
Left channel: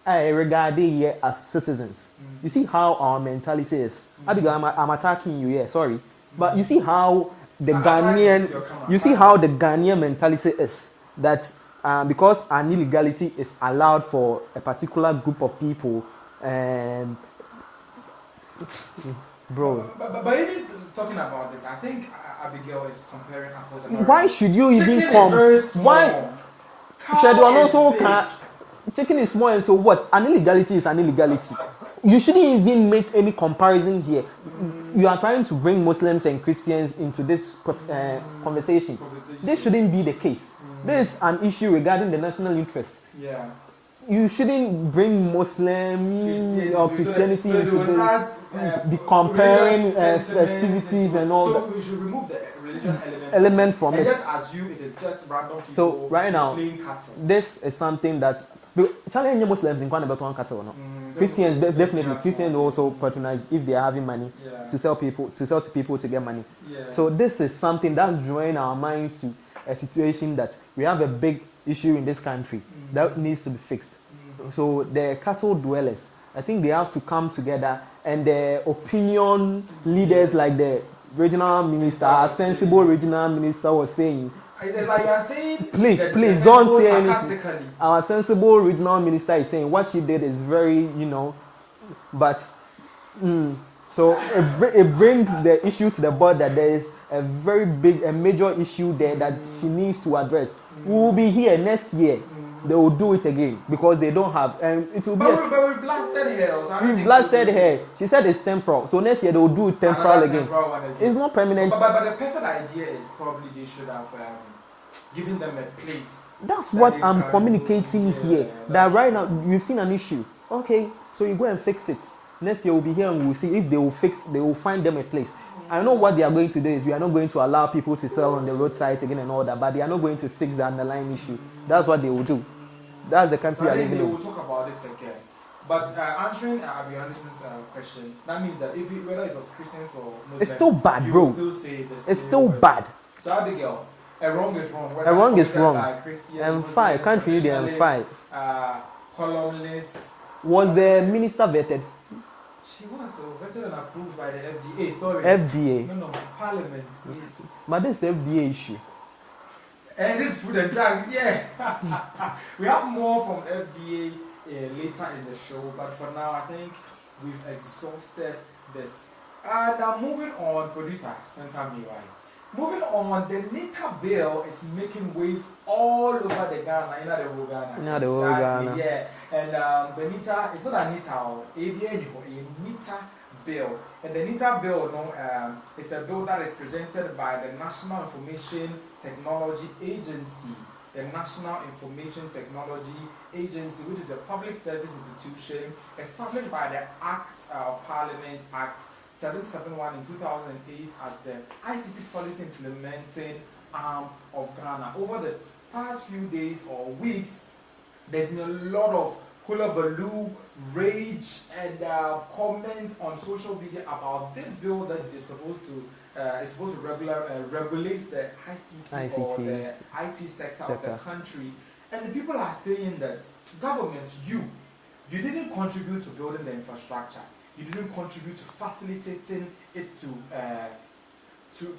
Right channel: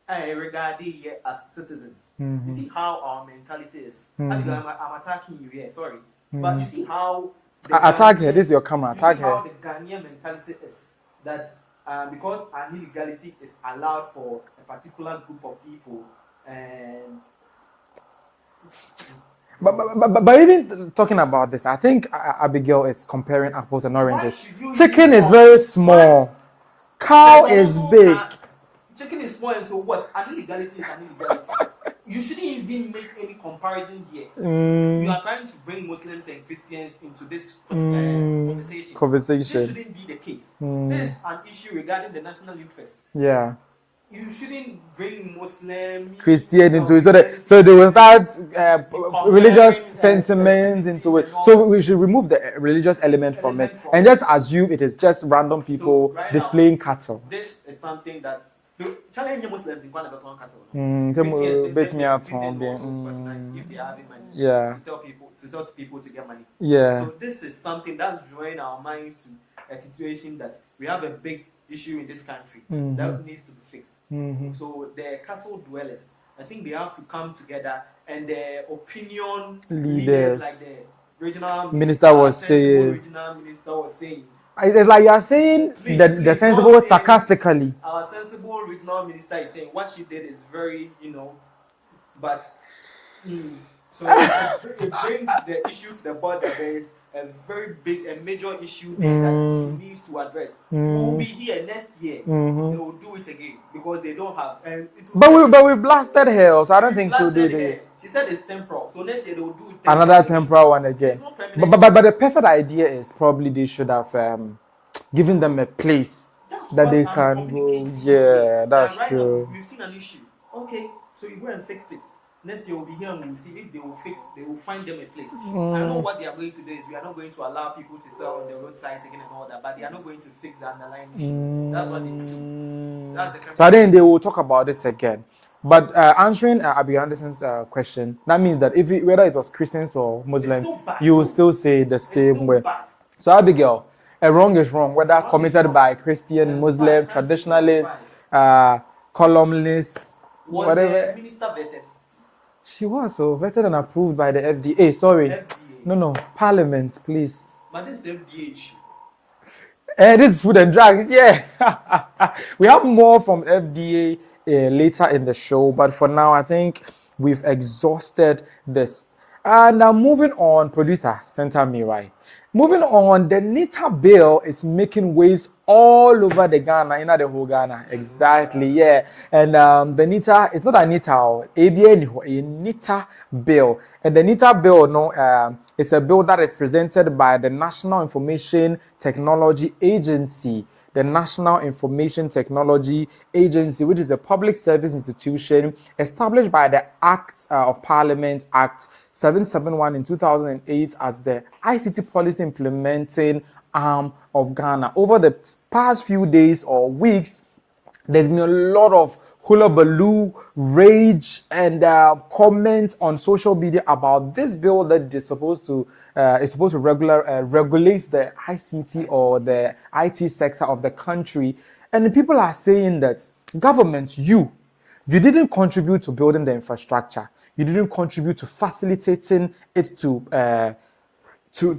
regarding here as citizens. You see how our mentality is. I'm attacking you, sorry. But you see how the Ghanaian, your camera. You see how the Ghanaian mentality is that because an illegality is allowed for a particular group of people, but even talking about this, I think Abigail is comparing apples and oranges. Why should you? Chicken is very small. Cow is big. Chicken is small, and so what? An illegality is an illegality. You shouldn't even make any comparison here. You are trying to bring Muslims and Christians into this conversation. This shouldn't be the case. This is an issue regarding the national interest. Yeah. You shouldn't bring Muslim, Christian into it. So they will start religious sentiments into it. So we should remove the religious element from it and just assume it is just random people displaying cattle. This is something that Chinese Muslims in Ghanaian cattle. Christians also patronize if they are having money to sell to people to get money. So this is something that's drawing our minds to a situation that we have a big issue in this country that needs to be fixed. So the cattle dwellers, I think they have to come together, and the opinion leaders like the regional minister was saying. It's like you are saying please sensible sarcastically. Our sensible regional minister is saying what she did is very, but so it brings the issue to the board that there is a very big, a major issue there that she needs to address. We will be here next year. They will do it again because they don't have. And it will but we blasted her, so I don't think blasted her. She said it's temporal. So next year they will do it temporal another temporal one again. It's not permanent. But the perfect idea is probably they should have given them a place. That's what I'm communicating here. That right now you've seen an issue. Okay, so you go and fix it. Next year we'll be here and we'll see if they will find them a place. I know what they are going to do is we are not going to allow people to sell on the roadsides again and all that, but they are not going to fix the underlying issue. That's what they will do. That's the country. So I think they will talk about this again. But answering Abigail Anderson's question, that means that whether it was Christians or Muslims, it's still bad, you will still say the same way. It's still bad. So Abigail, a wrong is wrong, whether committed by Christian, Muslim, traditionalist, columnist. Was the minister vetted? She was vetted and approved by the FDA. Sorry. FDA. No. Parliament, please. But this FDA issue. This food and drugs, yeah. We have more from FDA later in the show, but for now, I think we've exhausted this. And now moving on, producer, center me right. Moving on, the NITA Bill is making waves all over the Ghana, the whole Ghana. Exactly, yeah. And the NITA, it's not a NITA, a NITA Bill. And the NITA Bill, it's a bill that is presented by the National Information Technology Agency. The National Information Technology Agency, which is a public service institution established by the Act of Parliament Act 771 in 2008 as the ICT policy implementing arm of Ghana. Over the past few days or weeks, there's been a lot of hullabaloo, rage, and comments on social media about this bill that is supposed to regulate the ICT or the IT sector of the country. And the people are saying that government, you didn't contribute to building the infrastructure. You didn't contribute to facilitating it to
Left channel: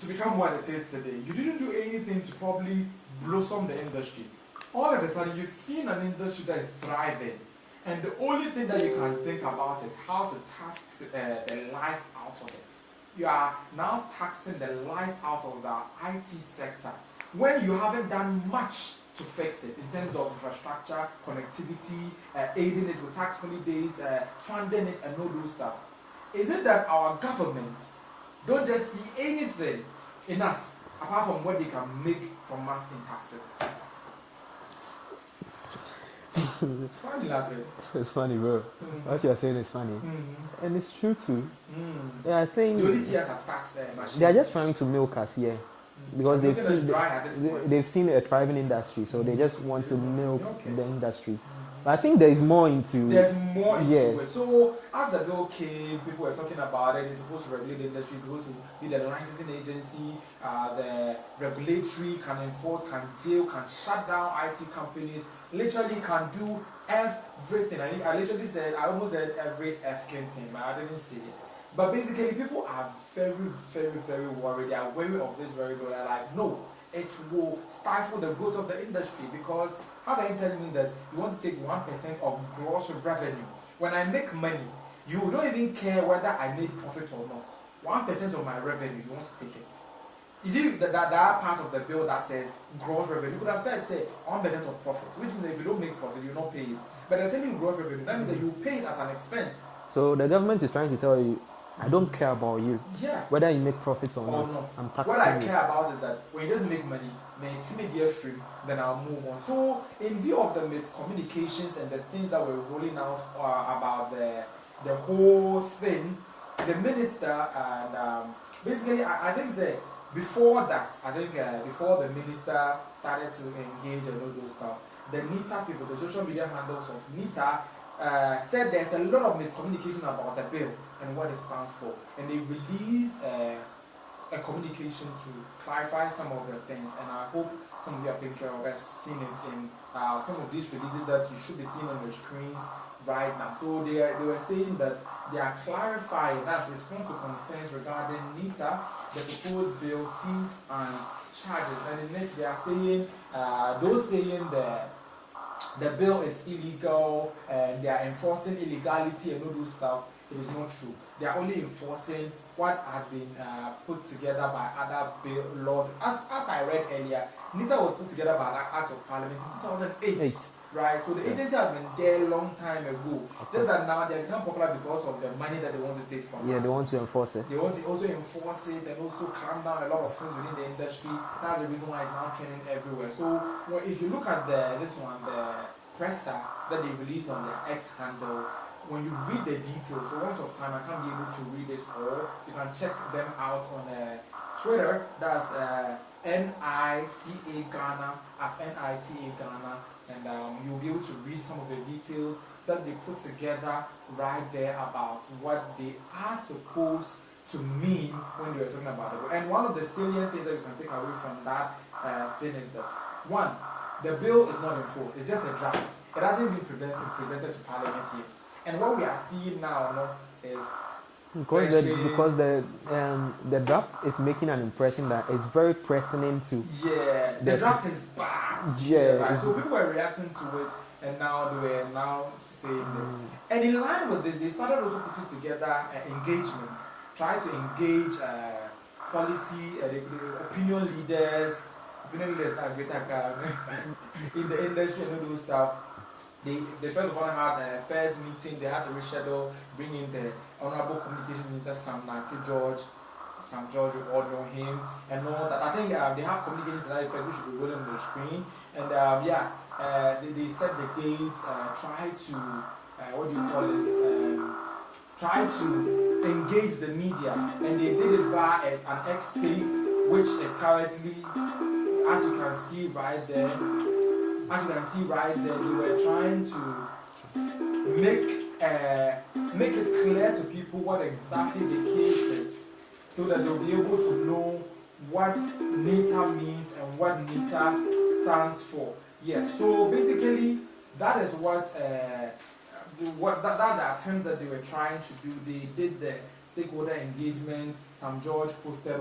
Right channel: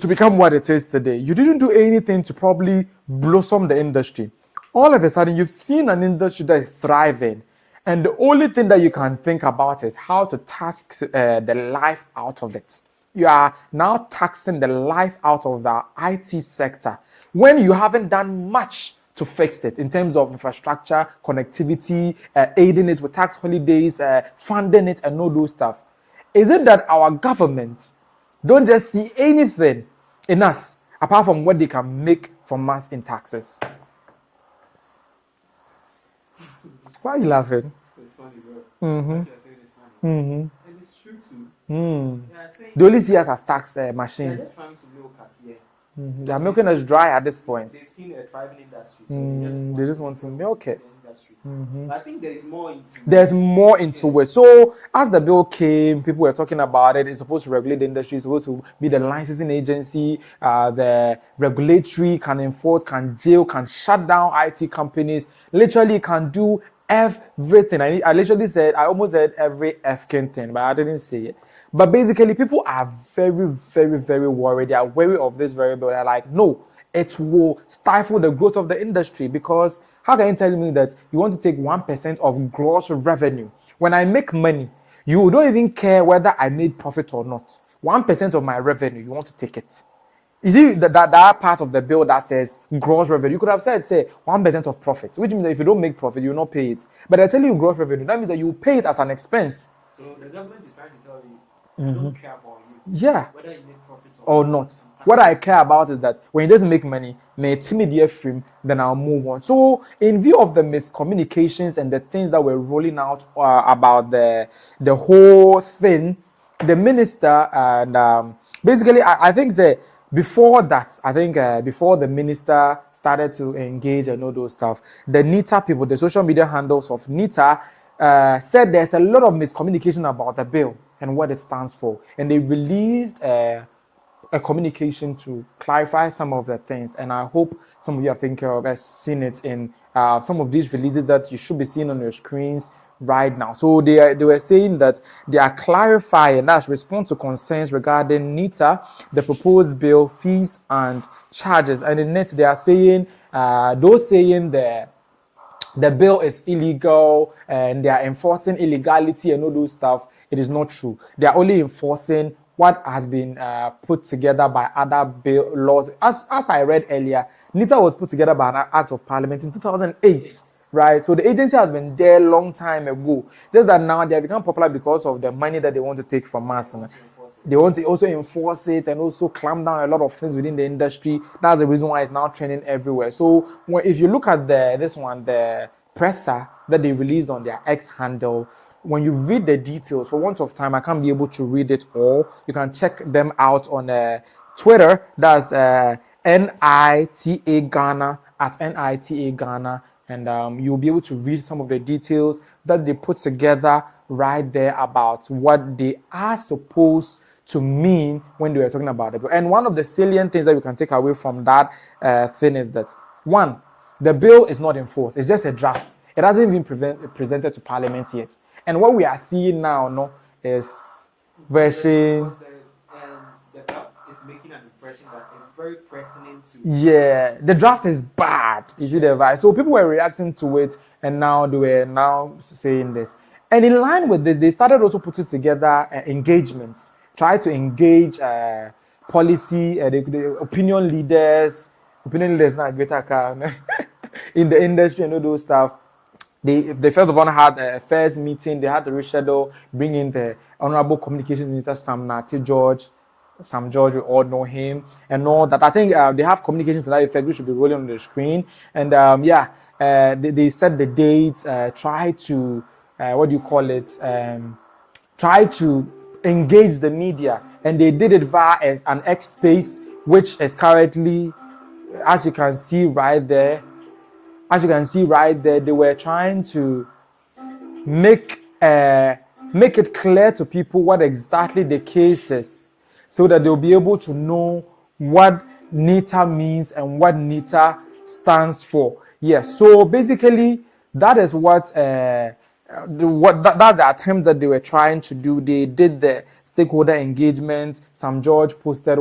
become what it is today. You didn't do anything to probably blossom the industry. All of a sudden, you've seen an industry that is thriving. And the only thing that you can think about is how to tax the life out of it. You are now taxing the life out of the IT sector when you haven't done much to fix it in terms of infrastructure, connectivity, aiding it with tax holidays, funding it, and all those stuff. Is it that our governments don't just see anything in us apart from what they can make from us in taxes? Why are you laughing? It's funny, bro. Mm-hmm. What you're saying is funny. Mm-hmm. And it's true too. Mm. Yeah, I think they only see us as tax machines. They're just trying to milk us here. They are milking us dry at this point. They've seen a thriving industry, so they just want to milk the industry. Mm-hmm. I think there is more into it. So as the bill came, people were talking about it. It's supposed to regulate the industry. It's supposed to be the licensing agency. The regulatory can enforce, can jail, can shut down IT companies. Literally can do everything. I almost said every F-kin thing, but I didn't say it. But basically, people are very, very, very worried. They are wary of this variable. They're like, no, it will stifle the growth of the industry, because how can you tell me that you want to take 1% of gross revenue? When I make money, you don't even care whether I made profit or not. 1% of my revenue, you want to take it. You see that part of the bill that says gross revenue, you could have said, say, 1% of profit, which means that if you don't make profit, you will not pay it. But I tell you gross revenue, that means that you pay it as an expense. So the government is trying to tell you, I don't care about you. Yeah. Whether you make profits or not. What I care about is that when it doesn't make money, may timidate film, then I'll move on. So in view of the miscommunications and the things that were rolling out about the whole thing, the minister and basically I think that before the minister started to engage and all those stuff, the NITA people, the social media handles of NITA, said there's a lot of miscommunication about the bill and what it stands for. And they released a communication to clarify some of the things. And I hope some of you have taken care of, has seen it in some of these releases that you should be seeing on your screens right now. So they were saying that they are clarifying, that's response to concerns regarding NITA, the proposed bill, fees and charges. And in it, they are saying, those saying the bill is illegal and they are enforcing illegality and all those stuff, it is not true. They are only enforcing what has been put together by other bill laws. As I read earlier, NITA was put together by an act of parliament in 2008. Right, so the agency has been there a long time ago. Just that now they have become popular because of the money that they want to take from us. They want to enforce it. They want to also enforce it and also clamp down a lot of things within the industry. That's the reason why it's now trending everywhere. So if you look at the presser that they released on their X handle, when you read the details, for want of time, I can't be able to read it all. You can check them out on Twitter. That's NITA Ghana at NITA Ghana. And you'll be able to read some of the details that they put together right there about what they are supposed to mean when they were talking about the bill. And one of the salient things that we can take away from that thing is that, one, the bill is not enforced. It's just a draft. It hasn't been presented to Parliament yet. And what we are seeing now is because the draft is making an impression that it's very threatening to. Yeah, the draft is bad. You see that, right? So people were reacting to it, and now they were now saying this. And in line with this, they started also putting together engagements, try to engage policy, the opinion leaders not greater in the industry and all those stuff. They first of all had a first meeting. They had to reschedule, bring in the Honorable Communications Minister Sam George, we all know him and all that. I think they have communications to that effect, which should be rolling on the screen. And they set the dates, try to try to engage the media, and they did it via an X space, which is currently as you can see right there, they were trying to make it clear to people what exactly the case is, so that they'll be able to know what NITA means and what NITA stands for. Yes, so basically that is what that's the attempt that they were trying to do. They did the stakeholder engagement. Sam George posted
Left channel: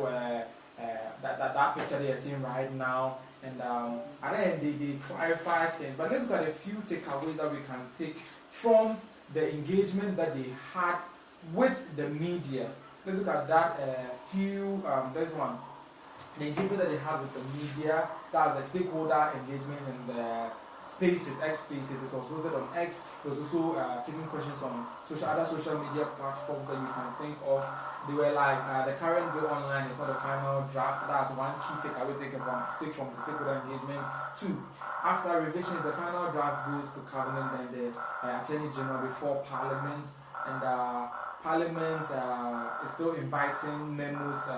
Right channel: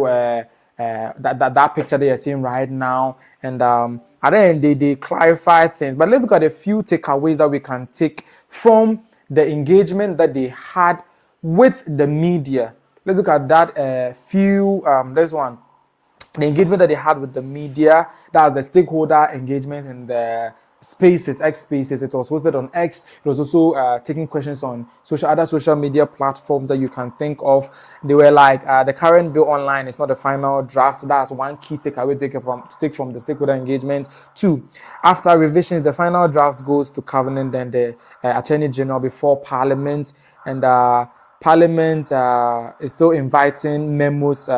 that picture they are seeing right now, and at the end they clarified things. But let's look at a few takeaways that we can take from the engagement that they had with the media. Let's look at that few. This one, the engagement that they had with the media. That's the stakeholder engagement in the Spaces, X Spaces. It was hosted on X. It was also taking questions on other social media platforms that you can think of. They were like, the current bill online is not the final draft. That's one key takeaway take from the stakeholder engagement. 2, after revisions, the final draft goes to Cabinet, then the Attorney General before Parliament, and Parliament is still inviting memos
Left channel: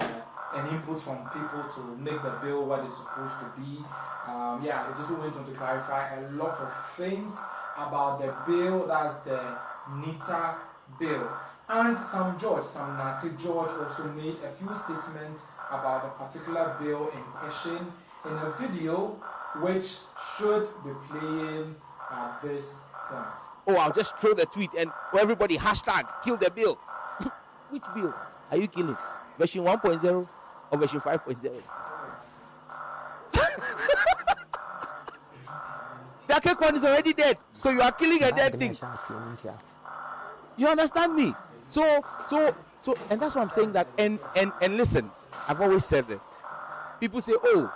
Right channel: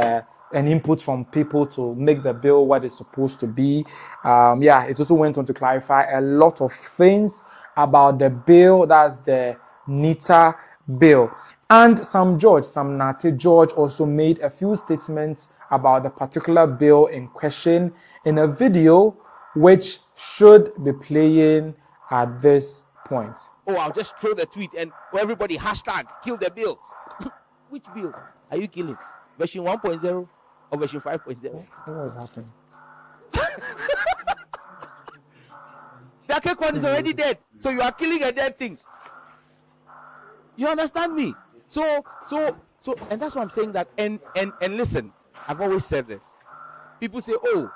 and input from people to make the bill what it's supposed to be. It also went on to clarify a lot of things about the bill. That's the NITA bill. And Sam Nate George also made a few statements about the particular bill in question in a video which should be playing at this point. Oh, I'll just throw the tweet and everybody hashtag kill the bill. Which bill are you killing? Version 1.0 or version 5.0? What is happening? The cake one is already dead, so you are killing a dead thing. You understand me? So, and that's why I'm saying that. And listen, I've always said this. People say, "Oh,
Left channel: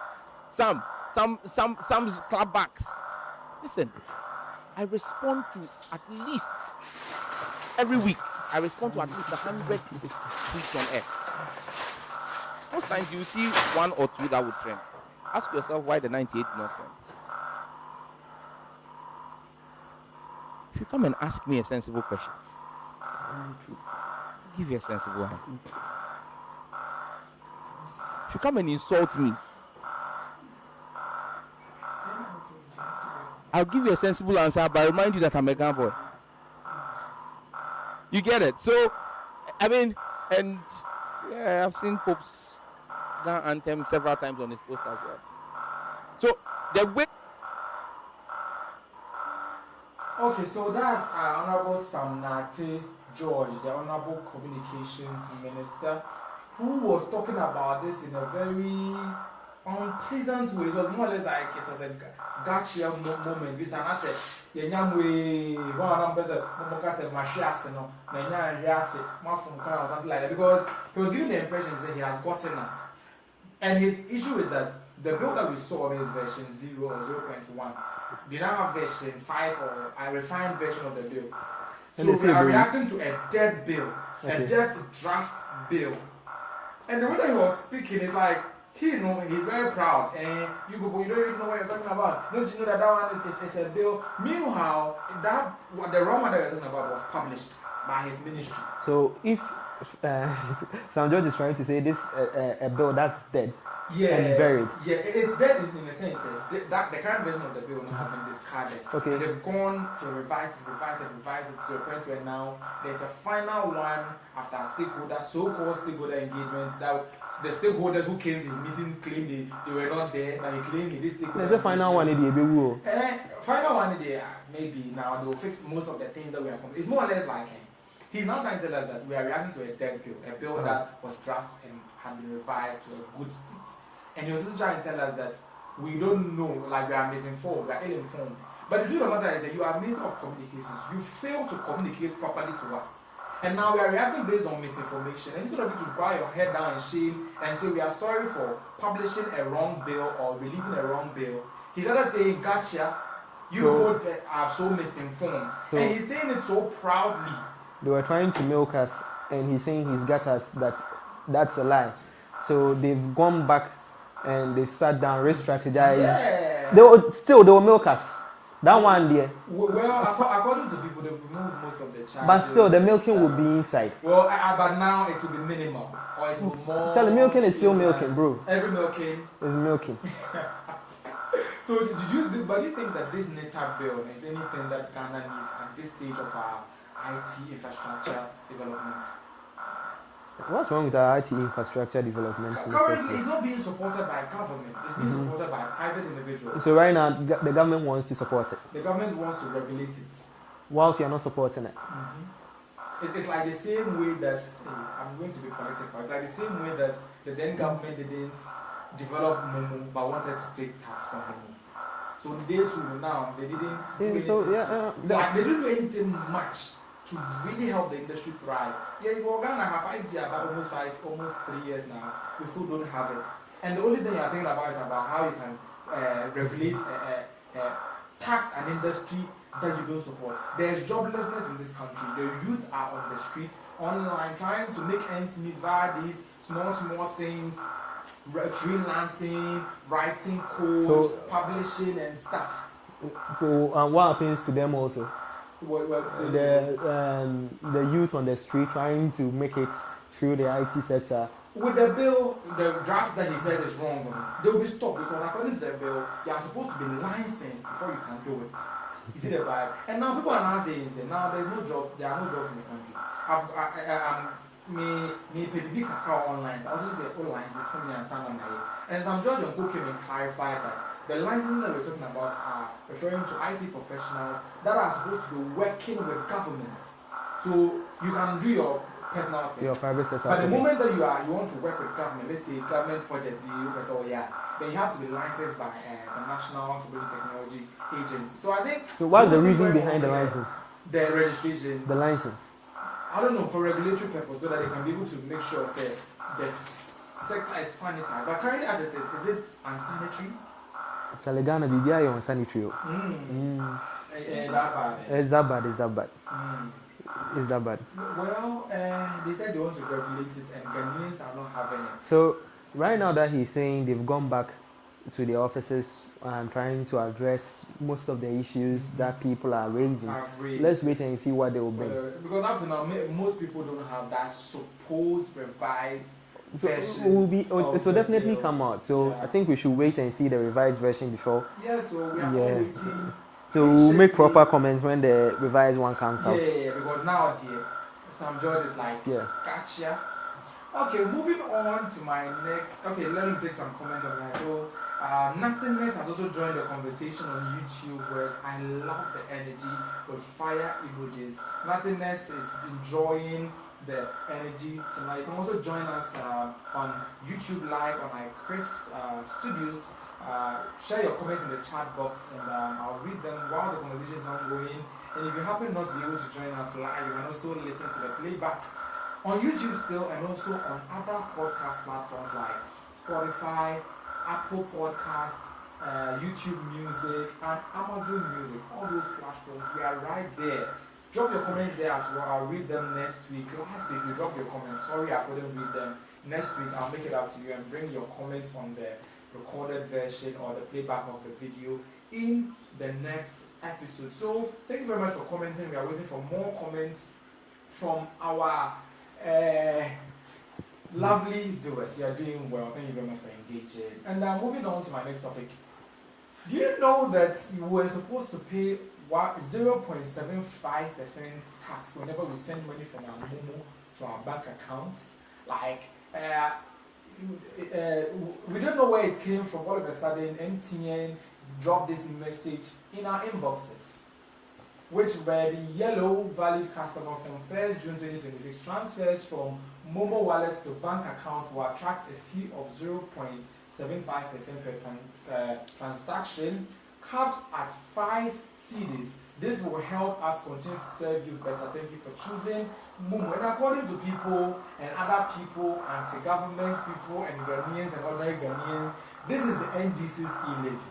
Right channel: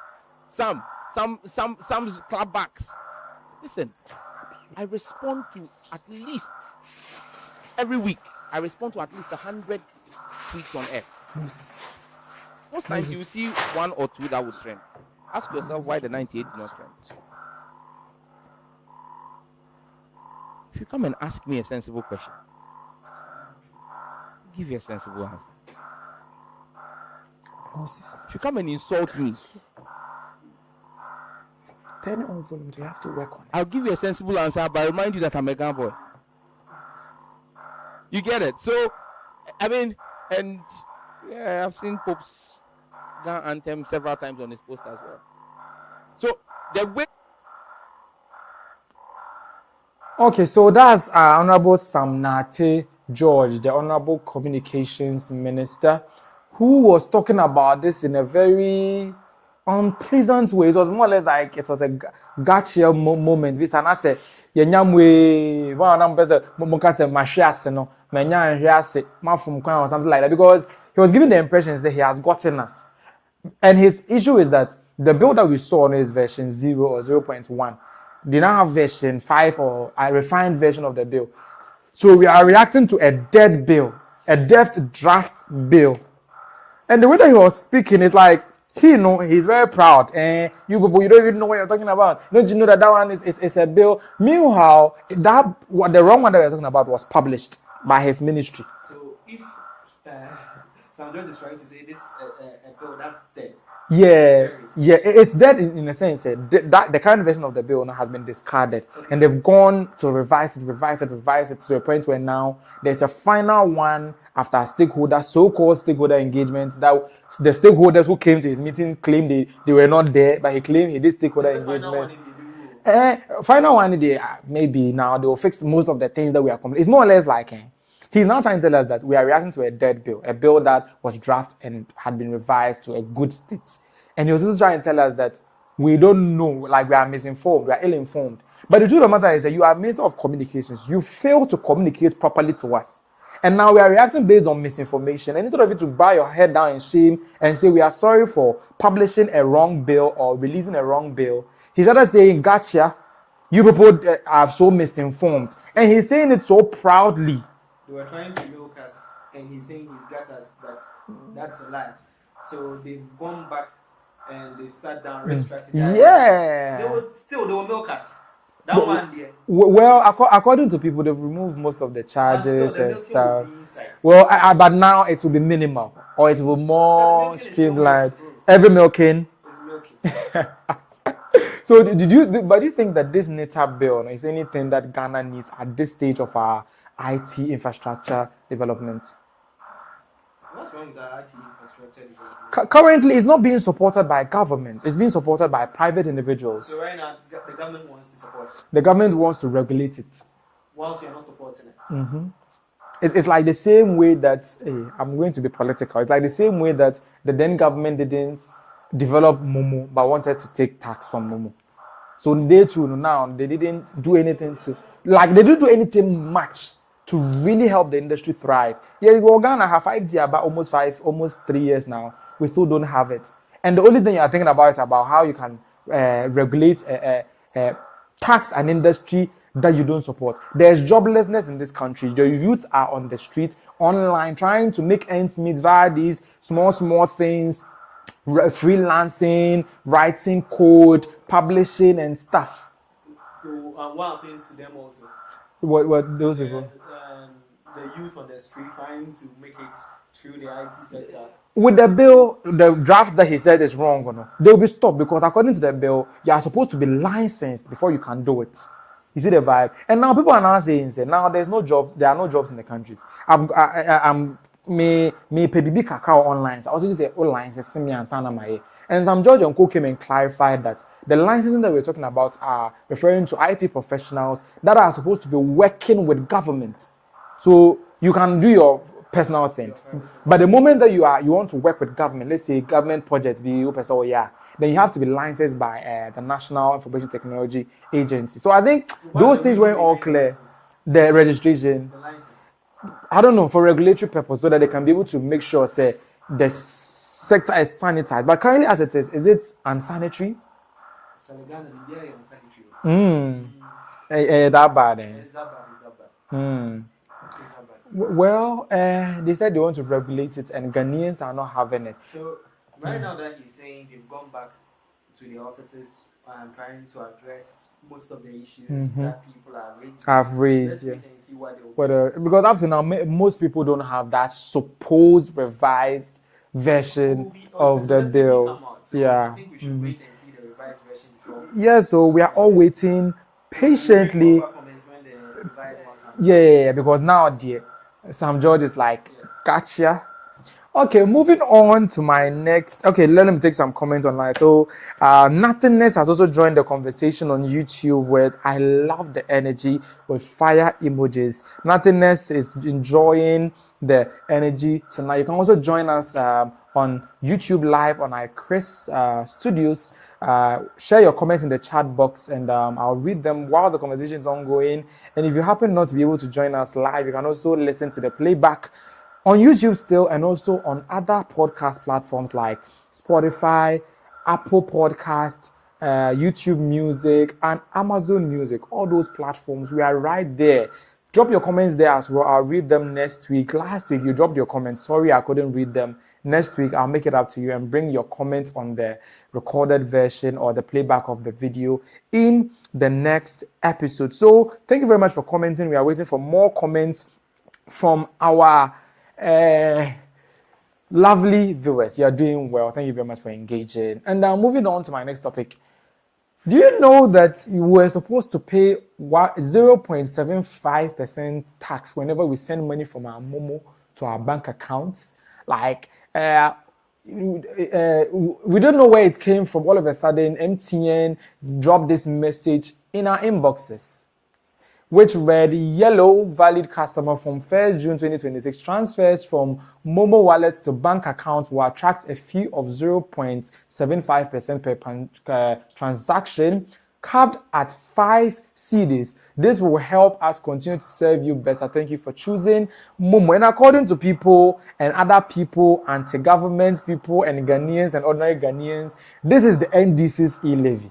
Sam's clapbacks." Listen, I respond to at least every week. I respond to at least 100 tweets on air. Most times you see 1 or 2 that would trend. Ask yourself why the 98 did not trend. If you come and ask me a sensible question, I'll give you a sensible answer. If you come and insult me, I'll give you a sensible answer, but I remind you that I'm a Ghana boy. You get it? So, I mean, and yeah, I've seen Pope's Ghana anthem several times on his post as well. So, the way. Okay, so that's Honorable Sam Nate George, the Honorable Communications Minister, who was talking about this in a very unpleasant way. It was more or less like it was a gotcha moment. This and I said, "Yenyamwe, one of them person, mukase mashiase no, menya hiase, ma from Kwan or something like that," because he was giving the impression that he has gotten us. And his issue is that the bill that we saw on is version 0 or 0.1. They now have version 5 or a refined version of the bill. So we are reacting to a dead bill, a dead draft bill. And the way that he was speaking is like, he's very proud. And you don't even know what you're talking about. Don't you know that one is a bill? Meanwhile, the wrong one that we're talking about was published by his ministry. So if Sam George is trying to say this a bill that's dead. It's dead in a sense. That the current version of the bill now has been discarded, and they've gone to revise it to a point where now there's a final one after so-called stakeholder engagement. That the stakeholders who came to his meeting claimed they were not there, but he claimed he did stakeholder engagement. Final one, maybe now they will fix most of the things that we are complaining. It's more or less like he's now trying to tell us that we are reacting to a dead bill, a bill that was drafted and had been revised to a good state. And he was also trying to tell us that we don't know, like we are misinformed, we are ill-informed. But the truth of the matter is that you are Minister of Communications. You fail to communicate properly to us. And now we are reacting based on misinformation. And instead of you to bow your head down in shame and say we are sorry for publishing a wrong bill or releasing a wrong bill, he's rather saying, "Gotcha, you people are so misinformed." And he's saying it so proudly. They were trying to milk us, and he's saying he's got us. That's a lie. So they've gone back and they've sat down, re-strategized. Yeah. They will milk us. That one there. Well, according to people, they've removed most of the charges. But still, the milking will be inside. Well, but now it will be minimal, or it will be more. The milking is still milking, bro. Every milking is milking. So, do you think that this NITA Bill is anything that Ghana needs at this stage of our IT infrastructure development? What's wrong with our IT infrastructure development? Currently, it's not being supported by government. It's being supported by private individuals. So right now, the government wants to support it. The government wants to regulate it. Whilst you're not supporting it. It's like the same way that, I'm going to be political, it's like the same way that the then government didn't develop Momo, but wanted to take tax from Momo. So they too, now, they didn't do anything they didn't do anything much to really help the industry thrive. Yeah, Ghana have 5G about almost 3 years now. We still don't have it. And the only thing you're thinking about is about how you can regulate, tax an industry that you don't support. There's joblessness in this country. The youth are on the streets, online, trying to make ends meet via these small things, freelancing, writing code, publishing and stuff. And what happens to them also? What those the youth on the street trying to make it through the IT sector. With the bill, the draft that he said is wrong. They'll be stopped because according to the bill, you are supposed to be licensed before you can do it. You see the vibe? And now people are now saying, now there's no job. There are no jobs in the countries. I'm PBB cacao online. I also say online. And some judge uncle came and clarified that the licenses that we're talking about are referring to IT professionals that are supposed to be working with government. So you can do your personal thing. But the moment that you want to work with government, let's say government projects, then you have to be licensed by the National Information Technology Agency. So I think those things weren't all clear. The registration, the license. I don't know, for regulatory purpose, so that they can be able to make sure that the sector is sanitized. But currently, as it is it unsanitary? Ghana BBI on sanitary. That bad. It's that bad. It's that bad. Well, they said they want to regulate it, and Ghanaians are not having it. So right now that he's saying they've gone back to the offices and trying to address most of the issues that people are raising. Let's wait and see what they will be. Because up to now, most people don't have that supposed revised version of the bill. Come out. So I think we should wait and see the revised version before. Yeah, so we are all waiting patiently. Make proper comments when the revised one comes out. Yeah, because now, Sam George is like, gotcha. Okay, moving on to my next. Okay, let me take some comments online. So, Nothingness has also joined the conversation on YouTube with I love the energy with fire emojis. Nothingness is enjoying the energy tonight. You can also join us on YouTube Live on Chris Studios. Share your comments in the chat box and I'll read them while the conversation is ongoing. And if you happen not to be able to join us live, you can also listen to the playback on YouTube still, and also on other podcast platforms like Spotify, Apple Podcast, YouTube Music, and Amazon Music. All those platforms, we are right there. Drop your comments there as well. I'll read them next week. Last week, you dropped your comments. Sorry, I couldn't read them. Next week, I'll make it up to you and bring your comments on the recorded version or the playback of the video in the next episode. So, thank you very much for commenting. We are waiting for more comments from our lovely viewers. You are doing well. Thank you very much for engaging. And moving on to my next topic. Do you know that we were supposed to pay 0.75% tax whenever we send money from our Momo to our bank accounts? Like, we don't know where it came from. All of a sudden, MTN dropped this message in our inboxes, which read, yellow valid customer from 1st June 2026 transfers from Momo wallets to bank account will attract a fee of 0.75% per transaction, capped at 5 cedis. This will help us continue to serve you better. Thank you for choosing Momo. And according to people and other people, anti-government people and Ghanaians and ordinary Ghanaians, this is the NDC's e-levy.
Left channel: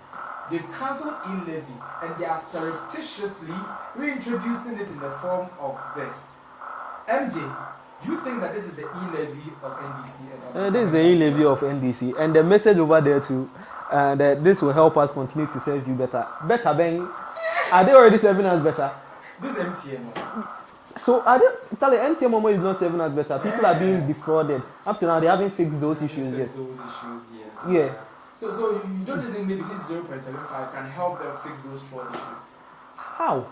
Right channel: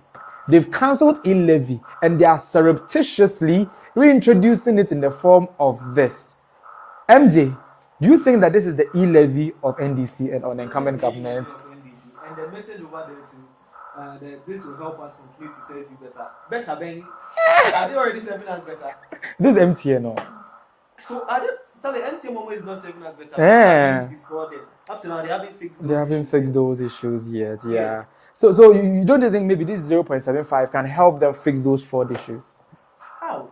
They've cancelled e-levy and they are surreptitiously reintroducing it in the form of this. MJ, do you think that this is the e-levy of NDC and on this is the e-levy of NDC, and the message over there too, that this will help us continue to serve you better. Better than Are they already serving us better? This MTN, no. So are they? Tell the MTN Momo is not serving us better. People are being defrauded. Up to now, they haven't fixed those issues. They haven't fixed those issues yet. Yeah. So you don't think maybe this 0.75 can help them fix those fraud issues? How?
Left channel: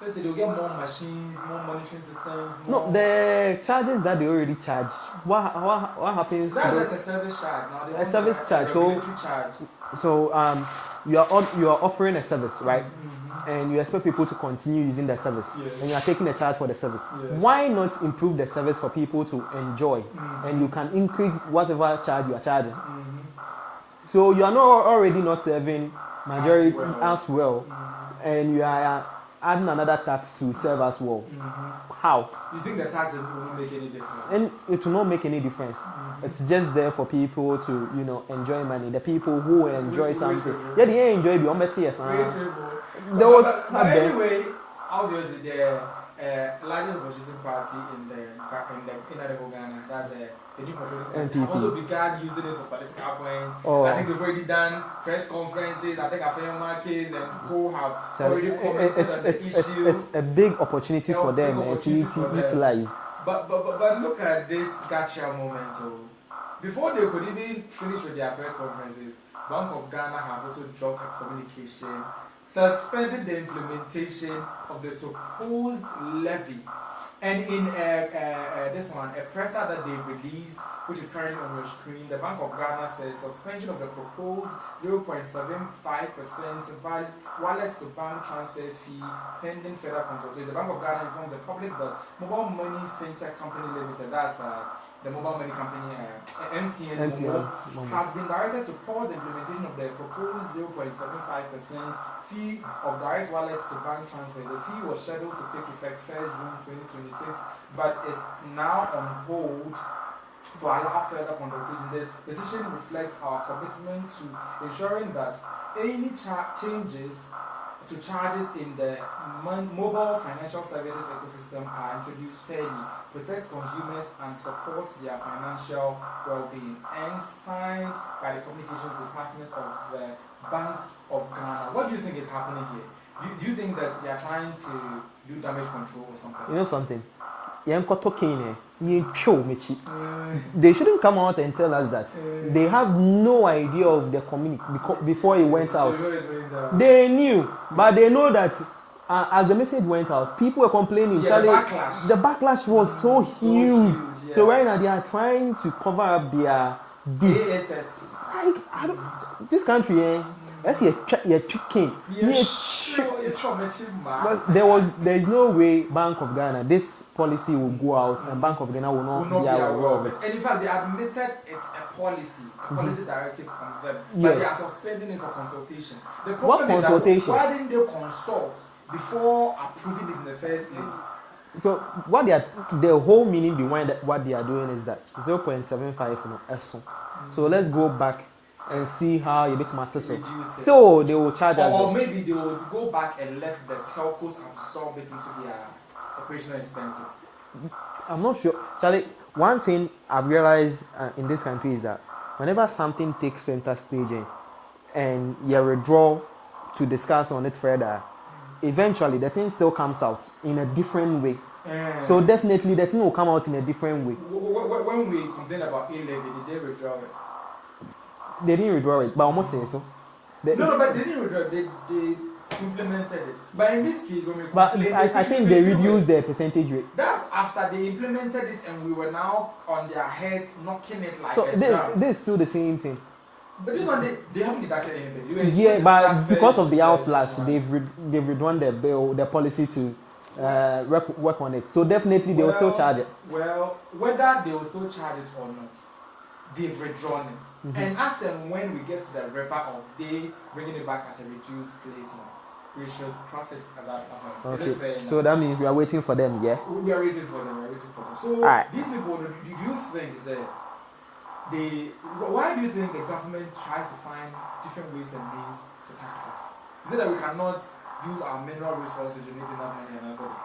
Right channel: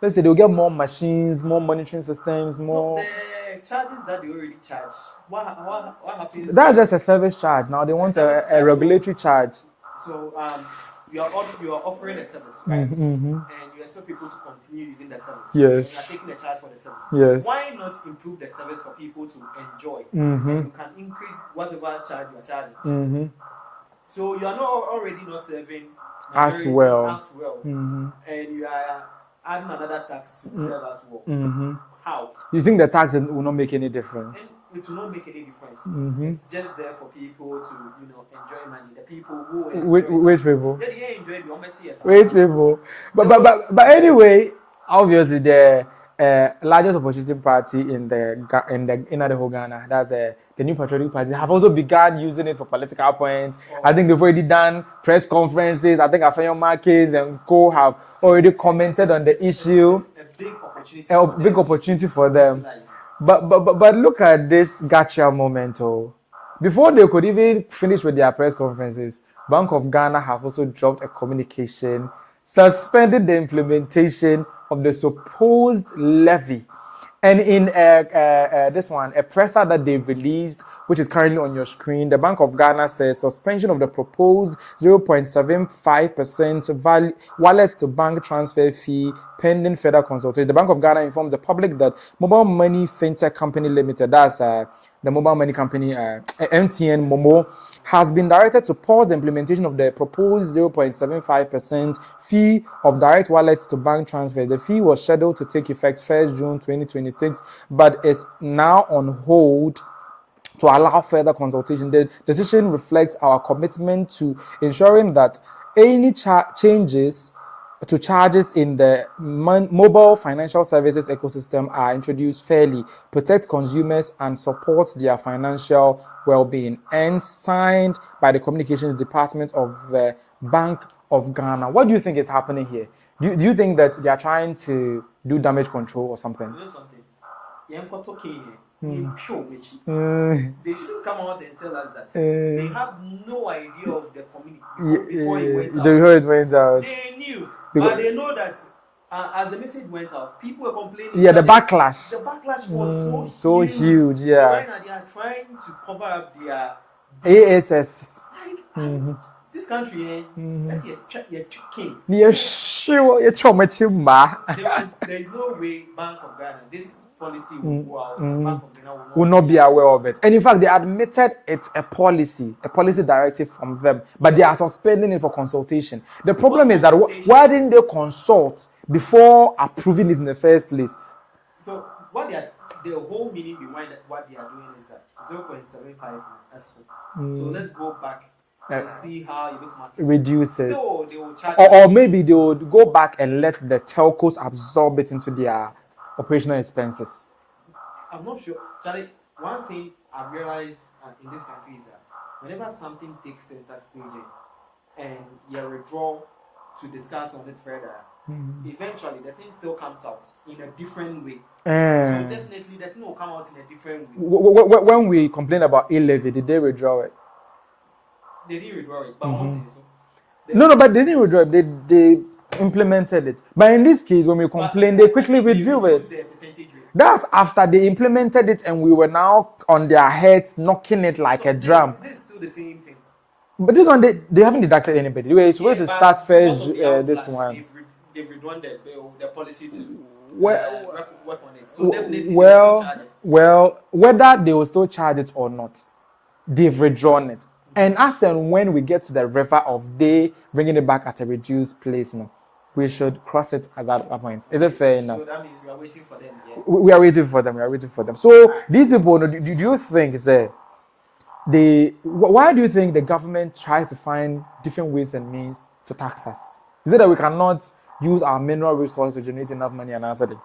Let's say they'll get more machines, more monitoring systems, more. No, the charges that they already charge. What happens? That's just a service charge. Now they want a regulatory charge. So you are offering a service, right? And you expect people to continue using the service. Yes. And you are taking a charge for the service. Yes. Why not improve the service for people to enjoy? And you can increase whatever charge you are charging. So you are already not serving as well. And you are adding another tax to serve as well. How? You think the tax will not make any difference? And it will not make any difference. It's just there for people to, enjoy money. The people who enjoy Which people? Yeah, they enjoy the Which people? But anyway, obviously the largest opposition party in the whole Ghana, that's the New Patriotic Party, have also begun using it for political points. I think they've already done press conferences. I think Afaglo Markets and Co have already commented on the issue. It's a big opportunity for them. A big opportunity for them. But look at this gotcha moment. Before they could even finish with their press conferences, Bank of Ghana have also dropped a communication suspending the implementation of the supposed levy. And in this one, a presser that they released, which is currently on your screen, the Bank of Ghana says suspension of the proposed 0.75% wallet to bank transfer fee pending further consultation. The Bank of Ghana informed the public that Mobile Money Fintech Company Limited, that's the mobile money company, MTN Momo, has been directed to pause the implementation of the proposed 0.75% fee of direct wallets to bank transfer. The fee was scheduled to take effect 1st June 2026, but is now on hold to allow further consultation. The decision reflects our commitment to ensuring that any changes to charges in the mobile financial services ecosystem are introduced fairly, protect consumers, and support their financial well-being. And signed by the Communications Department of the Bank of Ghana. What do you think is happening here? Do you think that they are trying to do damage control or something? You know something? They shouldn't come out and tell us that. They have no idea of the community before it went out. Before it went out. They knew, but they know that as the message went out, people were complaining. Yeah, the backlash. The backlash was so huge. Yeah. So right now they are trying to cover up their ASS. This country, that's your chicken. There is no way Bank of Ghana, this policy will go out and Bank of Ghana will not be aware of it. And in fact, they admitted it's a policy directive from them, but they are suspending it for consultation. The problem is that why didn't they consult before approving it in the first place? So the whole meaning behind what they are doing is that 0.75 So let's go back and see how a bit matters. Reduce it. So they will charge. Or maybe they will go back and let the telcos absorb it into their operational expenses. I'm not sure. Charlie, one thing I've realized in this country is that whenever something takes center stage and you withdraw to discuss on it further, eventually the thing still comes out in a different way. So definitely the thing will come out in a different way. When we complained about A-levy, did they withdraw it? They didn't withdraw it, but I'm not saying so. No, but they didn't withdraw it. They implemented it. But in this case, when we complained, they quickly reduced their percentage rate. That's after they implemented it and we were now on their heads knocking it like a drum. This is still the same thing. But this one, they haven't deducted anybody. But because of the outlash, they've withdrawn the bill, the policy to work on it. So definitely they will still charge it. Well, whether they will still charge it or not, they've withdrawn it. And as and when we get to the river of they bringing it back at a reduced place now, we should cross it at that point. Okay. Is it fair enough? So that means we are waiting for them, yeah? We are waiting for them. So these people, do you think why do you think the government tries to find different ways and means to tax us? Is it that we cannot use our mineral resources to generate enough money and answer it?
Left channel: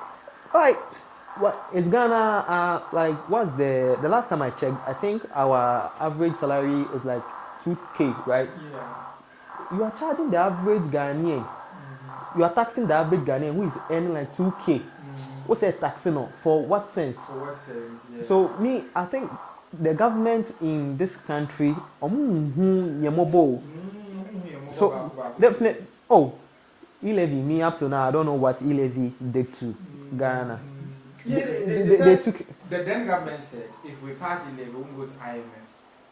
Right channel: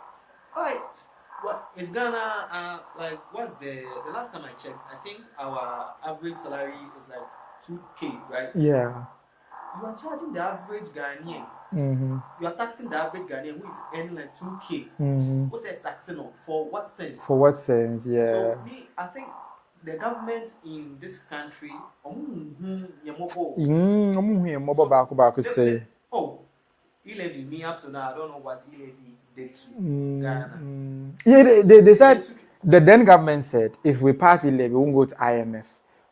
It's Ghana, what's the last time I checked, I think our average salary is like 2K, right? Yeah. You are charging the average Ghanaian You are taxing the average Ghanaian who is earning like 2K. What's that taxing on? For what sense? For what sense? Yeah. So I think the government in this country, e-levy, me up to now, I don't know what e-levy did to Ghana. Yeah, they said the then government said if we pass e-levy, we won't go to IMF.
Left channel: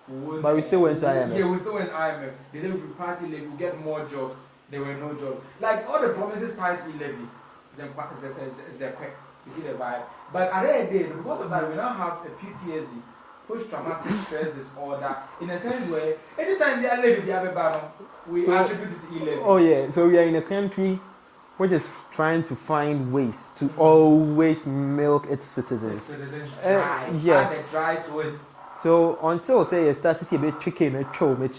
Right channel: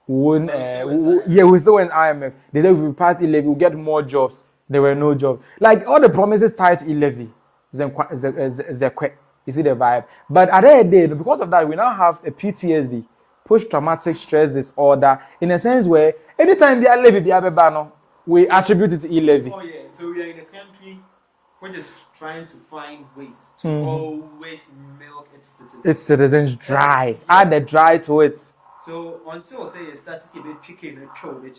We still went to IMF. Yeah, we still went to IMF. They said if we pass e-levy, we'll get more jobs. There were no jobs. Like all the promises tied to e-levy, you see the vibe. But at the end of the day, because of that, we now have a PTSD, post-traumatic stress disorder, in a sense where anytime they are levy, we attribute it to e-levy. Oh yeah, so we are in a country which is trying to find ways to always milk its citizens. Its citizens dry. Add the dry to it. So until say you start to see a bit tricky, because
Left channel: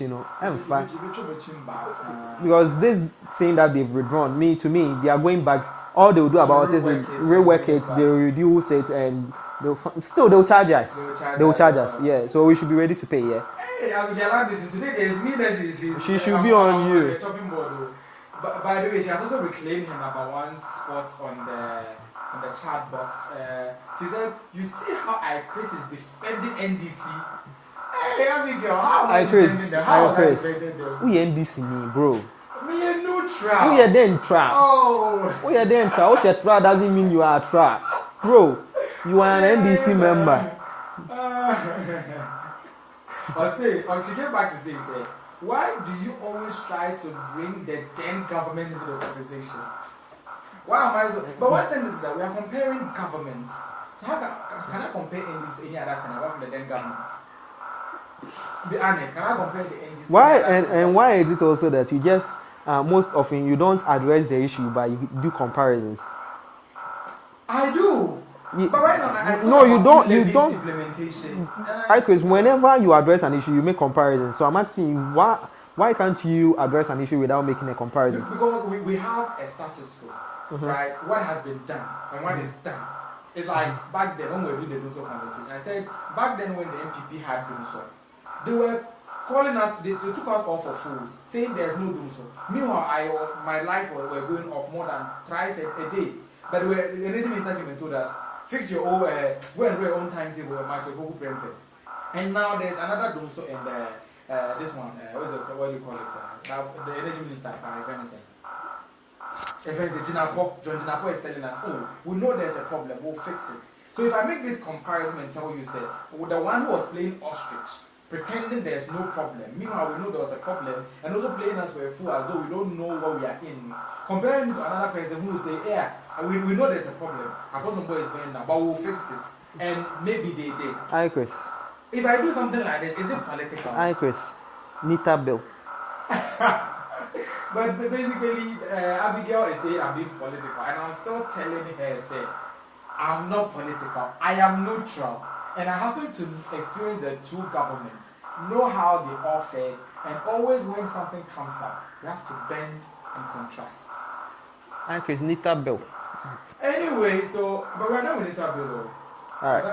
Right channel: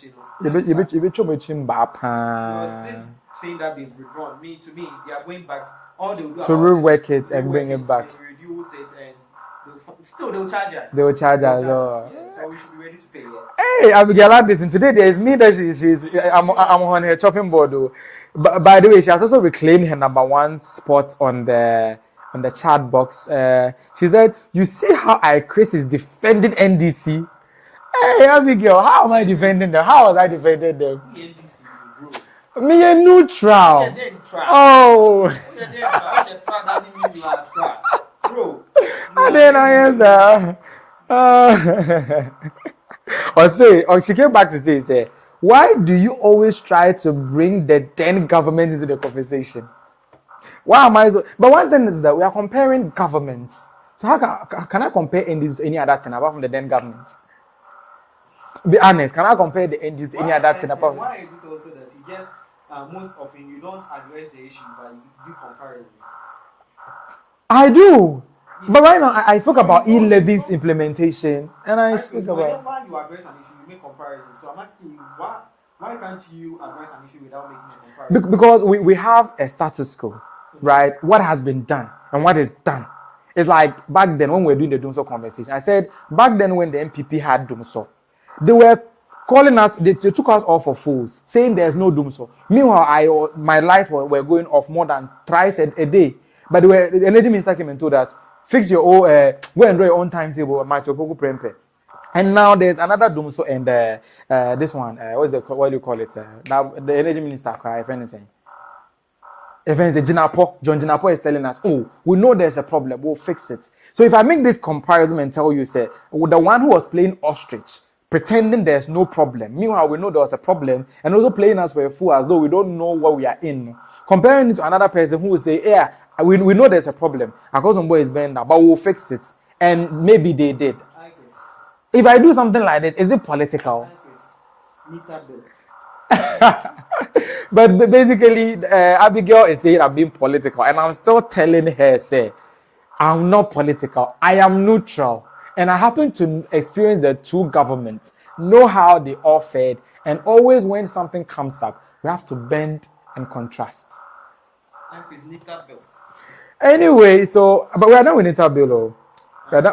this thing that they've withdrawn, to me, they are going back. All they will do about rework it, they will reduce it, and they'll charge us. They'll charge us. Yeah. So we should be ready to pay. Yeah. Hey, Abigail, like this, and today there is me that I'm on her chopping board. Though. But by the way, she has also reclaimed her #1 spot on the chat box. She said, "You see how Chris is defending NDC? Hey, Abigail, how am I defending them? How was I defending them? We NDC, bro. Me a neutral. We are then tra. Oh. We are then tra. What tra doesn't mean you are tra, bro. You are an NDC member." She came back to say, why do you always try to bring the then government into the conversation? Why am I so? But one thing is that we are comparing governments. So how can I compare NDC to any other thing apart from the then government? Be honest, can I compare the NDC to any other thing? And why is it also that you just most often you don't address the issue but you do comparisons? I do. But right now, I talk about e-levy's implementation. Because whenever you address an issue, you make comparisons. So I'm asking you, why can't you address an issue without making a comparison? Because we have a status quo, right? What has been done and what is done. It's like back then when we were doing the Dumso conversation. I said, back then when the MPP had Dumso, they were calling us, they took us off for fools, saying there's no Dumso. Meanwhile, my life were going off more than thrice a day. But the energy minister came and told us, fix your own, go and do your own timetable, and now there's another Dumso and this one, what do you call it? Now the energy minister, if anything, John Jinapo is telling us, oh, we know there's a problem, we'll fix it. So if I make this comparison and tell you, say, the one who was playing ostrich, pretending there's no problem, meanwhile we know there was a problem, and also playing us for a fool as though we don't know what we are in, comparing it to another person who will say, yeah, we know there's a problem. Akosombo is banned now, but we'll fix it. And maybe they did. Hi, Chris. If I do something like this, is it political? Hi, Chris. NITA Bill. But basically, Abigail is saying I'm being political. And I'm still telling her, say, I'm not political. I am neutral. And I happen to experience the two governments, know how they all fed. And always when something comes up, we have to bend and contrast. Hi, Chris. NITA Bill. Anyway, but we are done with NITA Bill.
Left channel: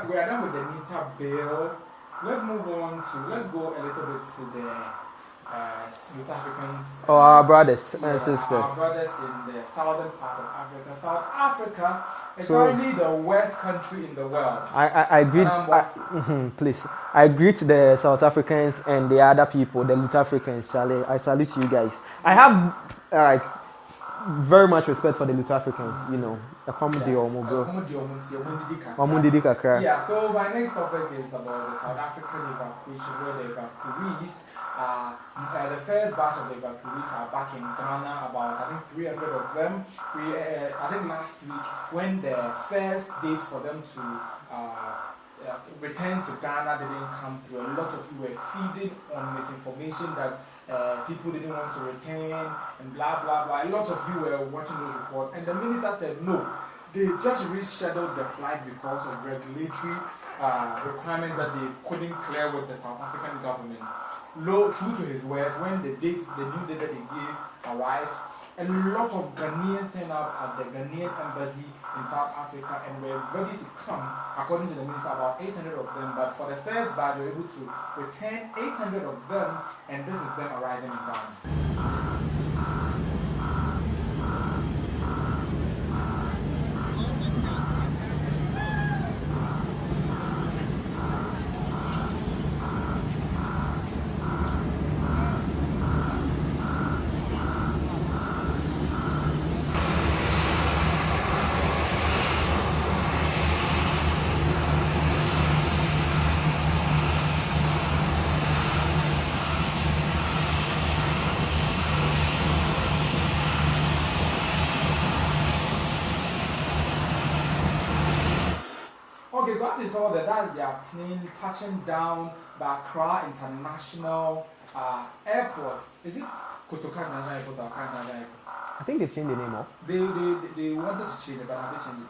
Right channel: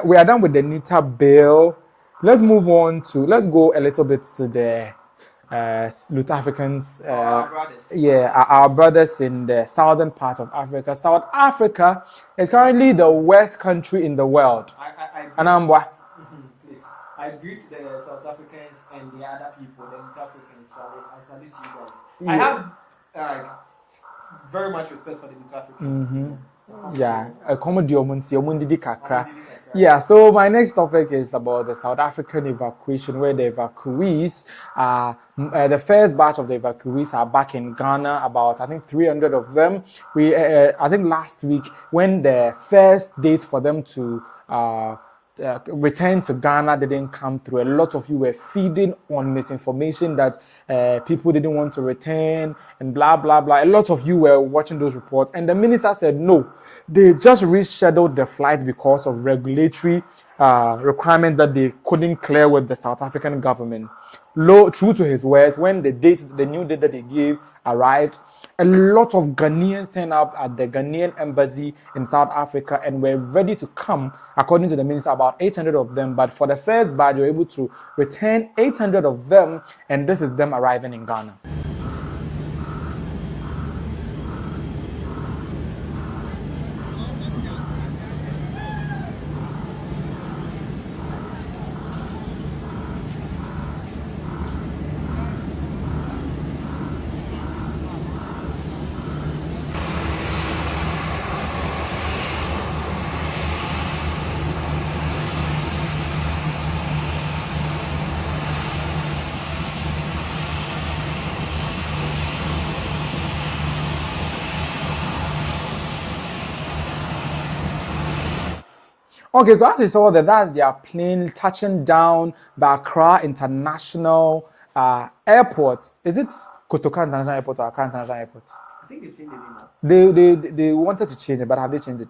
We are done with the NITA Bill. Let's move on let's go a little bit to the South Africans. Our brothers. Yeah, our brothers in the southern part of Africa. South Africa is currently the worst country in the world. I agree. Please. I greet the South Africans and the other people, the South Africans, Charlie. I salute you guys. I have very much respect for the South Africans, you know. Yeah, so my next topic is about the South African evacuation, where the evacuees, the first batch of the evacuees are back in Ghana, about I think 300 of them. I think last week, when the first date for them to return to Ghana didn't come through, a lot of you were feeding on misinformation that people didn't want to return and blah, blah, blah. A lot of you were watching those reports. And the minister said, no, they just rescheduled the flight because of regulatory requirements that they couldn't clear with the South African government. True to his words, when the new date that he gave arrived, a lot of Ghanaians turned up at the Ghanaian embassy in South Africa and were ready to come, according to the minister, about 800 of them. But for the first batch, they were able to return 800 of them, and this is them arriving in Ghana. Okay, so as you saw that's their plane touching down by Accra International Airport. Is it Kotoka International Airport or Accra International Airport? I think they've changed the name. They wanted to change it, but have they changed it?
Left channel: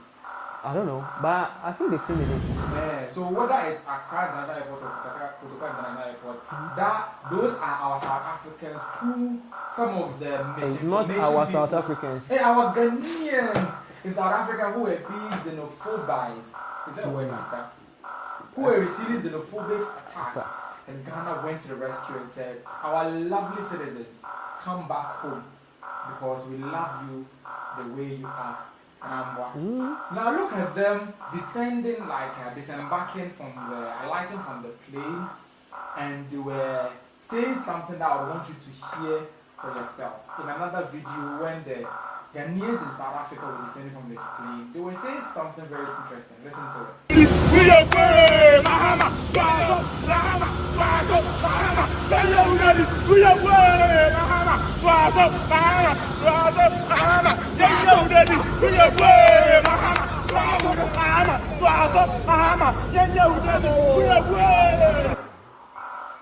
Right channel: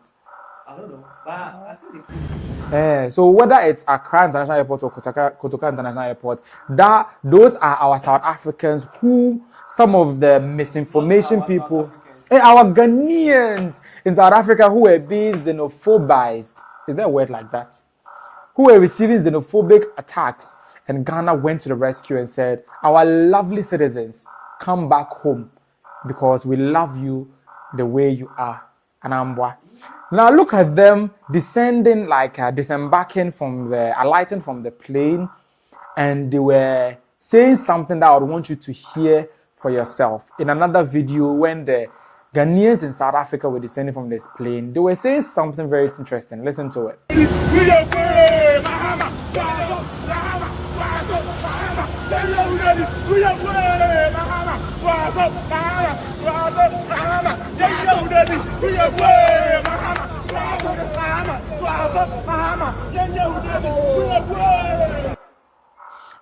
I don't know, but I think they've changed it. So whether it's Accra International Airport or Kotoka International Airport, those are our South Africans who some of the misinformation people, our Ghanaians in South Africa who were being xenophobized. Is there a word like that? Who were receiving xenophobic attacks, and Ghana went to the rescue and said, "Our lovely citizens, come back home because we love you the way you are." Now look at them descending, disembarking alighting from the plane, and they were saying something that I would want you to hear for yourself. In another video, when the Ghanaians in South Africa were descending from this plane, they were saying something very interesting. Listen to it.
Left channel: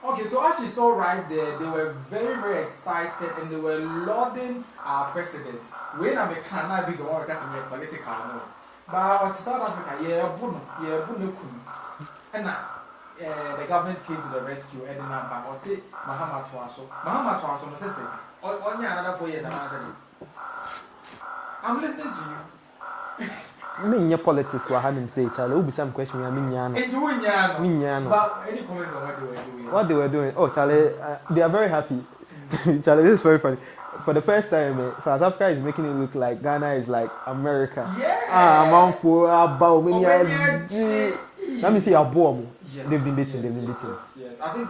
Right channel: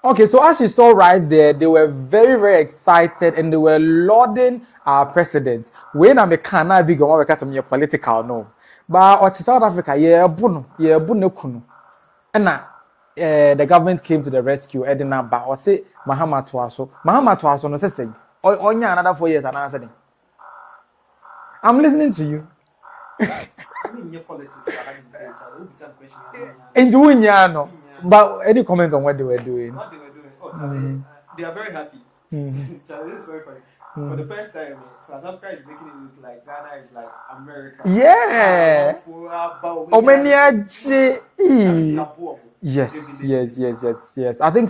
Okay, so as you saw right there, they were very, very excited and they were lauding our president. When I'm a Kana big on because I'm political, no. But South Africa, and the government came to the rescue. Edinburgh, or say Mahama Twaso, no say, only another 4 years and answer. I'm listening to you. I mean, your politics were having say, Charlie, will be some question. I mean, but any comments on what they were doing? What they were doing? Oh, Charlie, they are very happy. Charlie, this is very funny. For the first time, South Africa is making it look like Ghana is like America. Yeah. Let me see your bomb. Yes. I think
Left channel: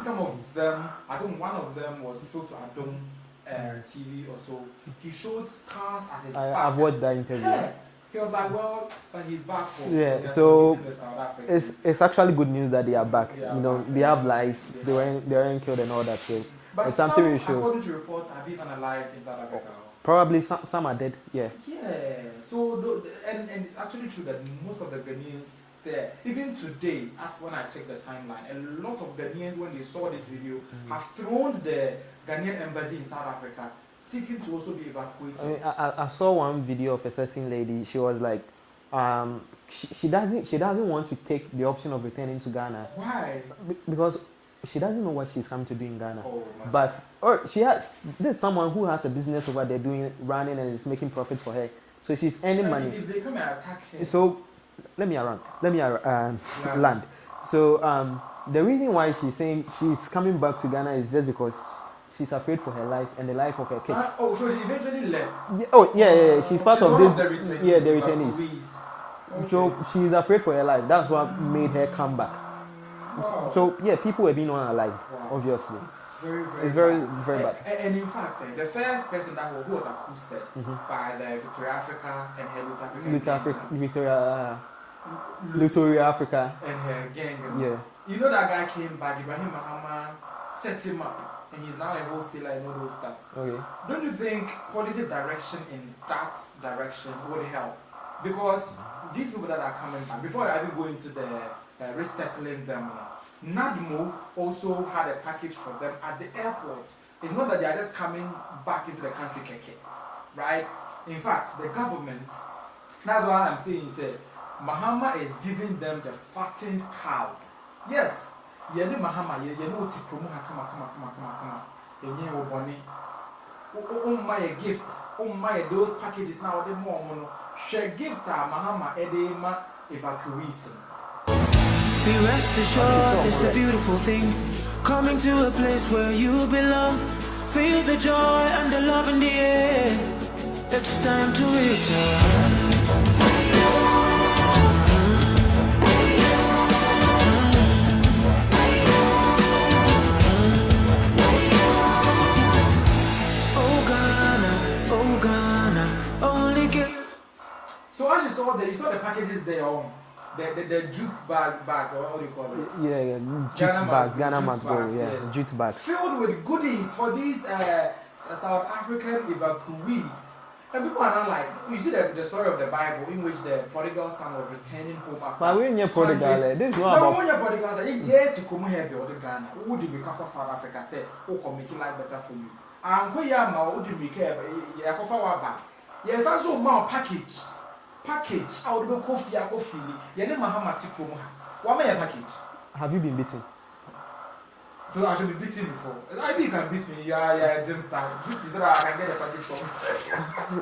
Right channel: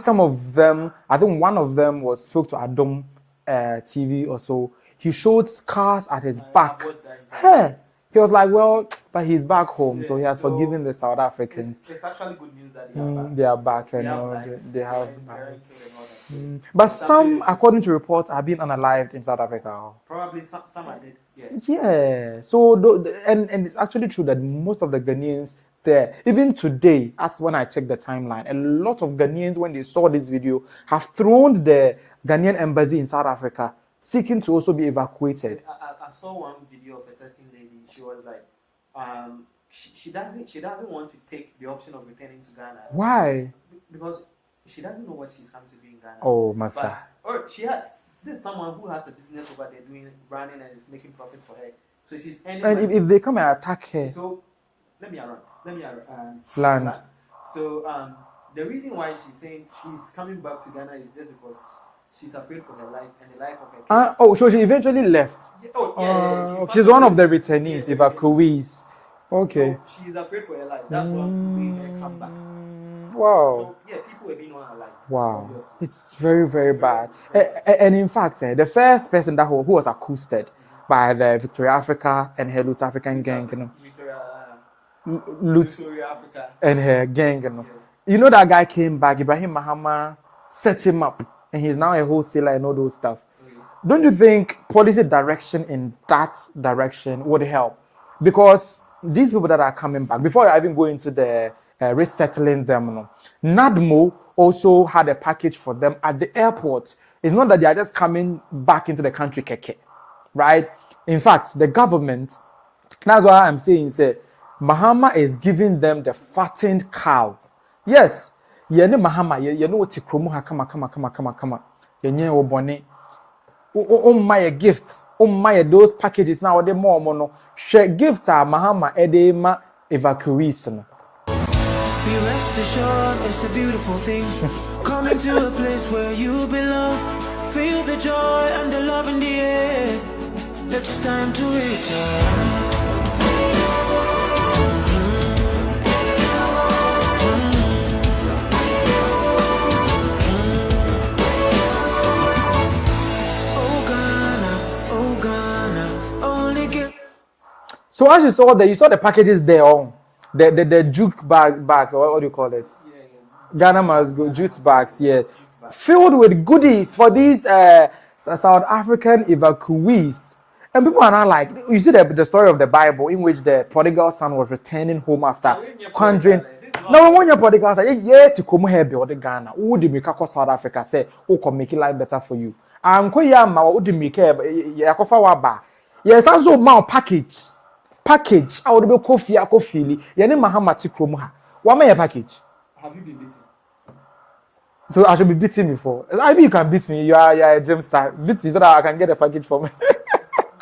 one of them spoke to Adam TV or so. He showed scars at his back. I watched that interview. He was like, well, but he's back home, so he has forgiven the South Africans. It's actually good news that they are back. They are back. They have life. They aren't killed and all that. So but some, according to reports, have been unalived in South Africa. Probably some are dead. Yeah. Yeah. So and it's actually true that most of the Ghanaians there, even today, as when I check the timeline, a lot of Ghanaians, when they saw this video, have thrown the Ghanaian embassy in South Africa, seeking to also be evacuated. I saw one video of a certain lady. She was like, she doesn't want to take the option of returning to Ghana. Why? Because she doesn't know what she's come to do in Ghana. Oh, Masa. But there's someone who has a business over there running and is making profit for her. So she's earning money. If they come and attack her. So let me land. So the reason why she's saying she's coming back to Ghana is just because she's afraid for her life and the life of her kids. So she eventually left. She's one of the returnees, evacuees. Okay. So she's afraid for her life. That's what made her come back. Wow. So people were being unalive. Wow. Obviously. It's very, very bad. And in fact, the first person who was accosted by the Victoria Africa and her Lut African gang. Victoria Africa. And her gang. You know that guy came back, John Mahama set him up. And he's now a wholesaler and all those stuff. Okay. Don't you think policy direction in that direction would help? Because these people that are coming back, before I even go into the resettling them, NADMO also had a package for them at the airport. It's not that they are just coming back into the country, right? In fact, the government, that's why I'm saying, Mahama is giving them the fattened cow. Yes. Yene Mahama, you know what Tikromo kama. Yenye obone. My gifts. My those packages now they more mono. Share gift Mahama edema evacuees. Be rest assured, it's a beautiful thing. Coming to a place where you belong. Feel the joy and the love in the air. It's time to return. So as you saw there, you saw the packages there on the juke bags, or what do you call it? Yeah. Ghana must be jute bags, jute bags. Filled with goodies for these South African evacuees. And people are not like, you see the story of the Bible in which the prodigal son was returning home after squandering. No one your prodigal son, yeah, to come here or the Ghana. Would you make South Africa say, oh, can make life better for you? And Koyama would make Yakofa Waba. Yes, also my package. I would be coffee. Your name Mahama Tikromuha. What may a package? Have you been beaten? So I should be beaten before. I mean, you can beat me. You are a gym star. Beat me so that I can get a package from me.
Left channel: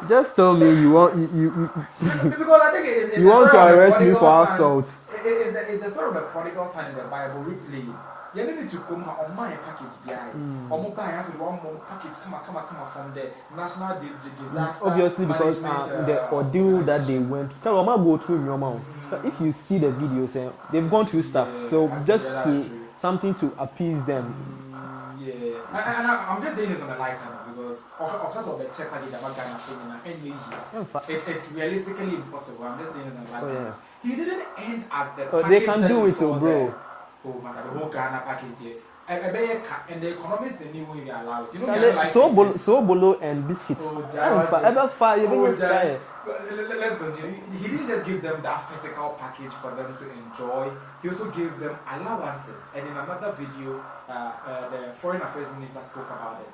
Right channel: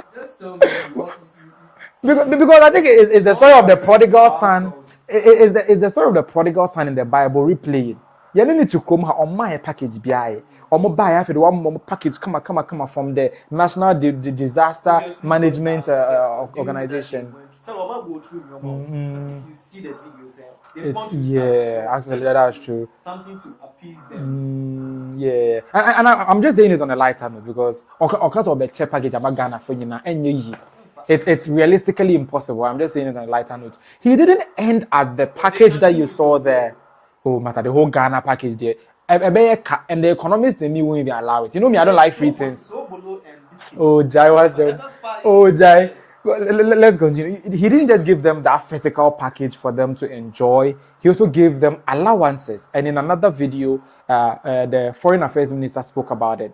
Just tell me you want you because I think it's the story of the prodigal son. It's the story of the prodigal son in the Bible replayed. You don't need to come on my package BI or buy after the one package come from the National Disaster Management Organization. Tell them go through your mouth. If you see the videos, they've gone through stuff. So actually, that's true. Something to appease them. Yeah, and I'm just saying it on a lighter note because because of the check package about Ghana for you now, it's realistically impossible. I'm just saying it on a lighter note. He didn't end at the package that you saw there. Oh, matter the whole Ghana package there. And the economists they won't even allow it. You know me, I don't like it. So bolo and biscuits. Oh, Jai was Jai. Let's continue. He didn't just give them that physical package for them to enjoy. He also gave them allowances. And in another video, the Foreign Affairs Minister spoke about it.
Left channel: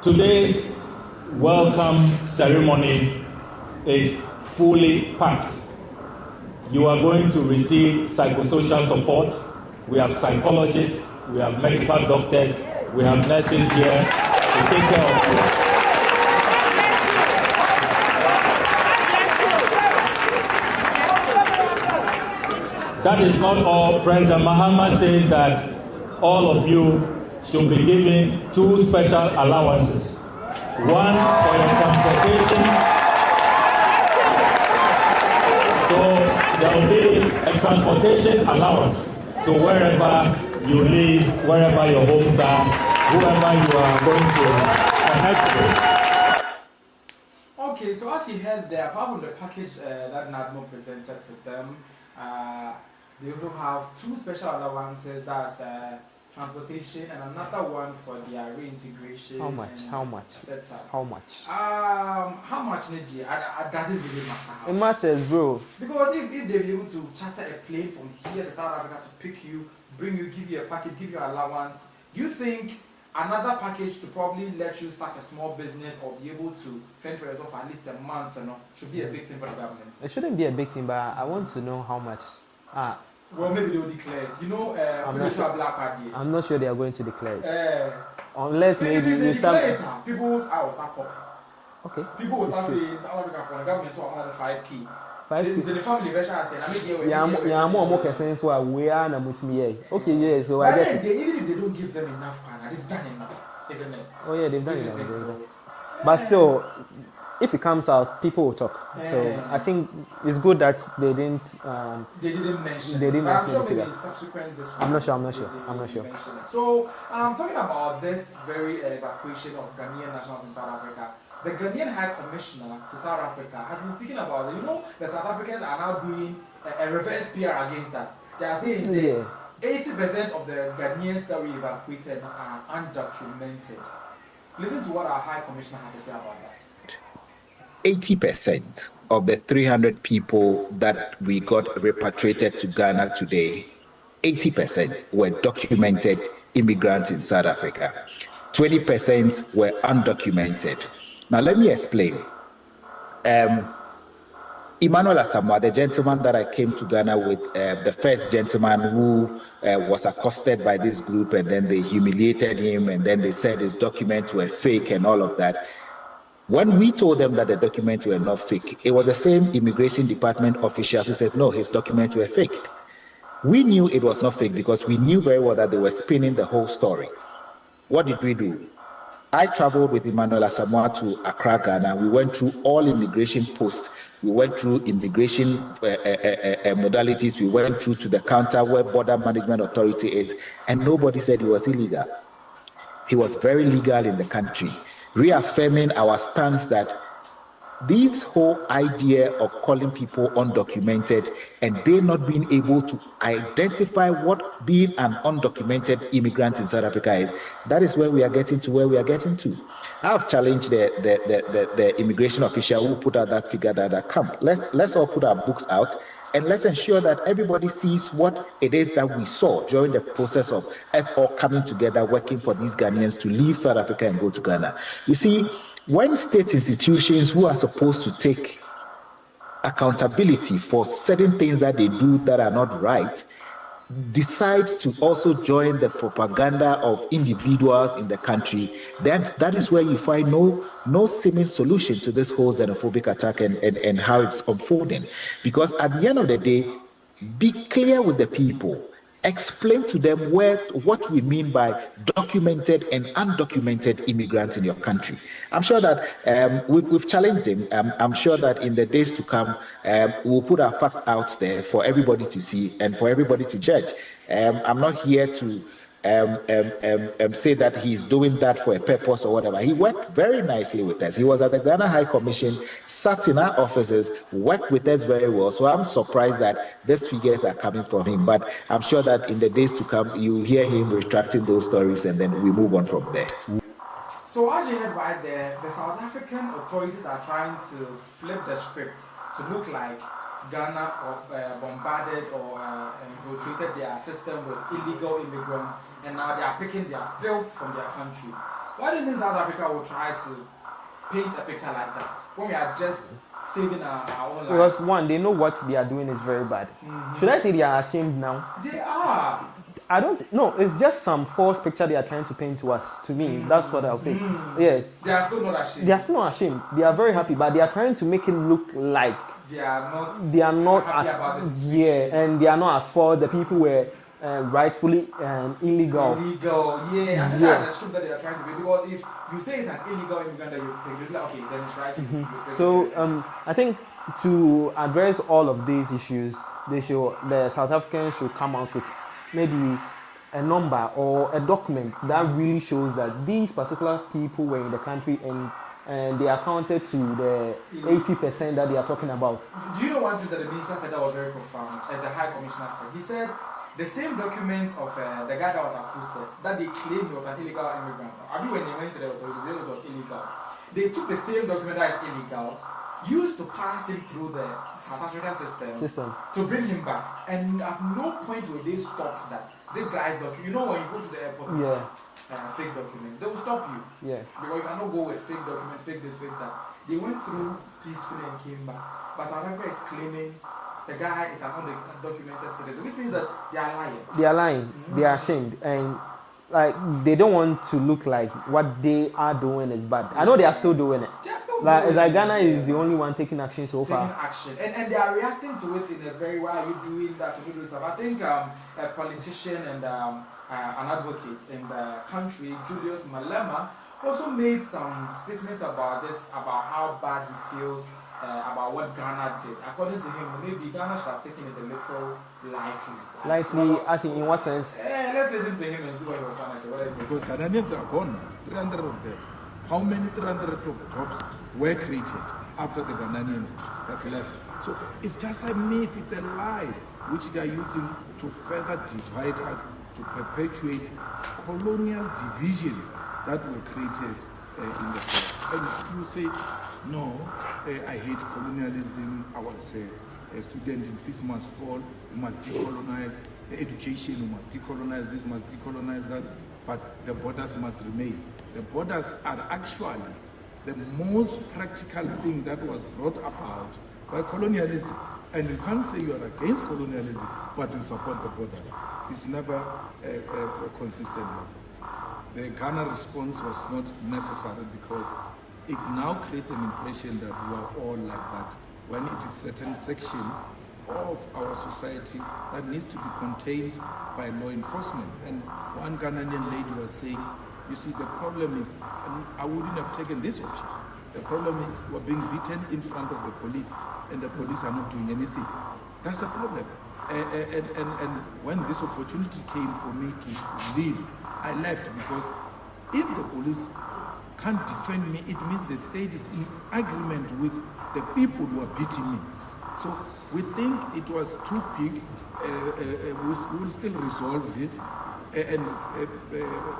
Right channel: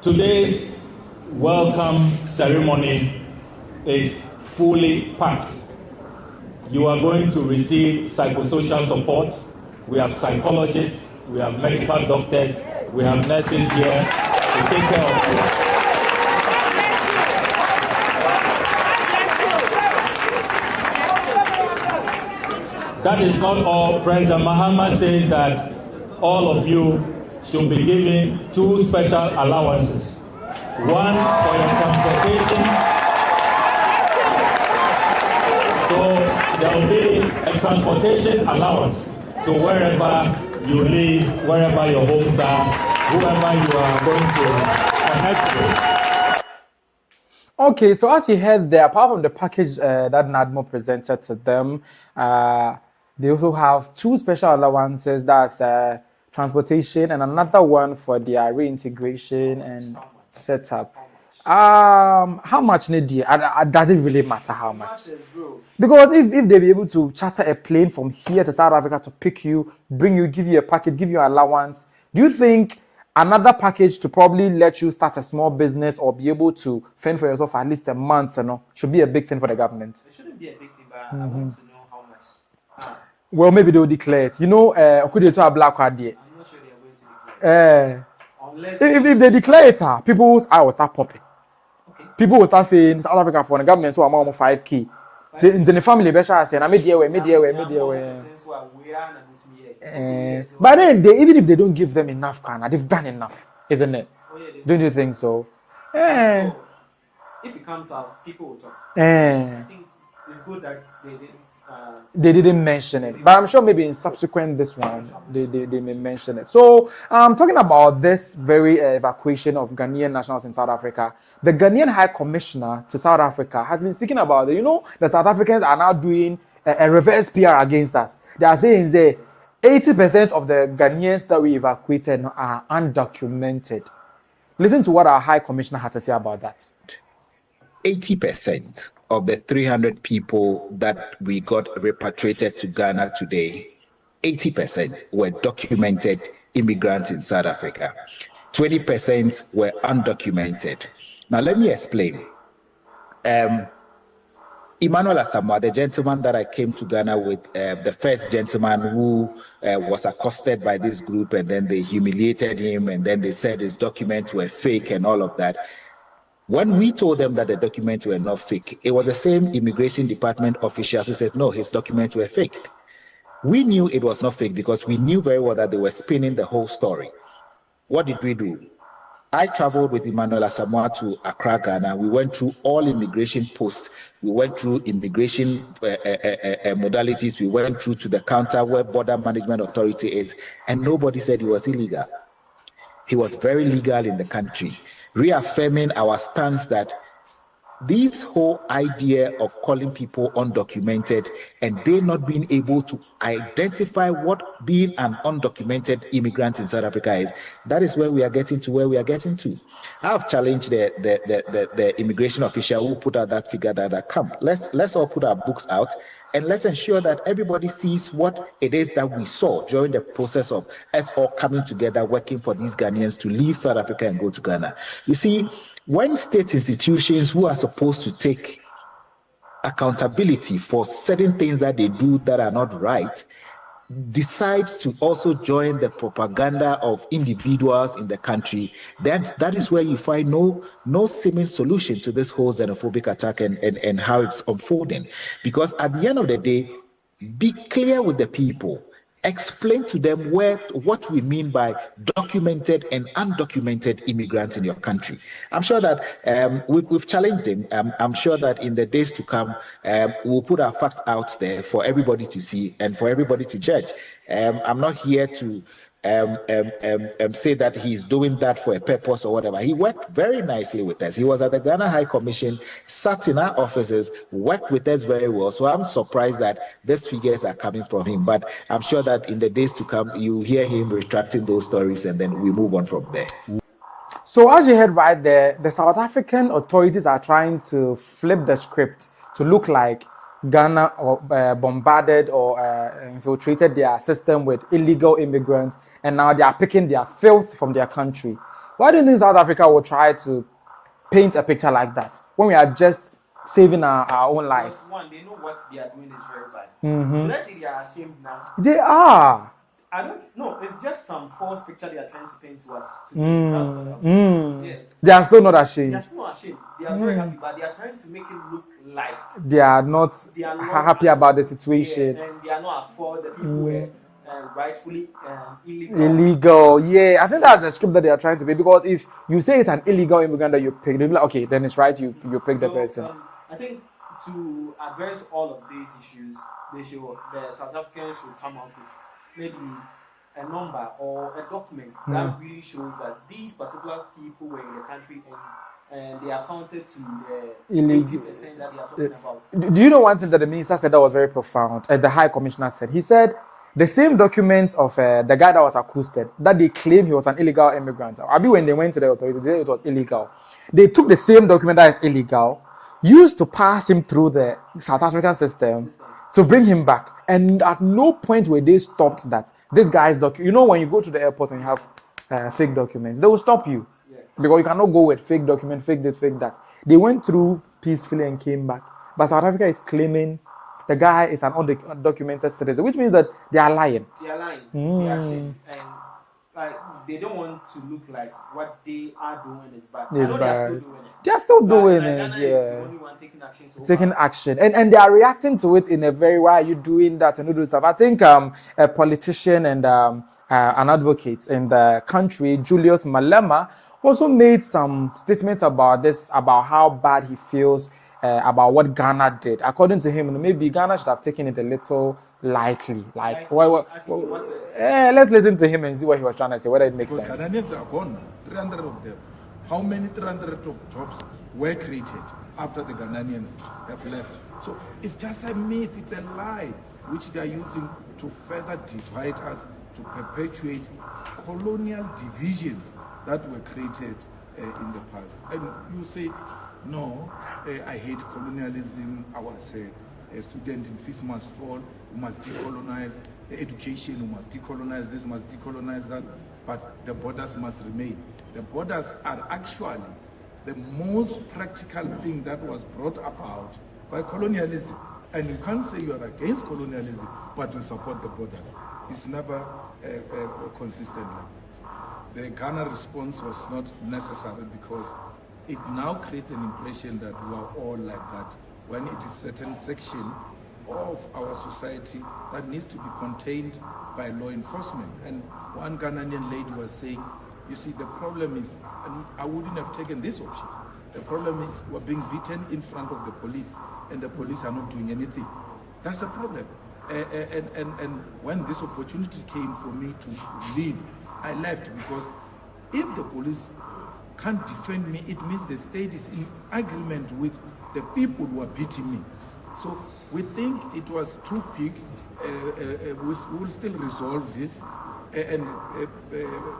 Today's welcome ceremony is fully packed. You are going to receive psychosocial support. We have psychologists, we have medical doctors, we have nurses here to take care of you. That is not all. President Mahama says that all of you should be given 2 special allowances. One for your transportation. So there will be a transportation allowance to wherever you live, wherever your homes are, whoever you are going to connect with. Okay, so as you heard there, apart from the package that NADMO presented to them, they also have 2 special allowances. That's transportation and another one for their reintegration setup. How much does it really matter how much? It matters, bro. Because if they be able to charter a plane from here to South Africa to pick you, bring you, give you a package, give you an allowance, do you think another package to probably let you start a small business or be able to fend for yourself for at least a month, should be a big thing for the government? It shouldn't be a big thing, but I want to know how much. Well, maybe they will declare it. You know, I'm not sure they are going to declare it. Unless if they declare it, people's eyes will start popping. Okay. People will start saying South Africa for the government, so I'm on 5K. In the family, better say, I'm here. But then, even if they don't give them enough, they've done enough, isn't it? Oh yeah, they've done Don't you think so? But still, if it comes out, people will talk. So I think it's good that they didn't mention it. But I'm sure maybe in subsequent this one, they didn't mention it. So talking about this very evacuation of Ghanaian nationals in South Africa, the Ghanaian High Commissioner to South Africa has been speaking about it. You know, the South Africans are now doing a reverse PR against us. They are saying that 80% of the Ghanaians that we evacuated are undocumented. Listen to what our High Commissioner had to say about that. 80% of the 300 people that we got repatriated to Ghana today, 80% were documented immigrants in South Africa. 20% were undocumented. Now, let me explain. Emmanuel Asamoah, the gentleman that I came to Ghana with, the first gentleman who was accosted by this group, and then they humiliated him, and then they said his documents were fake and all of that. When we told them that the documents were not fake, it was the same immigration department officials who said, no, his documents were faked. We knew it was not fake because we knew very well that they were spinning the whole story. What did we do? I traveled with Emmanuel Asamoah to Accra, Ghana. We went through all immigration posts. We went through immigration modalities. We went through to the counter where Border Management Authority is, and nobody said he was illegal. He was very legal in the country, reaffirming our stance that this whole idea of calling people undocumented and they not being able to identify what being an undocumented immigrant in South Africa is, that is where we are getting to where we are getting to. I have challenged the immigration official who put out that figure that come. Let's all put our books out and let's ensure that everybody sees what it is that we saw during the process of us all coming together, working for these Ghanaians to leave South Africa and go to Ghana. You see, when state institutions who are supposed to take accountability for certain things that they do that are not right decides to also join the propaganda of individuals in the country, then that is where you find no seeming solution to this whole xenophobic attack and how it's unfolding. Because at the end of the day, be clear with the people. Explain to them what we mean by documented and undocumented immigrants in your country. I'm sure that we've challenged them. I'm sure that in the days to come, we'll put our facts out there for everybody to see and for everybody to judge. I'm not here to say that he's doing that for a purpose or whatever. He worked very nicely with us. He was at the Ghana High Commission, sat in our offices, worked with us very well. So I'm surprised that these figures are coming from him. But I'm sure that in the days to come, you hear him retracting those stories and then we move on from there. So as you heard right there, the South African authorities are trying to flip the script to look like Ghana bombarded or infiltrated their system with illegal immigrants, and now they are picking their filth from their country. Why do you think South Africa will try to paint a picture like that when we are just saving our own lives? Because one, they know what they are doing is very bad. Mm-hmm. Should I say they are ashamed now? They are. I don't know. It's just some false picture they are trying to paint to us. To me, that's what I'll say. Yeah, they are still not ashamed. They are still not ashamed. They are very happy, but they are trying to make it look like they are not happy about the situation. Yeah, and they are not at fault. The people were rightfully illegal. Yeah, I think that's the script that they are trying to make. Because if you say it's an illegal immigrant that you pick, they'll be like, okay, then it's right. You pick the person. I think to address all of these issues, the South Africans should come out with maybe a number or a document that really shows that these particular people were in the country and they accounted to the 80% that they are talking about. Do you know one thing that the minister said that was very profound? The High Commissioner said, he said the same documents of the guy that was accosted, that they claim he was an illegal immigrant. When they went to the authorities, they said it was illegal. They took the same document that is illegal, used to pass him through the South African system to bring him back. And at no point were they stopped that this guy's document. You know, when you go to the airport and you have fake documents, they will stop you. Yeah. Because you cannot go with fake document, fake this, fake that. They went through peacefully and came back. But South Africa is claiming the guy is an undocumented citizen, which means that they are lying. They are lying. They are ashamed. And they don't want to look like what they are doing is bad. I know they are still doing it. They are still doing it. Like Ghana is the only one taking action so far. Taking action. And they are reacting to it in a very, why are you doing that and you do stuff. I think a politician and an advocate in the country, Julius Malema, also made some statements about this, about how bad he feels about what Ghana did. According to him, maybe Ghana should have taken it a little lightly. As in what sense? Let's listen to him and see what he was trying to say, whether it makes sense. Ghanaians are gone, 300 of them. How many 300 of jobs were created after the Ghanaians have left? So it's just a myth, it's a lie, which they are using to further divide us, to perpetuate colonial divisions that were created in the past. And you say, no, I hate colonialism. I want to say a student in fees must fall, we must decolonize education, we must decolonize this, we must decolonize that, but the borders must remain. The borders are actually the most practical thing that was brought about by colonialism. And you can't say you are against colonialism, but you support the borders. It's never consistent like that. The Ghana response was not necessary because it now creates an impression that we are all like that, when it is a certain section of our society that needs to be contained by law enforcement. And one Ghanaian lady was saying, you see, the problem is, and I wouldn't have taken this option, the problem is we're being beaten in front of the police and the police are not doing anything. That's the problem. And when this opportunity came for me to leave, I left because if the police can't defend me, it means the state is in agreement with the people who are beating me. So we think it was too quick. We will still resolve this. And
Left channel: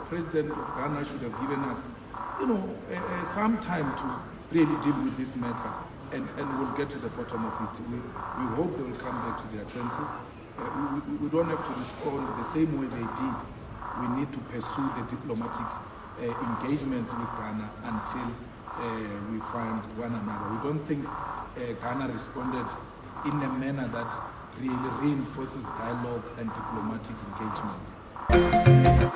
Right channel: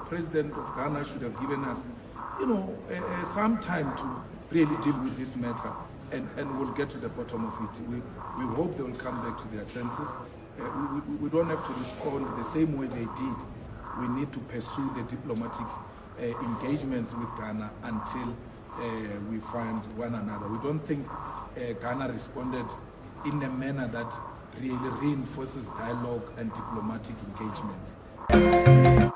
President of Ghana should have given us, some time to really deal with this matter. And we'll get to the bottom of it. We hope they will come back to their senses. We don't have to respond the same way they did. We need to pursue the diplomatic engagements with Ghana until we find one another. We don't think Ghana responded in a manner that really reinforces dialogue and diplomatic engagement.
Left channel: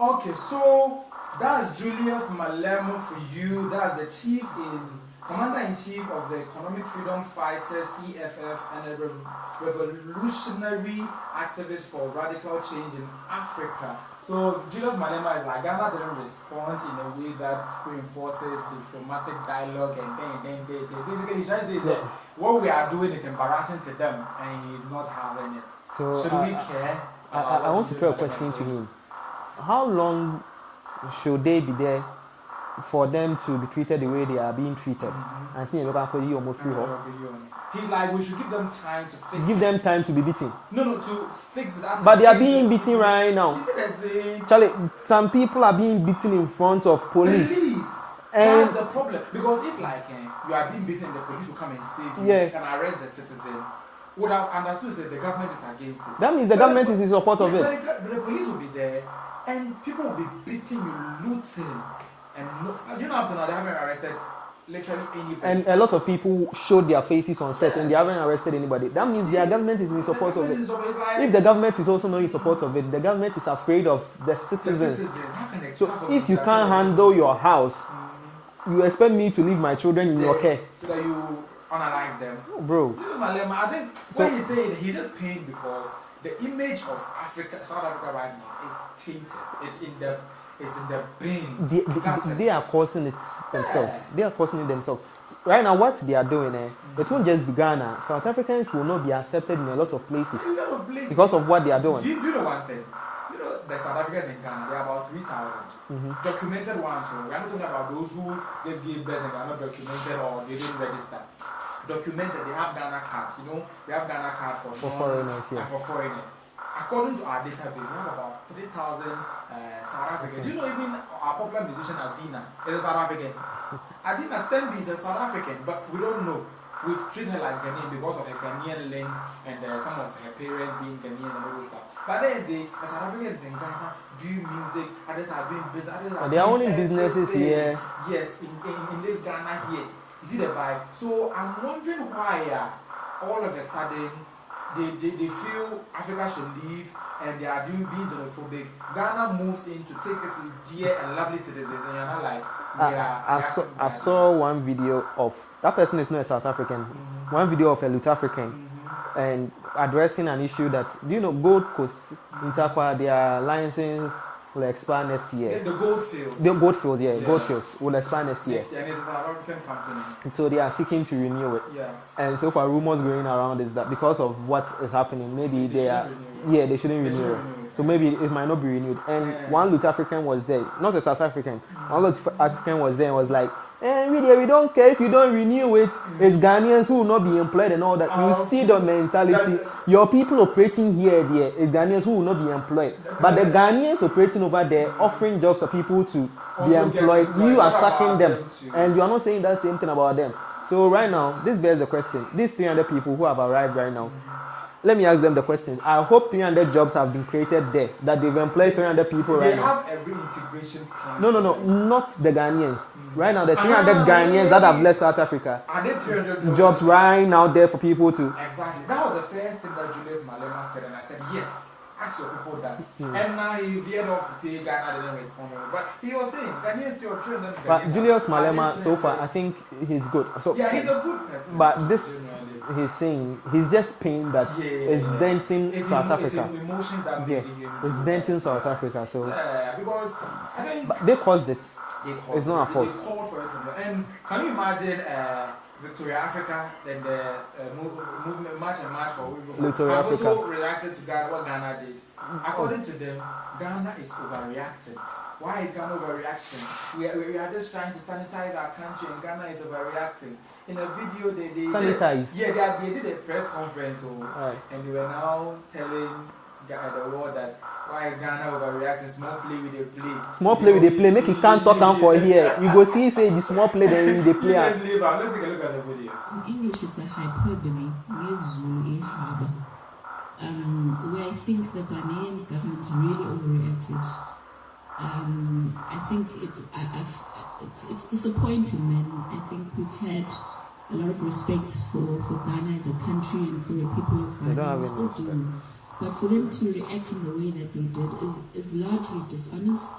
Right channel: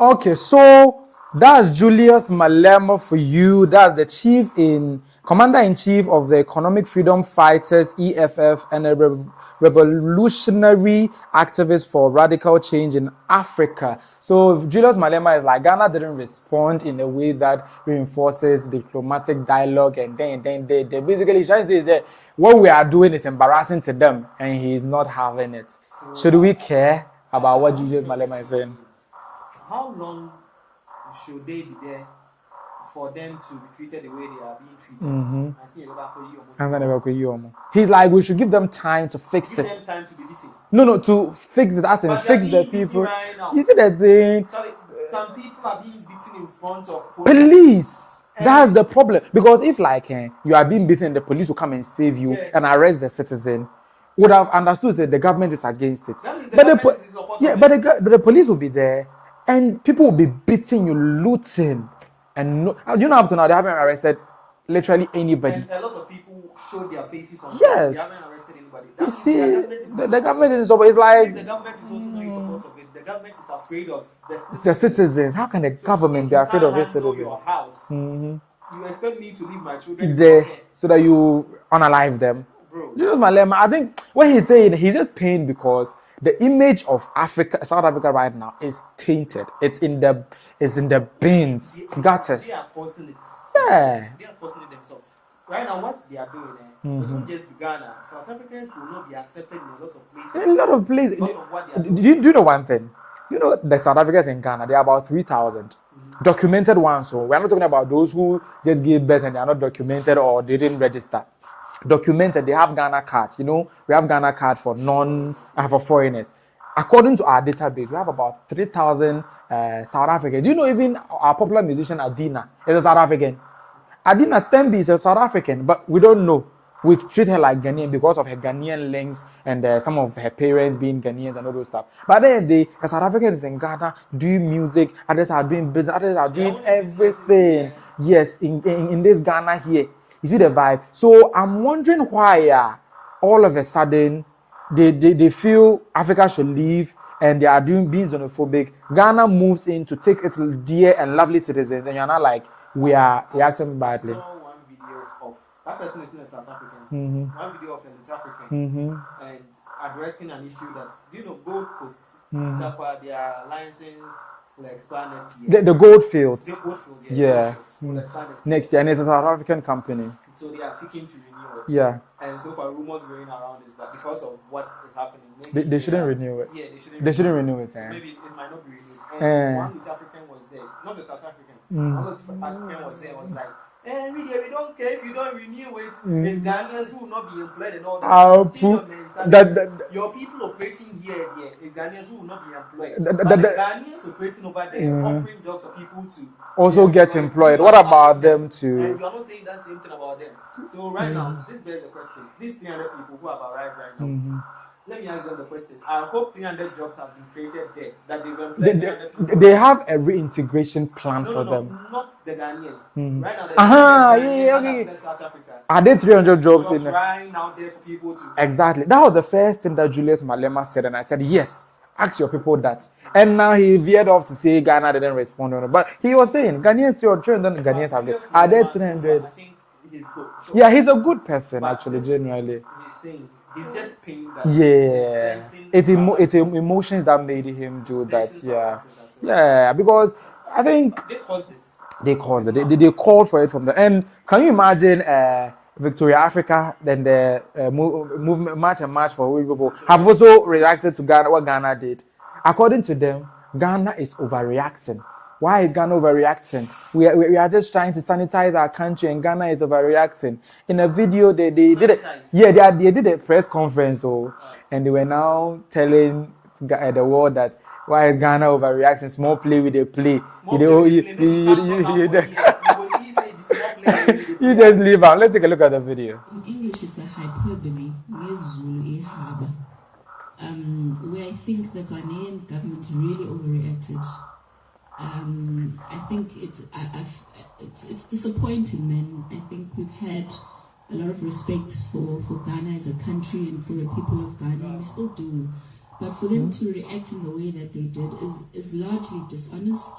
Okay, so that's Julius Malema for you. That's the Commander-in-Chief of the Economic Freedom Fighters, EFF, and a revolutionary activist for radical change in Africa. So Julius Malema is like, Ghana didn't respond in a way that reinforces diplomatic dialogue, and then they basically trying to say is that what we are doing is embarrassing to them, and he's not having it. So, should we care about what Julius Malema is saying? How long should they be there for them to be treated the way they are being treated? He's like, we should give them time to fix it. Give them time to be beaten. No, to fix it. But they are being beaten right now. You see that thing? Charlie, some people are being beaten in front of police. Police! That's the problem. Because if you are being beaten, the police will come and save you and arrest the citizen, would have understood that the government is against it. That means the government is in support of it. But the police will be there, and people will be beating you, looting. And up to now, they haven't arrested literally anybody. And a lot of people showed their faces on set. Yes. They haven't arrested anybody. That means the government is in support of it. The government is in support. It's like, if the government is also not in support of it, the government is afraid of the citizens. The citizens. How can the government be afraid of the citizens? If you can't handle your house, you expect me to leave my children in your care so that you unalive them? Bro. Julius Malema, I think what he's saying, he's just pained because the image of South Africa right now is tainted. It's in the bins. They are causing it themselves. They are causing it themselves. Right now, what they are doing, it won't just be Ghana. South Africans will not be accepted in a lot of places. In a lot of places. Because of what they are doing. Do you know one thing? You know, the South Africans in Ghana, they are about 3,000. Documented ones. So we are not talking about those who just gave birth and they are not documented or they didn't register. Documented, they have Ghana cards. You know, we have Ghana card for for foreigners. According to our database, we have about 3,000 South Africans. Do you know even our popular musician Adina is a South African? Adina Thembi is a South African, but we don't know. We treat her like Ghanaian because of her Ghanaian links and some of her parents being Ghanaians and all those stuff. But then the South Africans in Ghana doing music, others are doing business, others are doing everything. Yes, in this Ghana here. You see the vibe? So I'm wondering why all of a sudden they feel Africa should leave and they are being xenophobic. Ghana moves in to take its dear and lovely citizens, and you're not like, I saw one video of that person is not a South African. One video of a South African and addressing an issue that, do you know, Gold Coast, their licenses will expire next year. The gold fields. The gold fields, Gold fields will expire next year. And it's a South African company. So they are seeking to renew it. Yeah. And so far, rumors going around is that because of what is happening, maybe they shouldn't renew it. Yeah, they shouldn't renew it. So maybe it might not be renewed. And one South African was there, not a South African. One South African was there and was like, we don't care if you don't renew it. It's Ghanaians who will not be employed and all that. You see the mentality. Your people operating here, it's Ghanaians who will not be employed. But the Ghanaians operating over there, offering jobs for people to also get employed. What about them too? And you are not saying that same thing about them. So right now, this bears the question. These 300 people who have arrived right now, let me ask them the question. I hope 300 jobs have been created there, that they've employed 300 people. They have a reintegration plan for them. No, not the Ghanaians. Right now, the 300 Ghanaians that have left South Africa. Are there 300 jobs right now there for people to... Exactly. That was the first thing that Julius Malema said, and I said, yes, ask your people that. And now he veered off to say Ghana didn't respond on it. But he was saying, Ghanaians, you're Ghanaians. Julius Malema, so far, I think he's good. So, he's a good person, but actually, generally. He's saying, he's just pained that it's denting it's emotions that made him do that. It's denting South Africa. So. Yeah, because I think... They caused it. They caused it. They called for it from the end. Can you imagine... Victoria Africa, then the movement March for people have also reacted to Ghana, what Ghana did. According to them, Ghana is overreacting. Why is Ghana overreacting? We are just trying to sanitize our country, and Ghana is overreacting. In a video, they did it. Yeah, they did a press conference, and they were now telling the world that why is Ghana overreacting? Small play with the play. Small play with the play. Make it can't talk for here. You go see say the small play with the play. You just leave out. Let's take a look at the video. In English, it's a hyperbole. Where I think the Ghanaian government really overreacted. I think it's disappointing, man. I think we've had a lot of respect for Ghana as a country and for the people of Ghana. We still do. But for them to react in the way that they did is largely dishonest.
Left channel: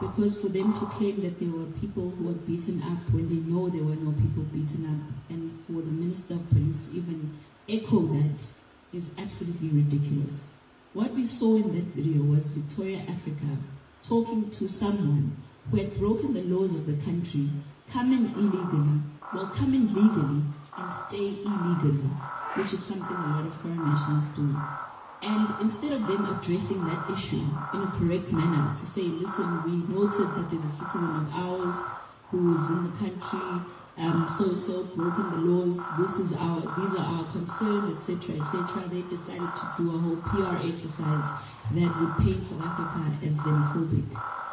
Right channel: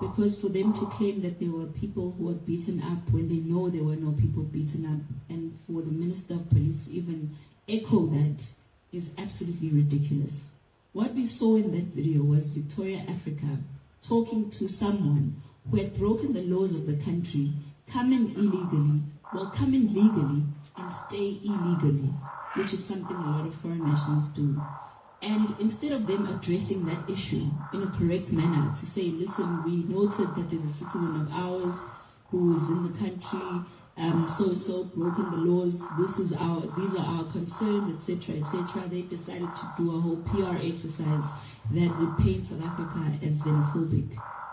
Because for them to claim that there were people who were beaten up when they know there were no people beaten up, and for the Minister of Police to even echo that is absolutely ridiculous. What we saw in that video was Victoria Africa talking to someone who had broken the laws of the country, come in illegally, well, come in legally and stay illegally, which is something a lot of foreign nationals do. And instead of them addressing that issue in a correct manner to say, listen, we noted that there's a citizen of ours who is in the country, so broken the laws, these are our concerns, etc., they decided to do a whole PR exercise that would paint South Africa as xenophobic.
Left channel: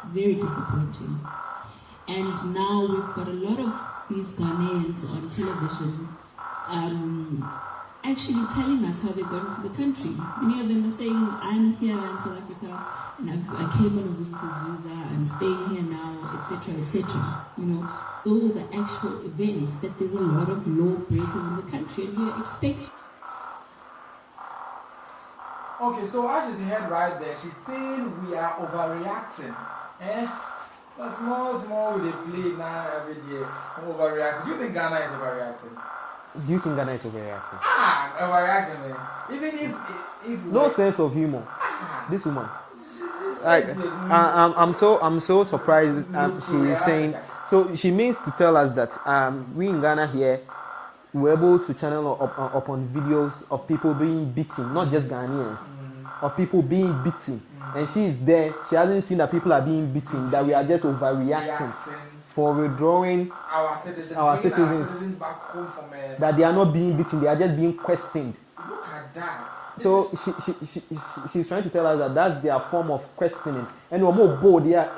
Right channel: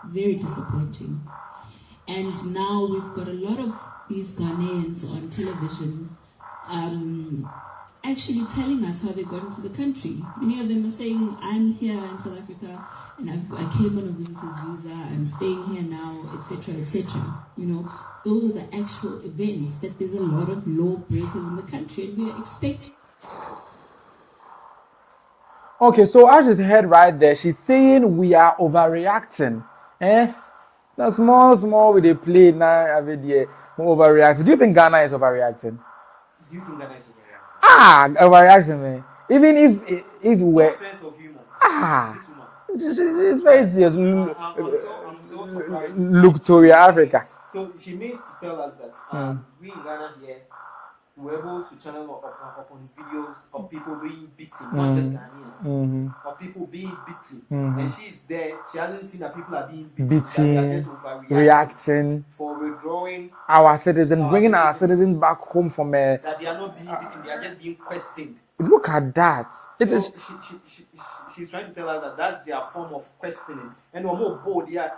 Very disappointing. And now we've got a lot of these Ghanaians on television actually telling us how they got into the country. Many of them are saying, I'm here in South Africa and I came on a visitor's visa, I'm staying here now, etc., etc. You know, those are the actual events, that there's a lot of law breakers in the country, and we are expecting. Okay, so as she's heard right there, she's saying we are overreacting. Now small with the play now every day, overreacting. Do you think Ghana is overreacting? Do you think Ghana is overreacting? Overreaction, man. Even if no sense of humor. This woman. She's very serious. I'm so surprised. Victoria Africa. So she means to tell us that we in Ghana here were able to channel upon videos of people being beaten, not just Ghanaians, of people being beaten. And she is there. She hasn't seen that people are being beaten. That we are just overreacting for withdrawing our citizens, bringing our citizens back home from that they are not being beaten. They are just being questioned. Look at that. So she's trying to tell us that that's their form of questioning. And we're more bold. Yeah.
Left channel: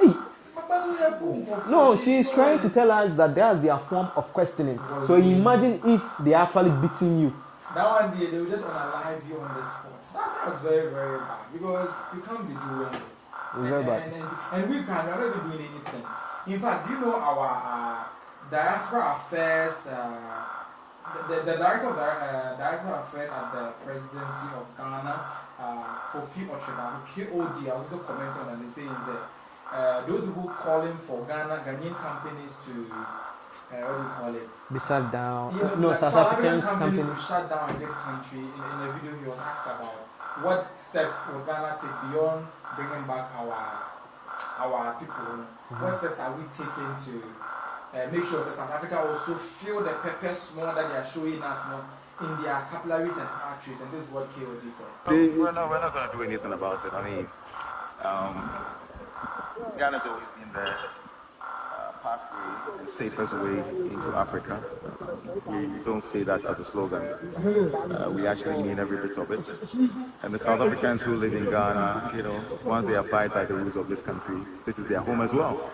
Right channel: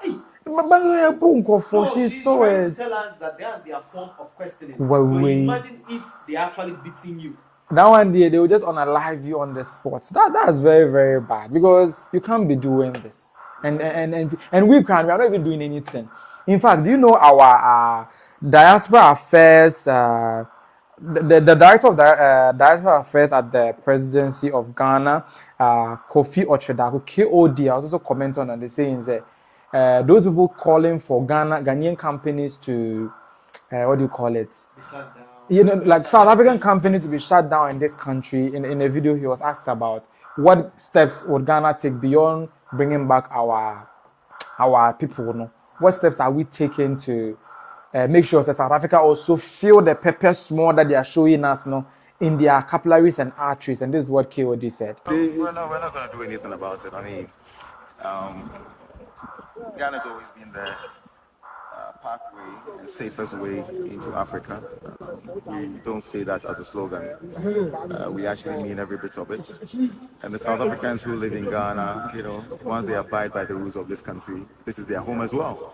No, she's trying to tell us that that's their form of questioning. So imagine if they're actually beating you. That one day they will just unalive you on the spot. That's very, very bad, because you can't be doing this. And we are not even doing anything. In fact, do you know our diaspora affairs, the director of diaspora affairs at the presidency of Ghana, Kofi Ochedako, KOD, I was also commenting on the saying that those people calling for Ghanaian companies to what do you call it? Be shut down. You know, like South African companies to be shut down in this country. In a video, he was asked about what steps would Ghana take beyond bringing back our people. No? What steps are we taking to make sure that South Africa also feel the pepper small that they are showing us, no, in their capillaries and arteries? And this is what KOD said. We're not going to do anything about it. I mean, Ghana's always been the pathway and safest way into Africa. We don't say that as a slogan. We actually mean every bit of it. And the South Africans who live in Ghana, you know, once they abide by the rules of this country, this is their home as well.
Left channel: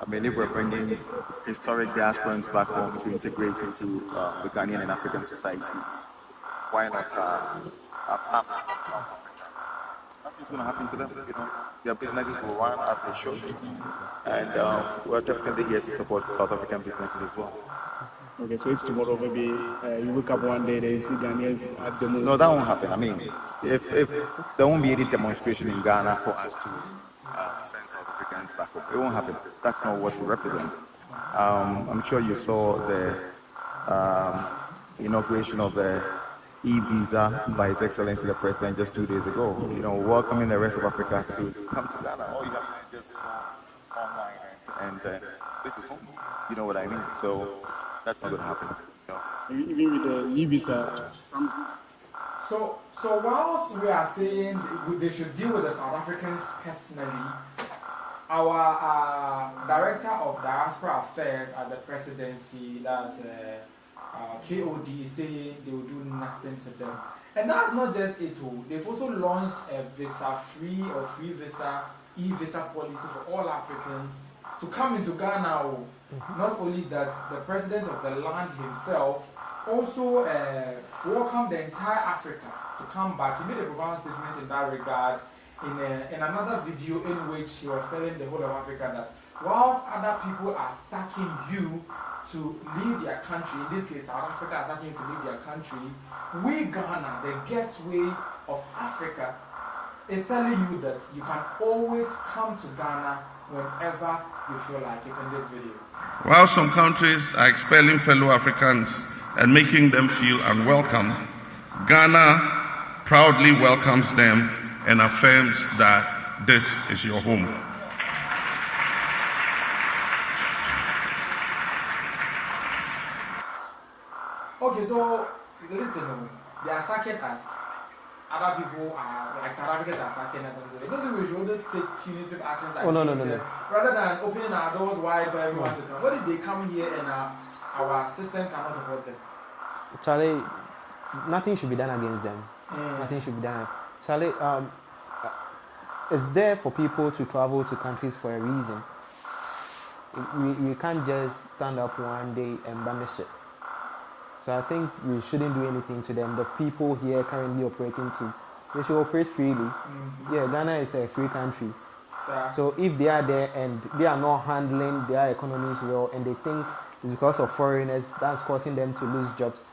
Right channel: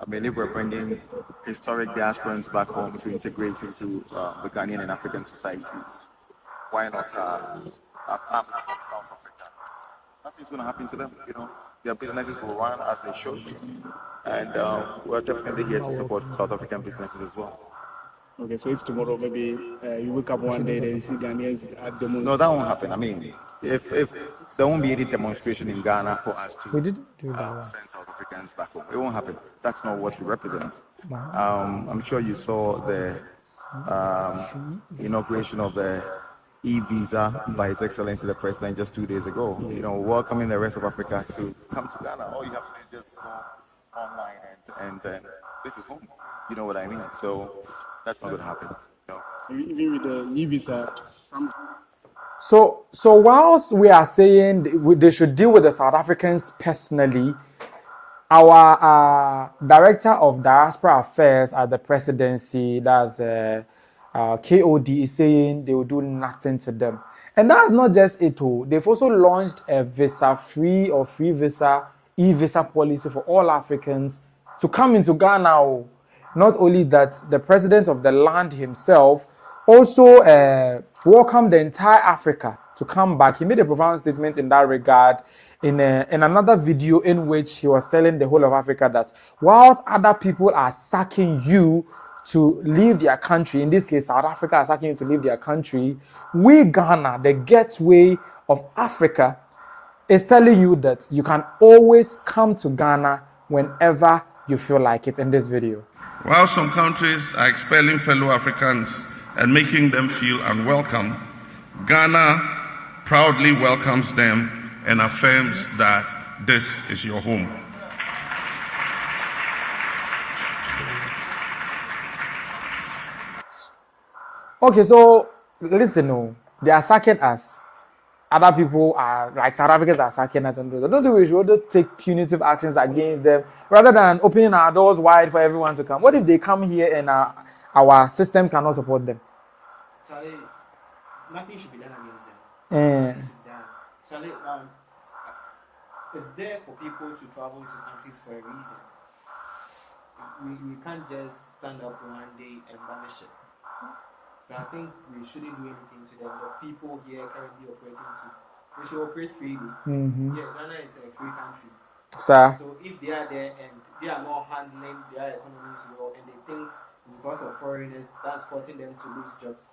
I mean, if we're bringing historic diasporans back home to integrate into the Ghanaian and African societies, why not our family from South Africa? Nothing's going to happen to them, you know. Their businesses will run as they should. And we're definitely here to support South African businesses as well. Okay, so if tomorrow maybe you wake up one day and you see Ghanaians at the moment? No, that won't happen. I mean, if there won't be any demonstration in Ghana for us to send South Africans back home, it won't happen. That's not what we represent. I'm sure you saw the inauguration of the e-visa by His Excellency the President just 2 days ago. You know, welcoming the rest of Africa to come to Ghana. All you have to do is just go online and this is home. You know what I mean? So that's not going to happen. No. Even with the e-visa, So whilst we are saying they should deal with the South Africans personally, Our Director of Diaspora Affairs at the presidency, that's KOD, is saying they will do nothing to them. And that's not just it. They've also launched a visa-free or free visa, e-visa policy for all Africans to come into Ghana. Not only that, the president of the land himself also welcomed the entire Africa to come back. He made a profound statement in that regard in another video in which he was telling the whole of Africa that whilst other people are sacking you to leave their country, in this case South Africa is asking you to leave their country, we Ghana, the gateway of Africa, is telling you that you can always come to Ghana whenever you feel like it in this video. While some countries are expelling fellow Africans and making them feel unwelcome, Ghana proudly welcomes them and affirms that this is your home. Okay, so listen, they are sacking us. Other people are, like South Africans are sacking us. I don't think we should take punitive actions against them rather than opening our doors wide for everyone to come. What if they come here and our systems cannot support them? Charlie, nothing should be done against them. Nothing should be done. Charlie, it's there for people to travel to countries for a reason. We can't just stand up one day and banish it. So I think we shouldn't do anything to them. The people here currently operating too, they should operate freely. Yeah, Ghana is a free country. Sir. So if they are there and they are not handling their economies well, and they think it's because of foreigners that's causing them to lose jobs,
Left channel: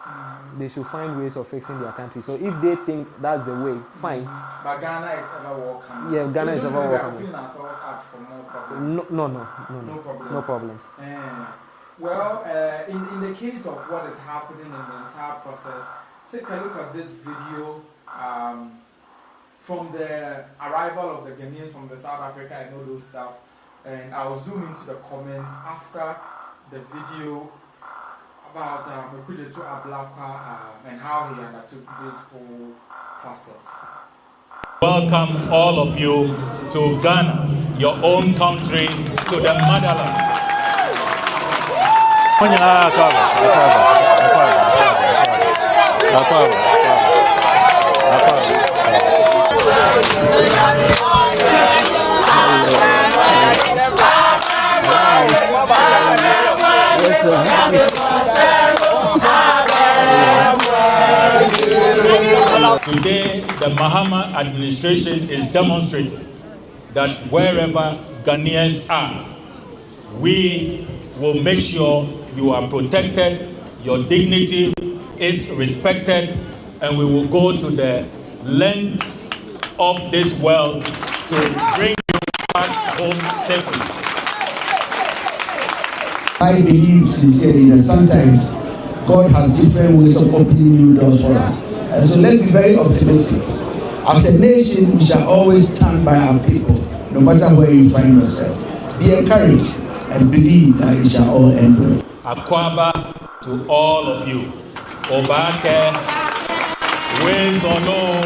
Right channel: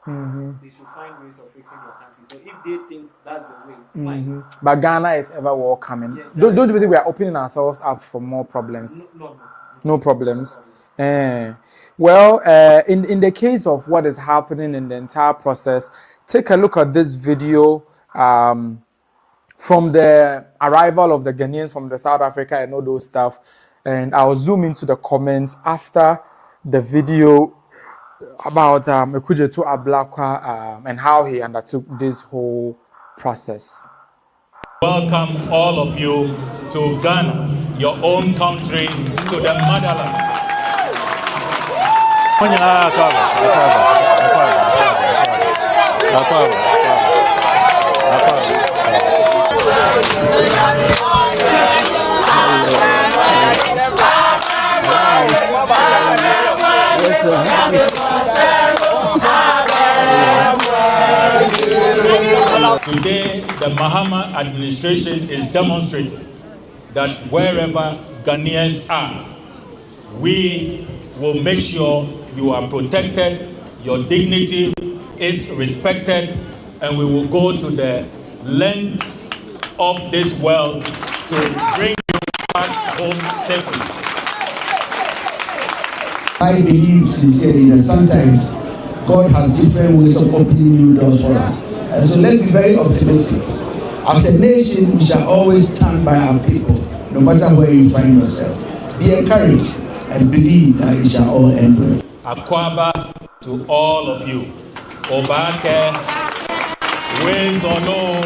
they should find ways of fixing their country. So if they think that's the way, fine. But Ghana is ever welcoming. Yeah, don't you think we are opening ourselves up for more problems? No problems. No problems. Well, in the case of what is happening in the entire process, take a look at this video from the arrival of the Ghanaians from the South Africa and all those stuff. And I'll zoom into the comments after the video about Ekujetu Ablakwa and how he undertook this whole process. Welcome all of you to Ghana, your own country, to the motherland. Today, the Mahama administration is demonstrating that wherever Ghanaians are, we will make sure you are protected, your dignity is respected, and we will go to the length of this world to bring you back home safely. I believe sincerely that sometimes God has different ways of opening new doors for us. And so let's be very optimistic. As a nation, we shall always stand by our people, no matter where you find yourself. Be encouraged and believe that it shall all end well. Akwaba to all of you. Obake, ways or no.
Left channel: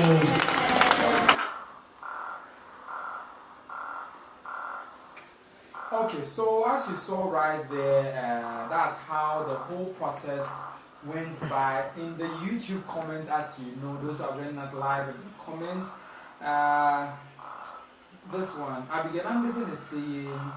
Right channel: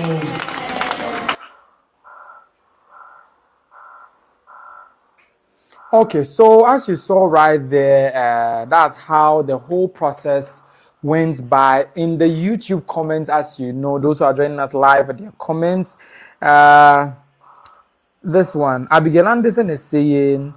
Okay, so as you saw right there, that's how the whole process went by. In the YouTube comments, as you know, those who are joining us live at their comments, this one, Abigail Anderson is saying,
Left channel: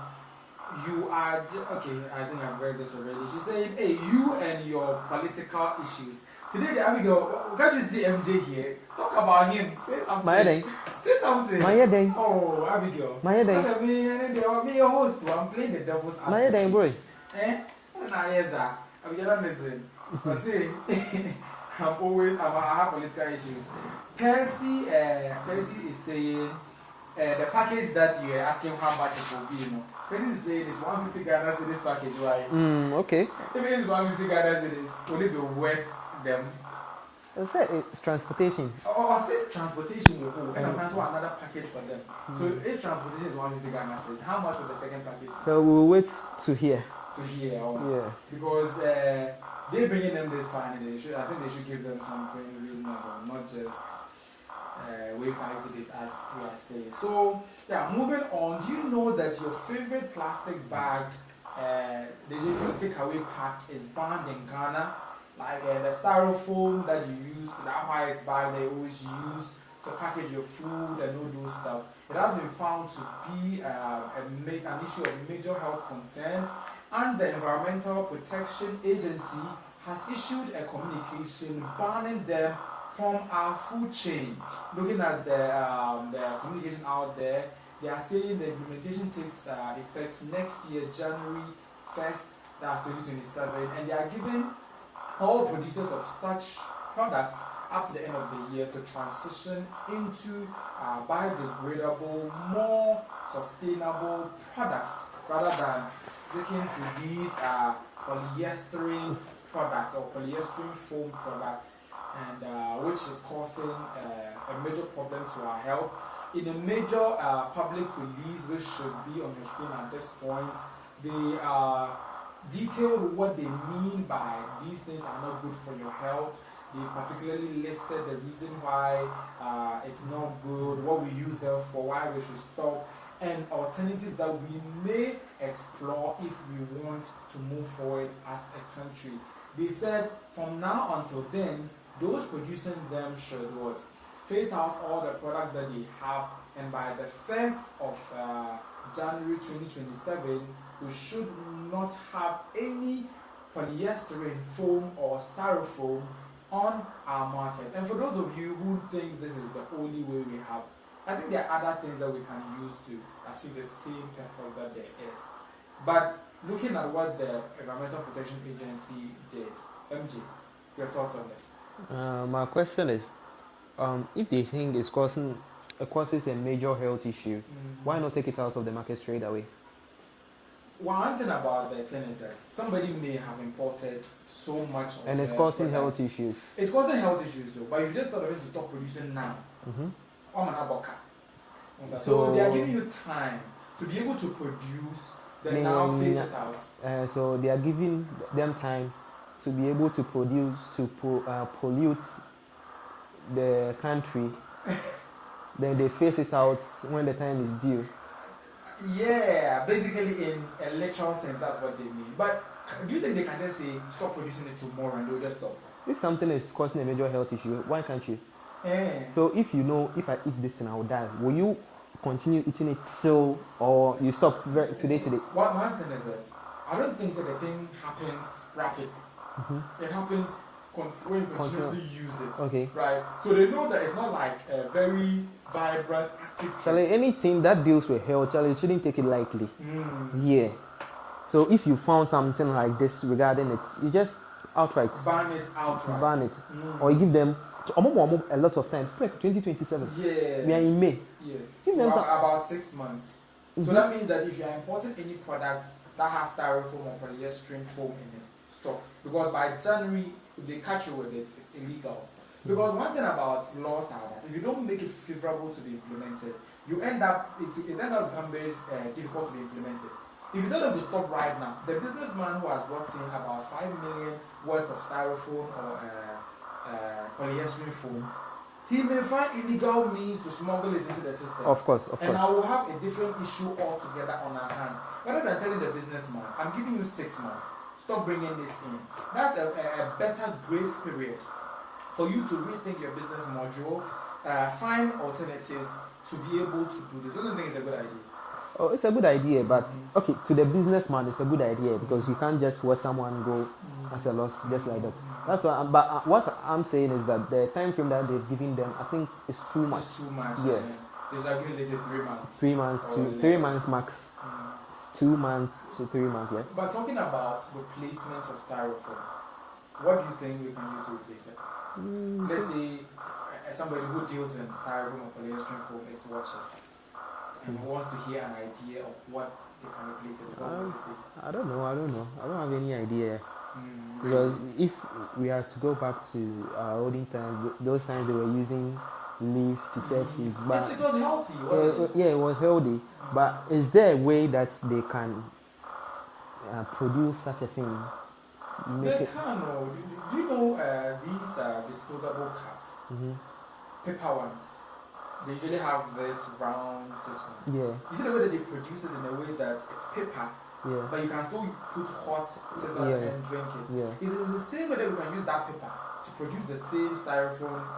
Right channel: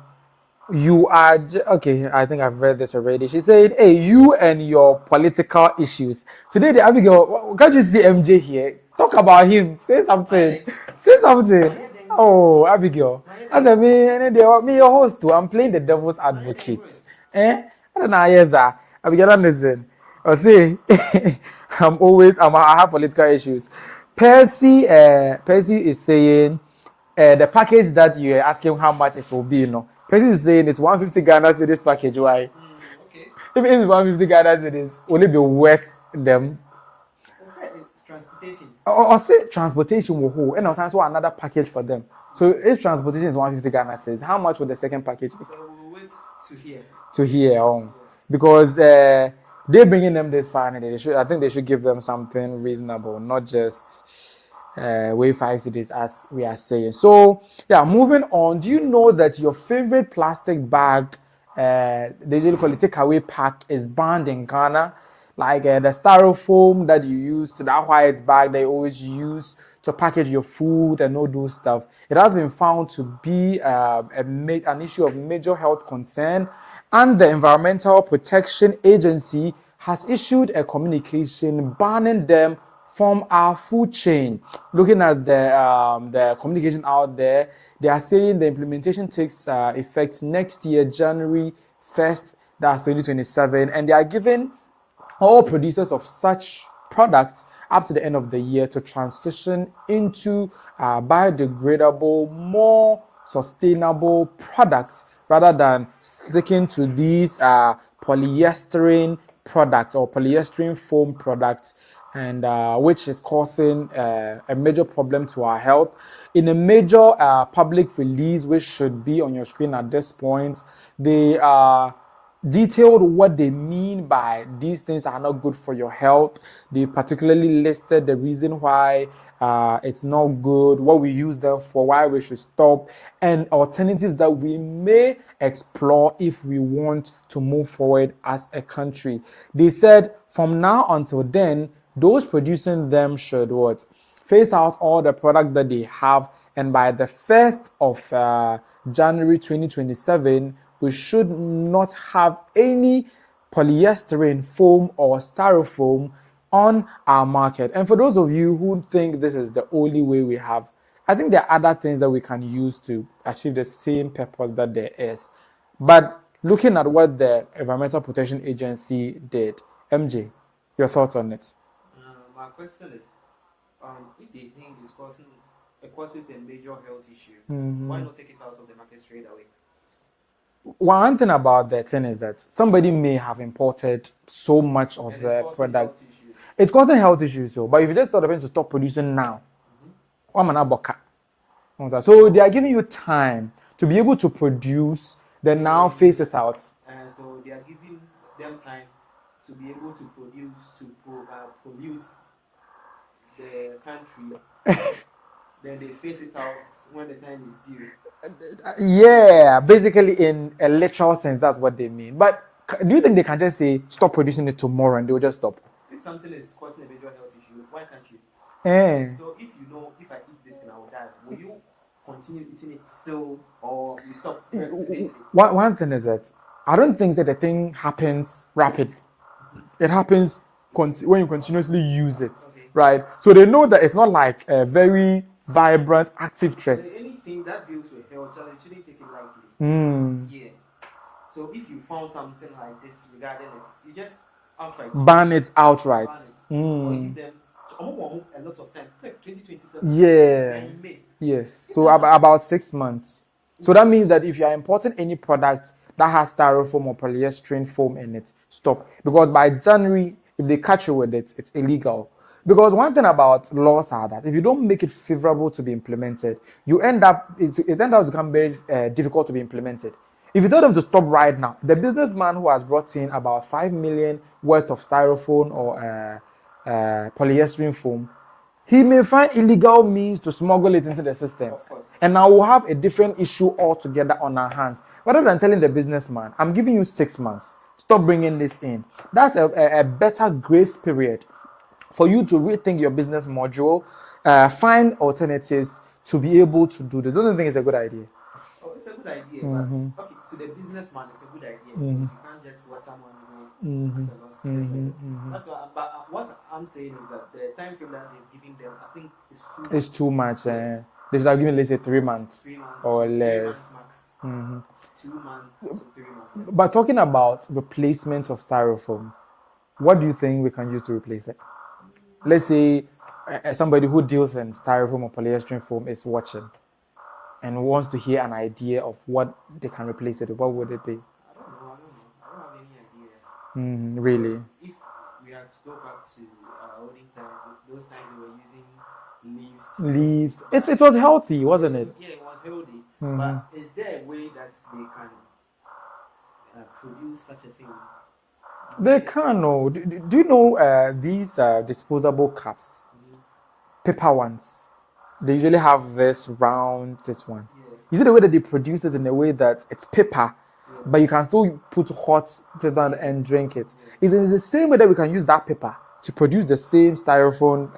you are, okay, I think I've read this already. She's saying, hey, you and your political issues. Today, the Abigail, can't you see MJ here? Talk about him. Say something. Say something. Oh, Abigail. I said, me, your host too. I'm playing the devil's advocate. I don't know, yes, Abigail Anderson. I say, I have political issues. Percy is saying, the package that you are asking how much it will be, Percy is saying it's 150 Ghana cedis package. Why? Okay. If it's 150 Ghana cedis, will it be worth them? It's transportation. Or say transportation will hold, and also another package for them. So if transportation is 150 Ghana cedis, how much will the second package be? So we'll wait to hear. Yeah. Because they're bringing them this far, and I think they should give them something reasonable, not just weigh 5 cedis, as we are saying. So yeah, moving on. Do you know that your favorite plastic bag, they usually call it takeaway pack, is banned in Ghana? Like the styrofoam that you use to that white bag they always use to package your food and all those stuff. It has been found to be an issue of major health concern, and the Environmental Protection Agency has issued a communication banning them from our food chain. Looking at the communication out there, they are saying the implementation takes effect next year, January 1st, that's 2027, and they are giving all producers of such products up to the end of the year to transition into biodegradable, more sustainable products rather than sticking to these polyester products or polyester foam products, and which is causing a major problem to our health. In a major public release, which should be on your screen at this point, they detailed what they mean by these things are not good for your health. They particularly listed the reason why it's not good, what we use them for, why we should stop, and alternatives that we may explore if we want to move forward as a country. They said from now until then, those producing them should what? Phase out all the product that they have, and by the 1st of January 2027, we should not have any polyester foam or styrofoam on our market. And for those of you who think this is the only way we have, I think there are other things that we can use to achieve the same purpose that there is. But looking at what the Environmental Protection Agency did, MJ, your thoughts on it? My question is, if they think it causes a major health issue, why not take it out of the market straight away? One thing about the thing is that somebody may have imported so much of and the it's causing product. health issues. It's causing health issues, so. But if you just thought of it to stop producing now, so they are giving you time to be able to produce, then now phase it out. So they are giving them time to be able to produce, to pollute the country. Then they phase it out when the time is due. Yeah, basically in a literal sense, that's what they mean. But do you think they can just say, stop producing it tomorrow and they'll just stop? If something is causing a major health issue, why can't you? So if you know, if I eat this thing, I will die, will you continue eating it till, or you stop today? One thing is that I don't think that the thing happens rapidly. It happens when you continuously use it. Okay. Right? So they know that it's not like a very vibrant, active threat. Like anything that deals with health, you shouldn't take it lightly. Yeah. So if you found something like this regarding it, you just outright ban it outright. Ban it, or you give them a lot of time. 2027. Yeah. We are in May. Yes. So about 6 months. So that means that if you are importing any product that has styrofoam or polyester foam in it, stop. Because by January, if they catch you with it, it's illegal. Because one thing about laws are that if you don't make it favorable to be implemented, it ends up becoming very difficult to be implemented. If you tell them to stop right now, the businessman who has brought in about 5 million worth of styrofoam or polyester foam, he may find illegal means to smuggle it into the system. Of course. And now we'll have a different issue altogether on our hands. Rather than telling the businessman, I'm giving you 6 months, stop bringing this in. That's a better grace period for you to rethink your business module, find alternatives to be able to do this. I don't think it's a good idea. Oh, it's a good idea, but okay, to the businessman, it's a good idea because you can't just let someone go as a loss just like that. That's why. But what I'm saying is that the time frame that they've given them, I think, is too much. It's too much. Yeah. They should have given, let's say, 3 months. 3 months or to less. 3 months max. 2 months to 3 months. Yeah. But talking about replacement of styrofoam, what do you think we can use to replace it? Let's say somebody who deals in styrofoam or polyester foam is watching and wants to hear an idea of what they can replace it with. What would it be? I don't know. I don't have any idea. Really? Because if we are to go back to olden times, those times they were using leaves to leaves. It was healthy, wasn't it? Yeah, it was healthy. But is there a way that they can produce such a thing? They can. No. Do you know these disposable cups? Paper ones. they usually have this round, this one. Yeah. You see the way that they produce it in a way that it's paper, but you can still put hot paper and drink it. Yeah. It's the same way that we can use that paper to produce the same styrofoam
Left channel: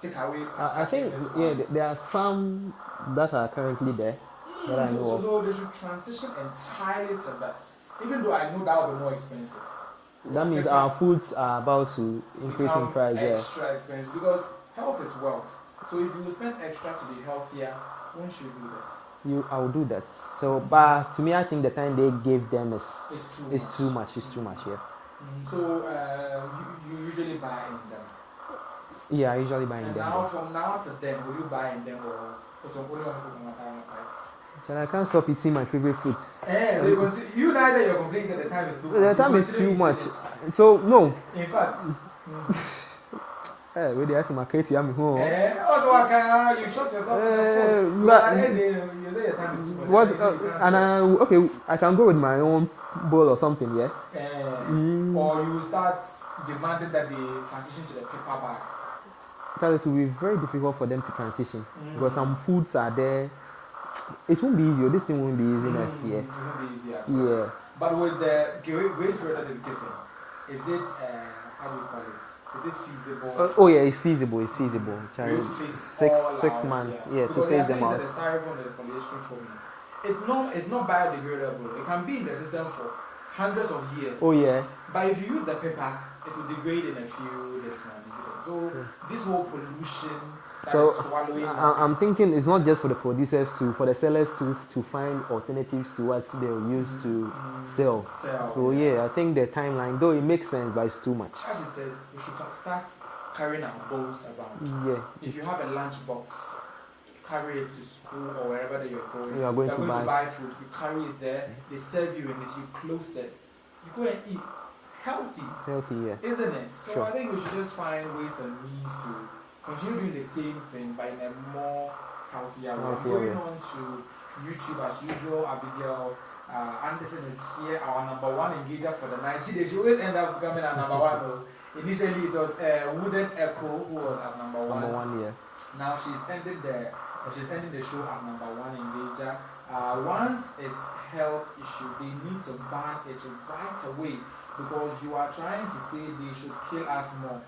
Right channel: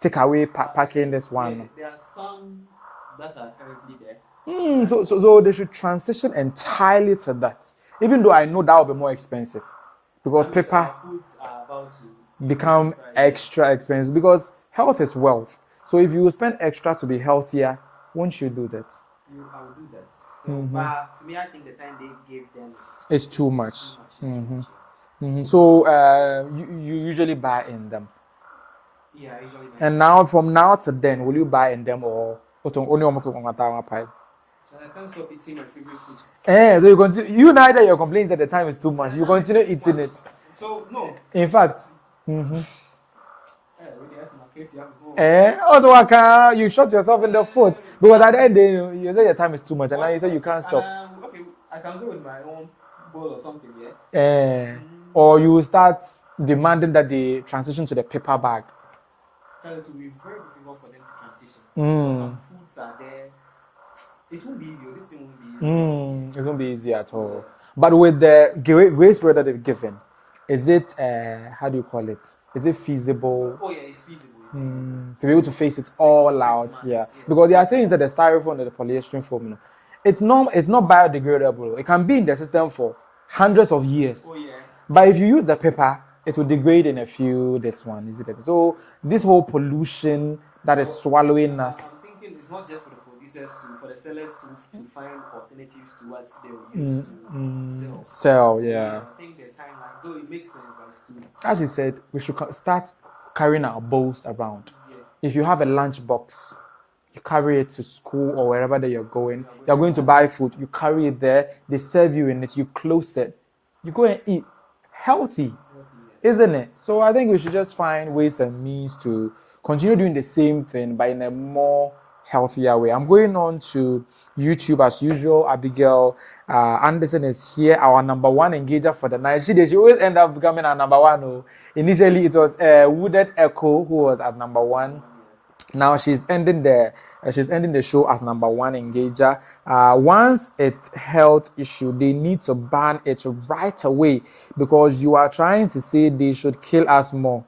takeaway packaging. This one. Yeah, there are some that are currently there. So they should transition entirely to that. Even though I know that will be more expensive, because That means paper our foods are about to become increase in price, extra expensive, because health is wealth. So if you spend extra to be healthier, won't you do that? I will do that. So, but to me, I think the time they gave them is too much. It's too much. It's too much. Yeah. So you usually buy in them. Yeah, I usually buy. And now, from now to then, will you buy in them or only pie? So I can't stop eating my favorite foods. So you continue. You know that you're complaining that the time is too much. You continue eating it. So no. In fact. Where they ask my Katie, I'm home. Also, you shot yourself in the foot because at the end you say the time is too much, and you say you can't stop. Okay, I can go with my own bowl or something, yeah. Or you start demanding that they transition to the paper bag. It will be very difficult for them to transition because some foods are there. It won't be easy. This thing won't be easy. It won't be easy at all. Yeah. But with the grace period that they've given, is it how do you call it? Is it feasible? Oh yeah, it's feasible. It's feasible to be able to face it all out. Months, yeah. Because they are saying that the styrofoam and the polyester foam, it's not biodegradable. It can be in the system for hundreds of years. Oh yeah. But if you use the paper, it will degrade in a few. This one, is it? So this whole pollution that is swallowing us. I'm thinking it's not just for the producers for the sellers to find alternatives to what they'll use to sell. So, yeah, I think the timeline, though it makes sense, but it's too much. As you said, we should start carrying our bowls around. Yeah. If you have a lunch box, you carry it to school or wherever that you're going. You're going to buy food. You carry it there. They serve you in it. You close it. You go and eat. Healthy, isn't it? So I think we should just find ways and means to continue doing the same thing, but in a more healthier way. I'm going on to YouTube as usual. Abigail Anderson is here, our number one engager for the night. She always end up becoming our number one. Initially, it was Wooded Echo who was at number one. Now she's ending the show as number one engager. Once it's health issue, they need to ban it right away because you are trying to say they should kill us more.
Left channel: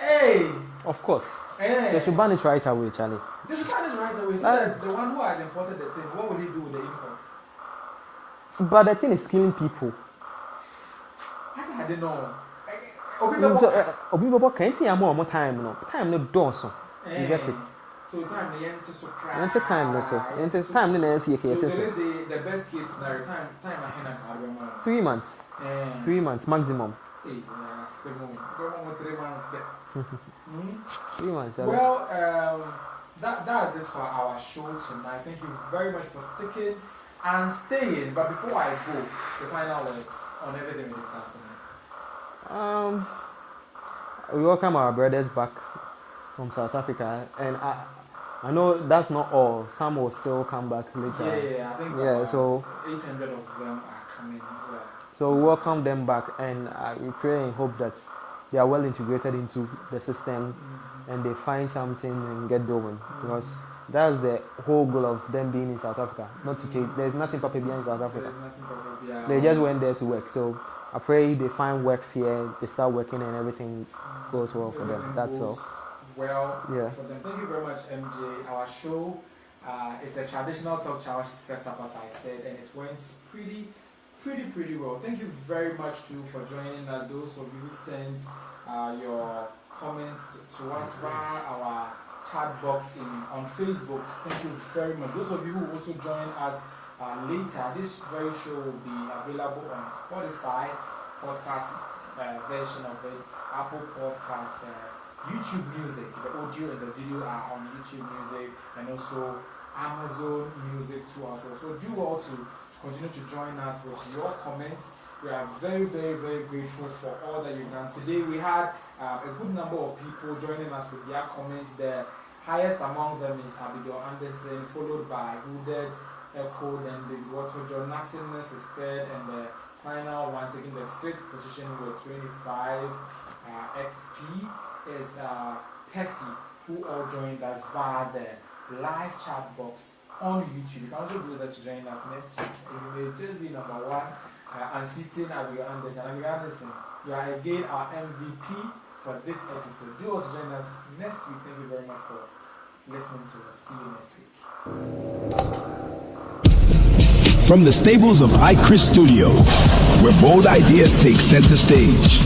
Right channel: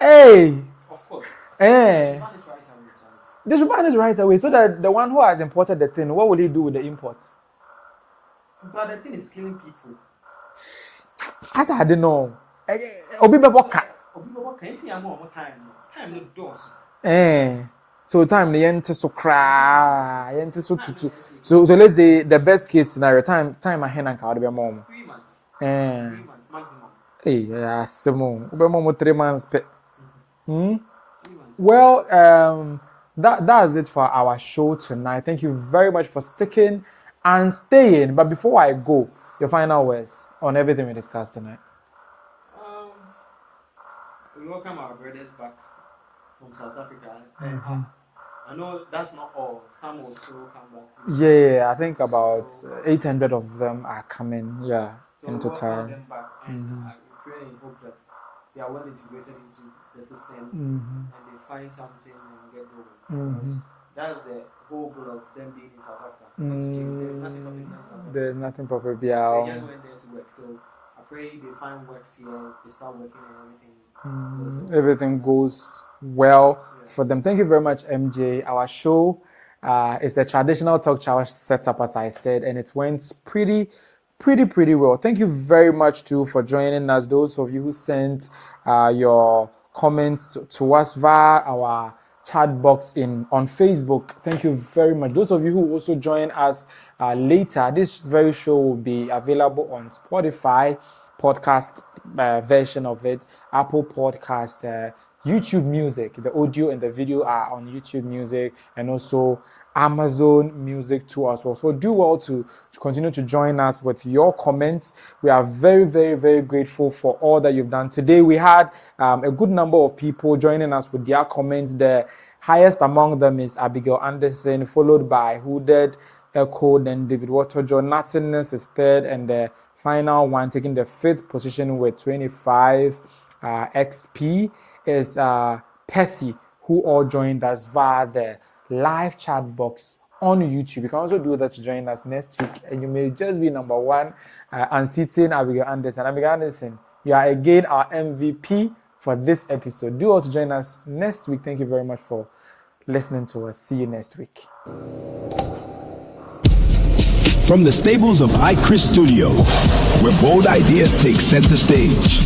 Hey! Of course. They should ban it right away, Charlie. They should ban it right away so that the one who has imported the thing, what will he do with the import? But the thing is killing people. As I don't know. Time no dorsal. So time the end so cry. So let's say the best case scenario time I hand can be more. 3 months. 3 months maximum. Hey, yeah, Simone. 3 months. 3 months. Well, that's it for our show tonight. Thank you very much for sticking and staying. But before I go, the final words on everything we discussed tonight. We welcome our brothers back from South Africa, and I know that's not all. Some will still come back later. Yeah, I think about 800 of them are coming. Yeah. So we welcome them back, and we pray and hope that they are well integrated into the system and they find something and get going. Because that's the whole goal of them being in South Africa. Not to change. There's nothing proper behind South Africa. There's nothing proper behind. They just went there to work. So I pray they find works here, they start working, and everything goes well. Everything goes well for them. Thank you very much, MJ. Our show is the traditional talk show setup, as I said, and it went pretty well. Thank you very much too for joining us. Those of you who sent your comments to us via our chat box on Facebook, thank you very much. Those of you who also join us later, this very show will be available on Spotify podcast version of it, Apple Podcast, YouTube Music. The audio and the video are on YouTube Music, and also Amazon Music too as well. So do well to continue to join us with your comments. We are very, very, very grateful for all that you've done. Today we had a good number of people joining us with their comments. The highest among them is Abigail Anderson, followed by Hooded Echo, then David Waterjo. Nothingness is third, and the final one taking the 5th position with 25 XP is Percy, who all joined us via the live chat box on YouTube. You can also do that to join us next week. And you may just be number one, unseating Abigail Anderson. Abigail Anderson, you are again our MVP for this episode. Do also join us next week. Thank you very much for listening to us. See you next week. From the stables of iChris Studio, where bold ideas take center stage.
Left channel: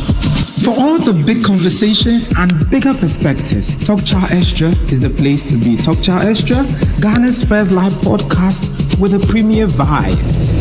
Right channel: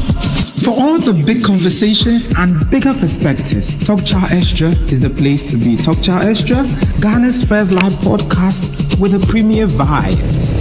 For all the big conversations and bigger perspectives, Talk Chaw Xtra is the place to be. Talk Chaw Xtra, Ghana's first live podcast with a premier vibe.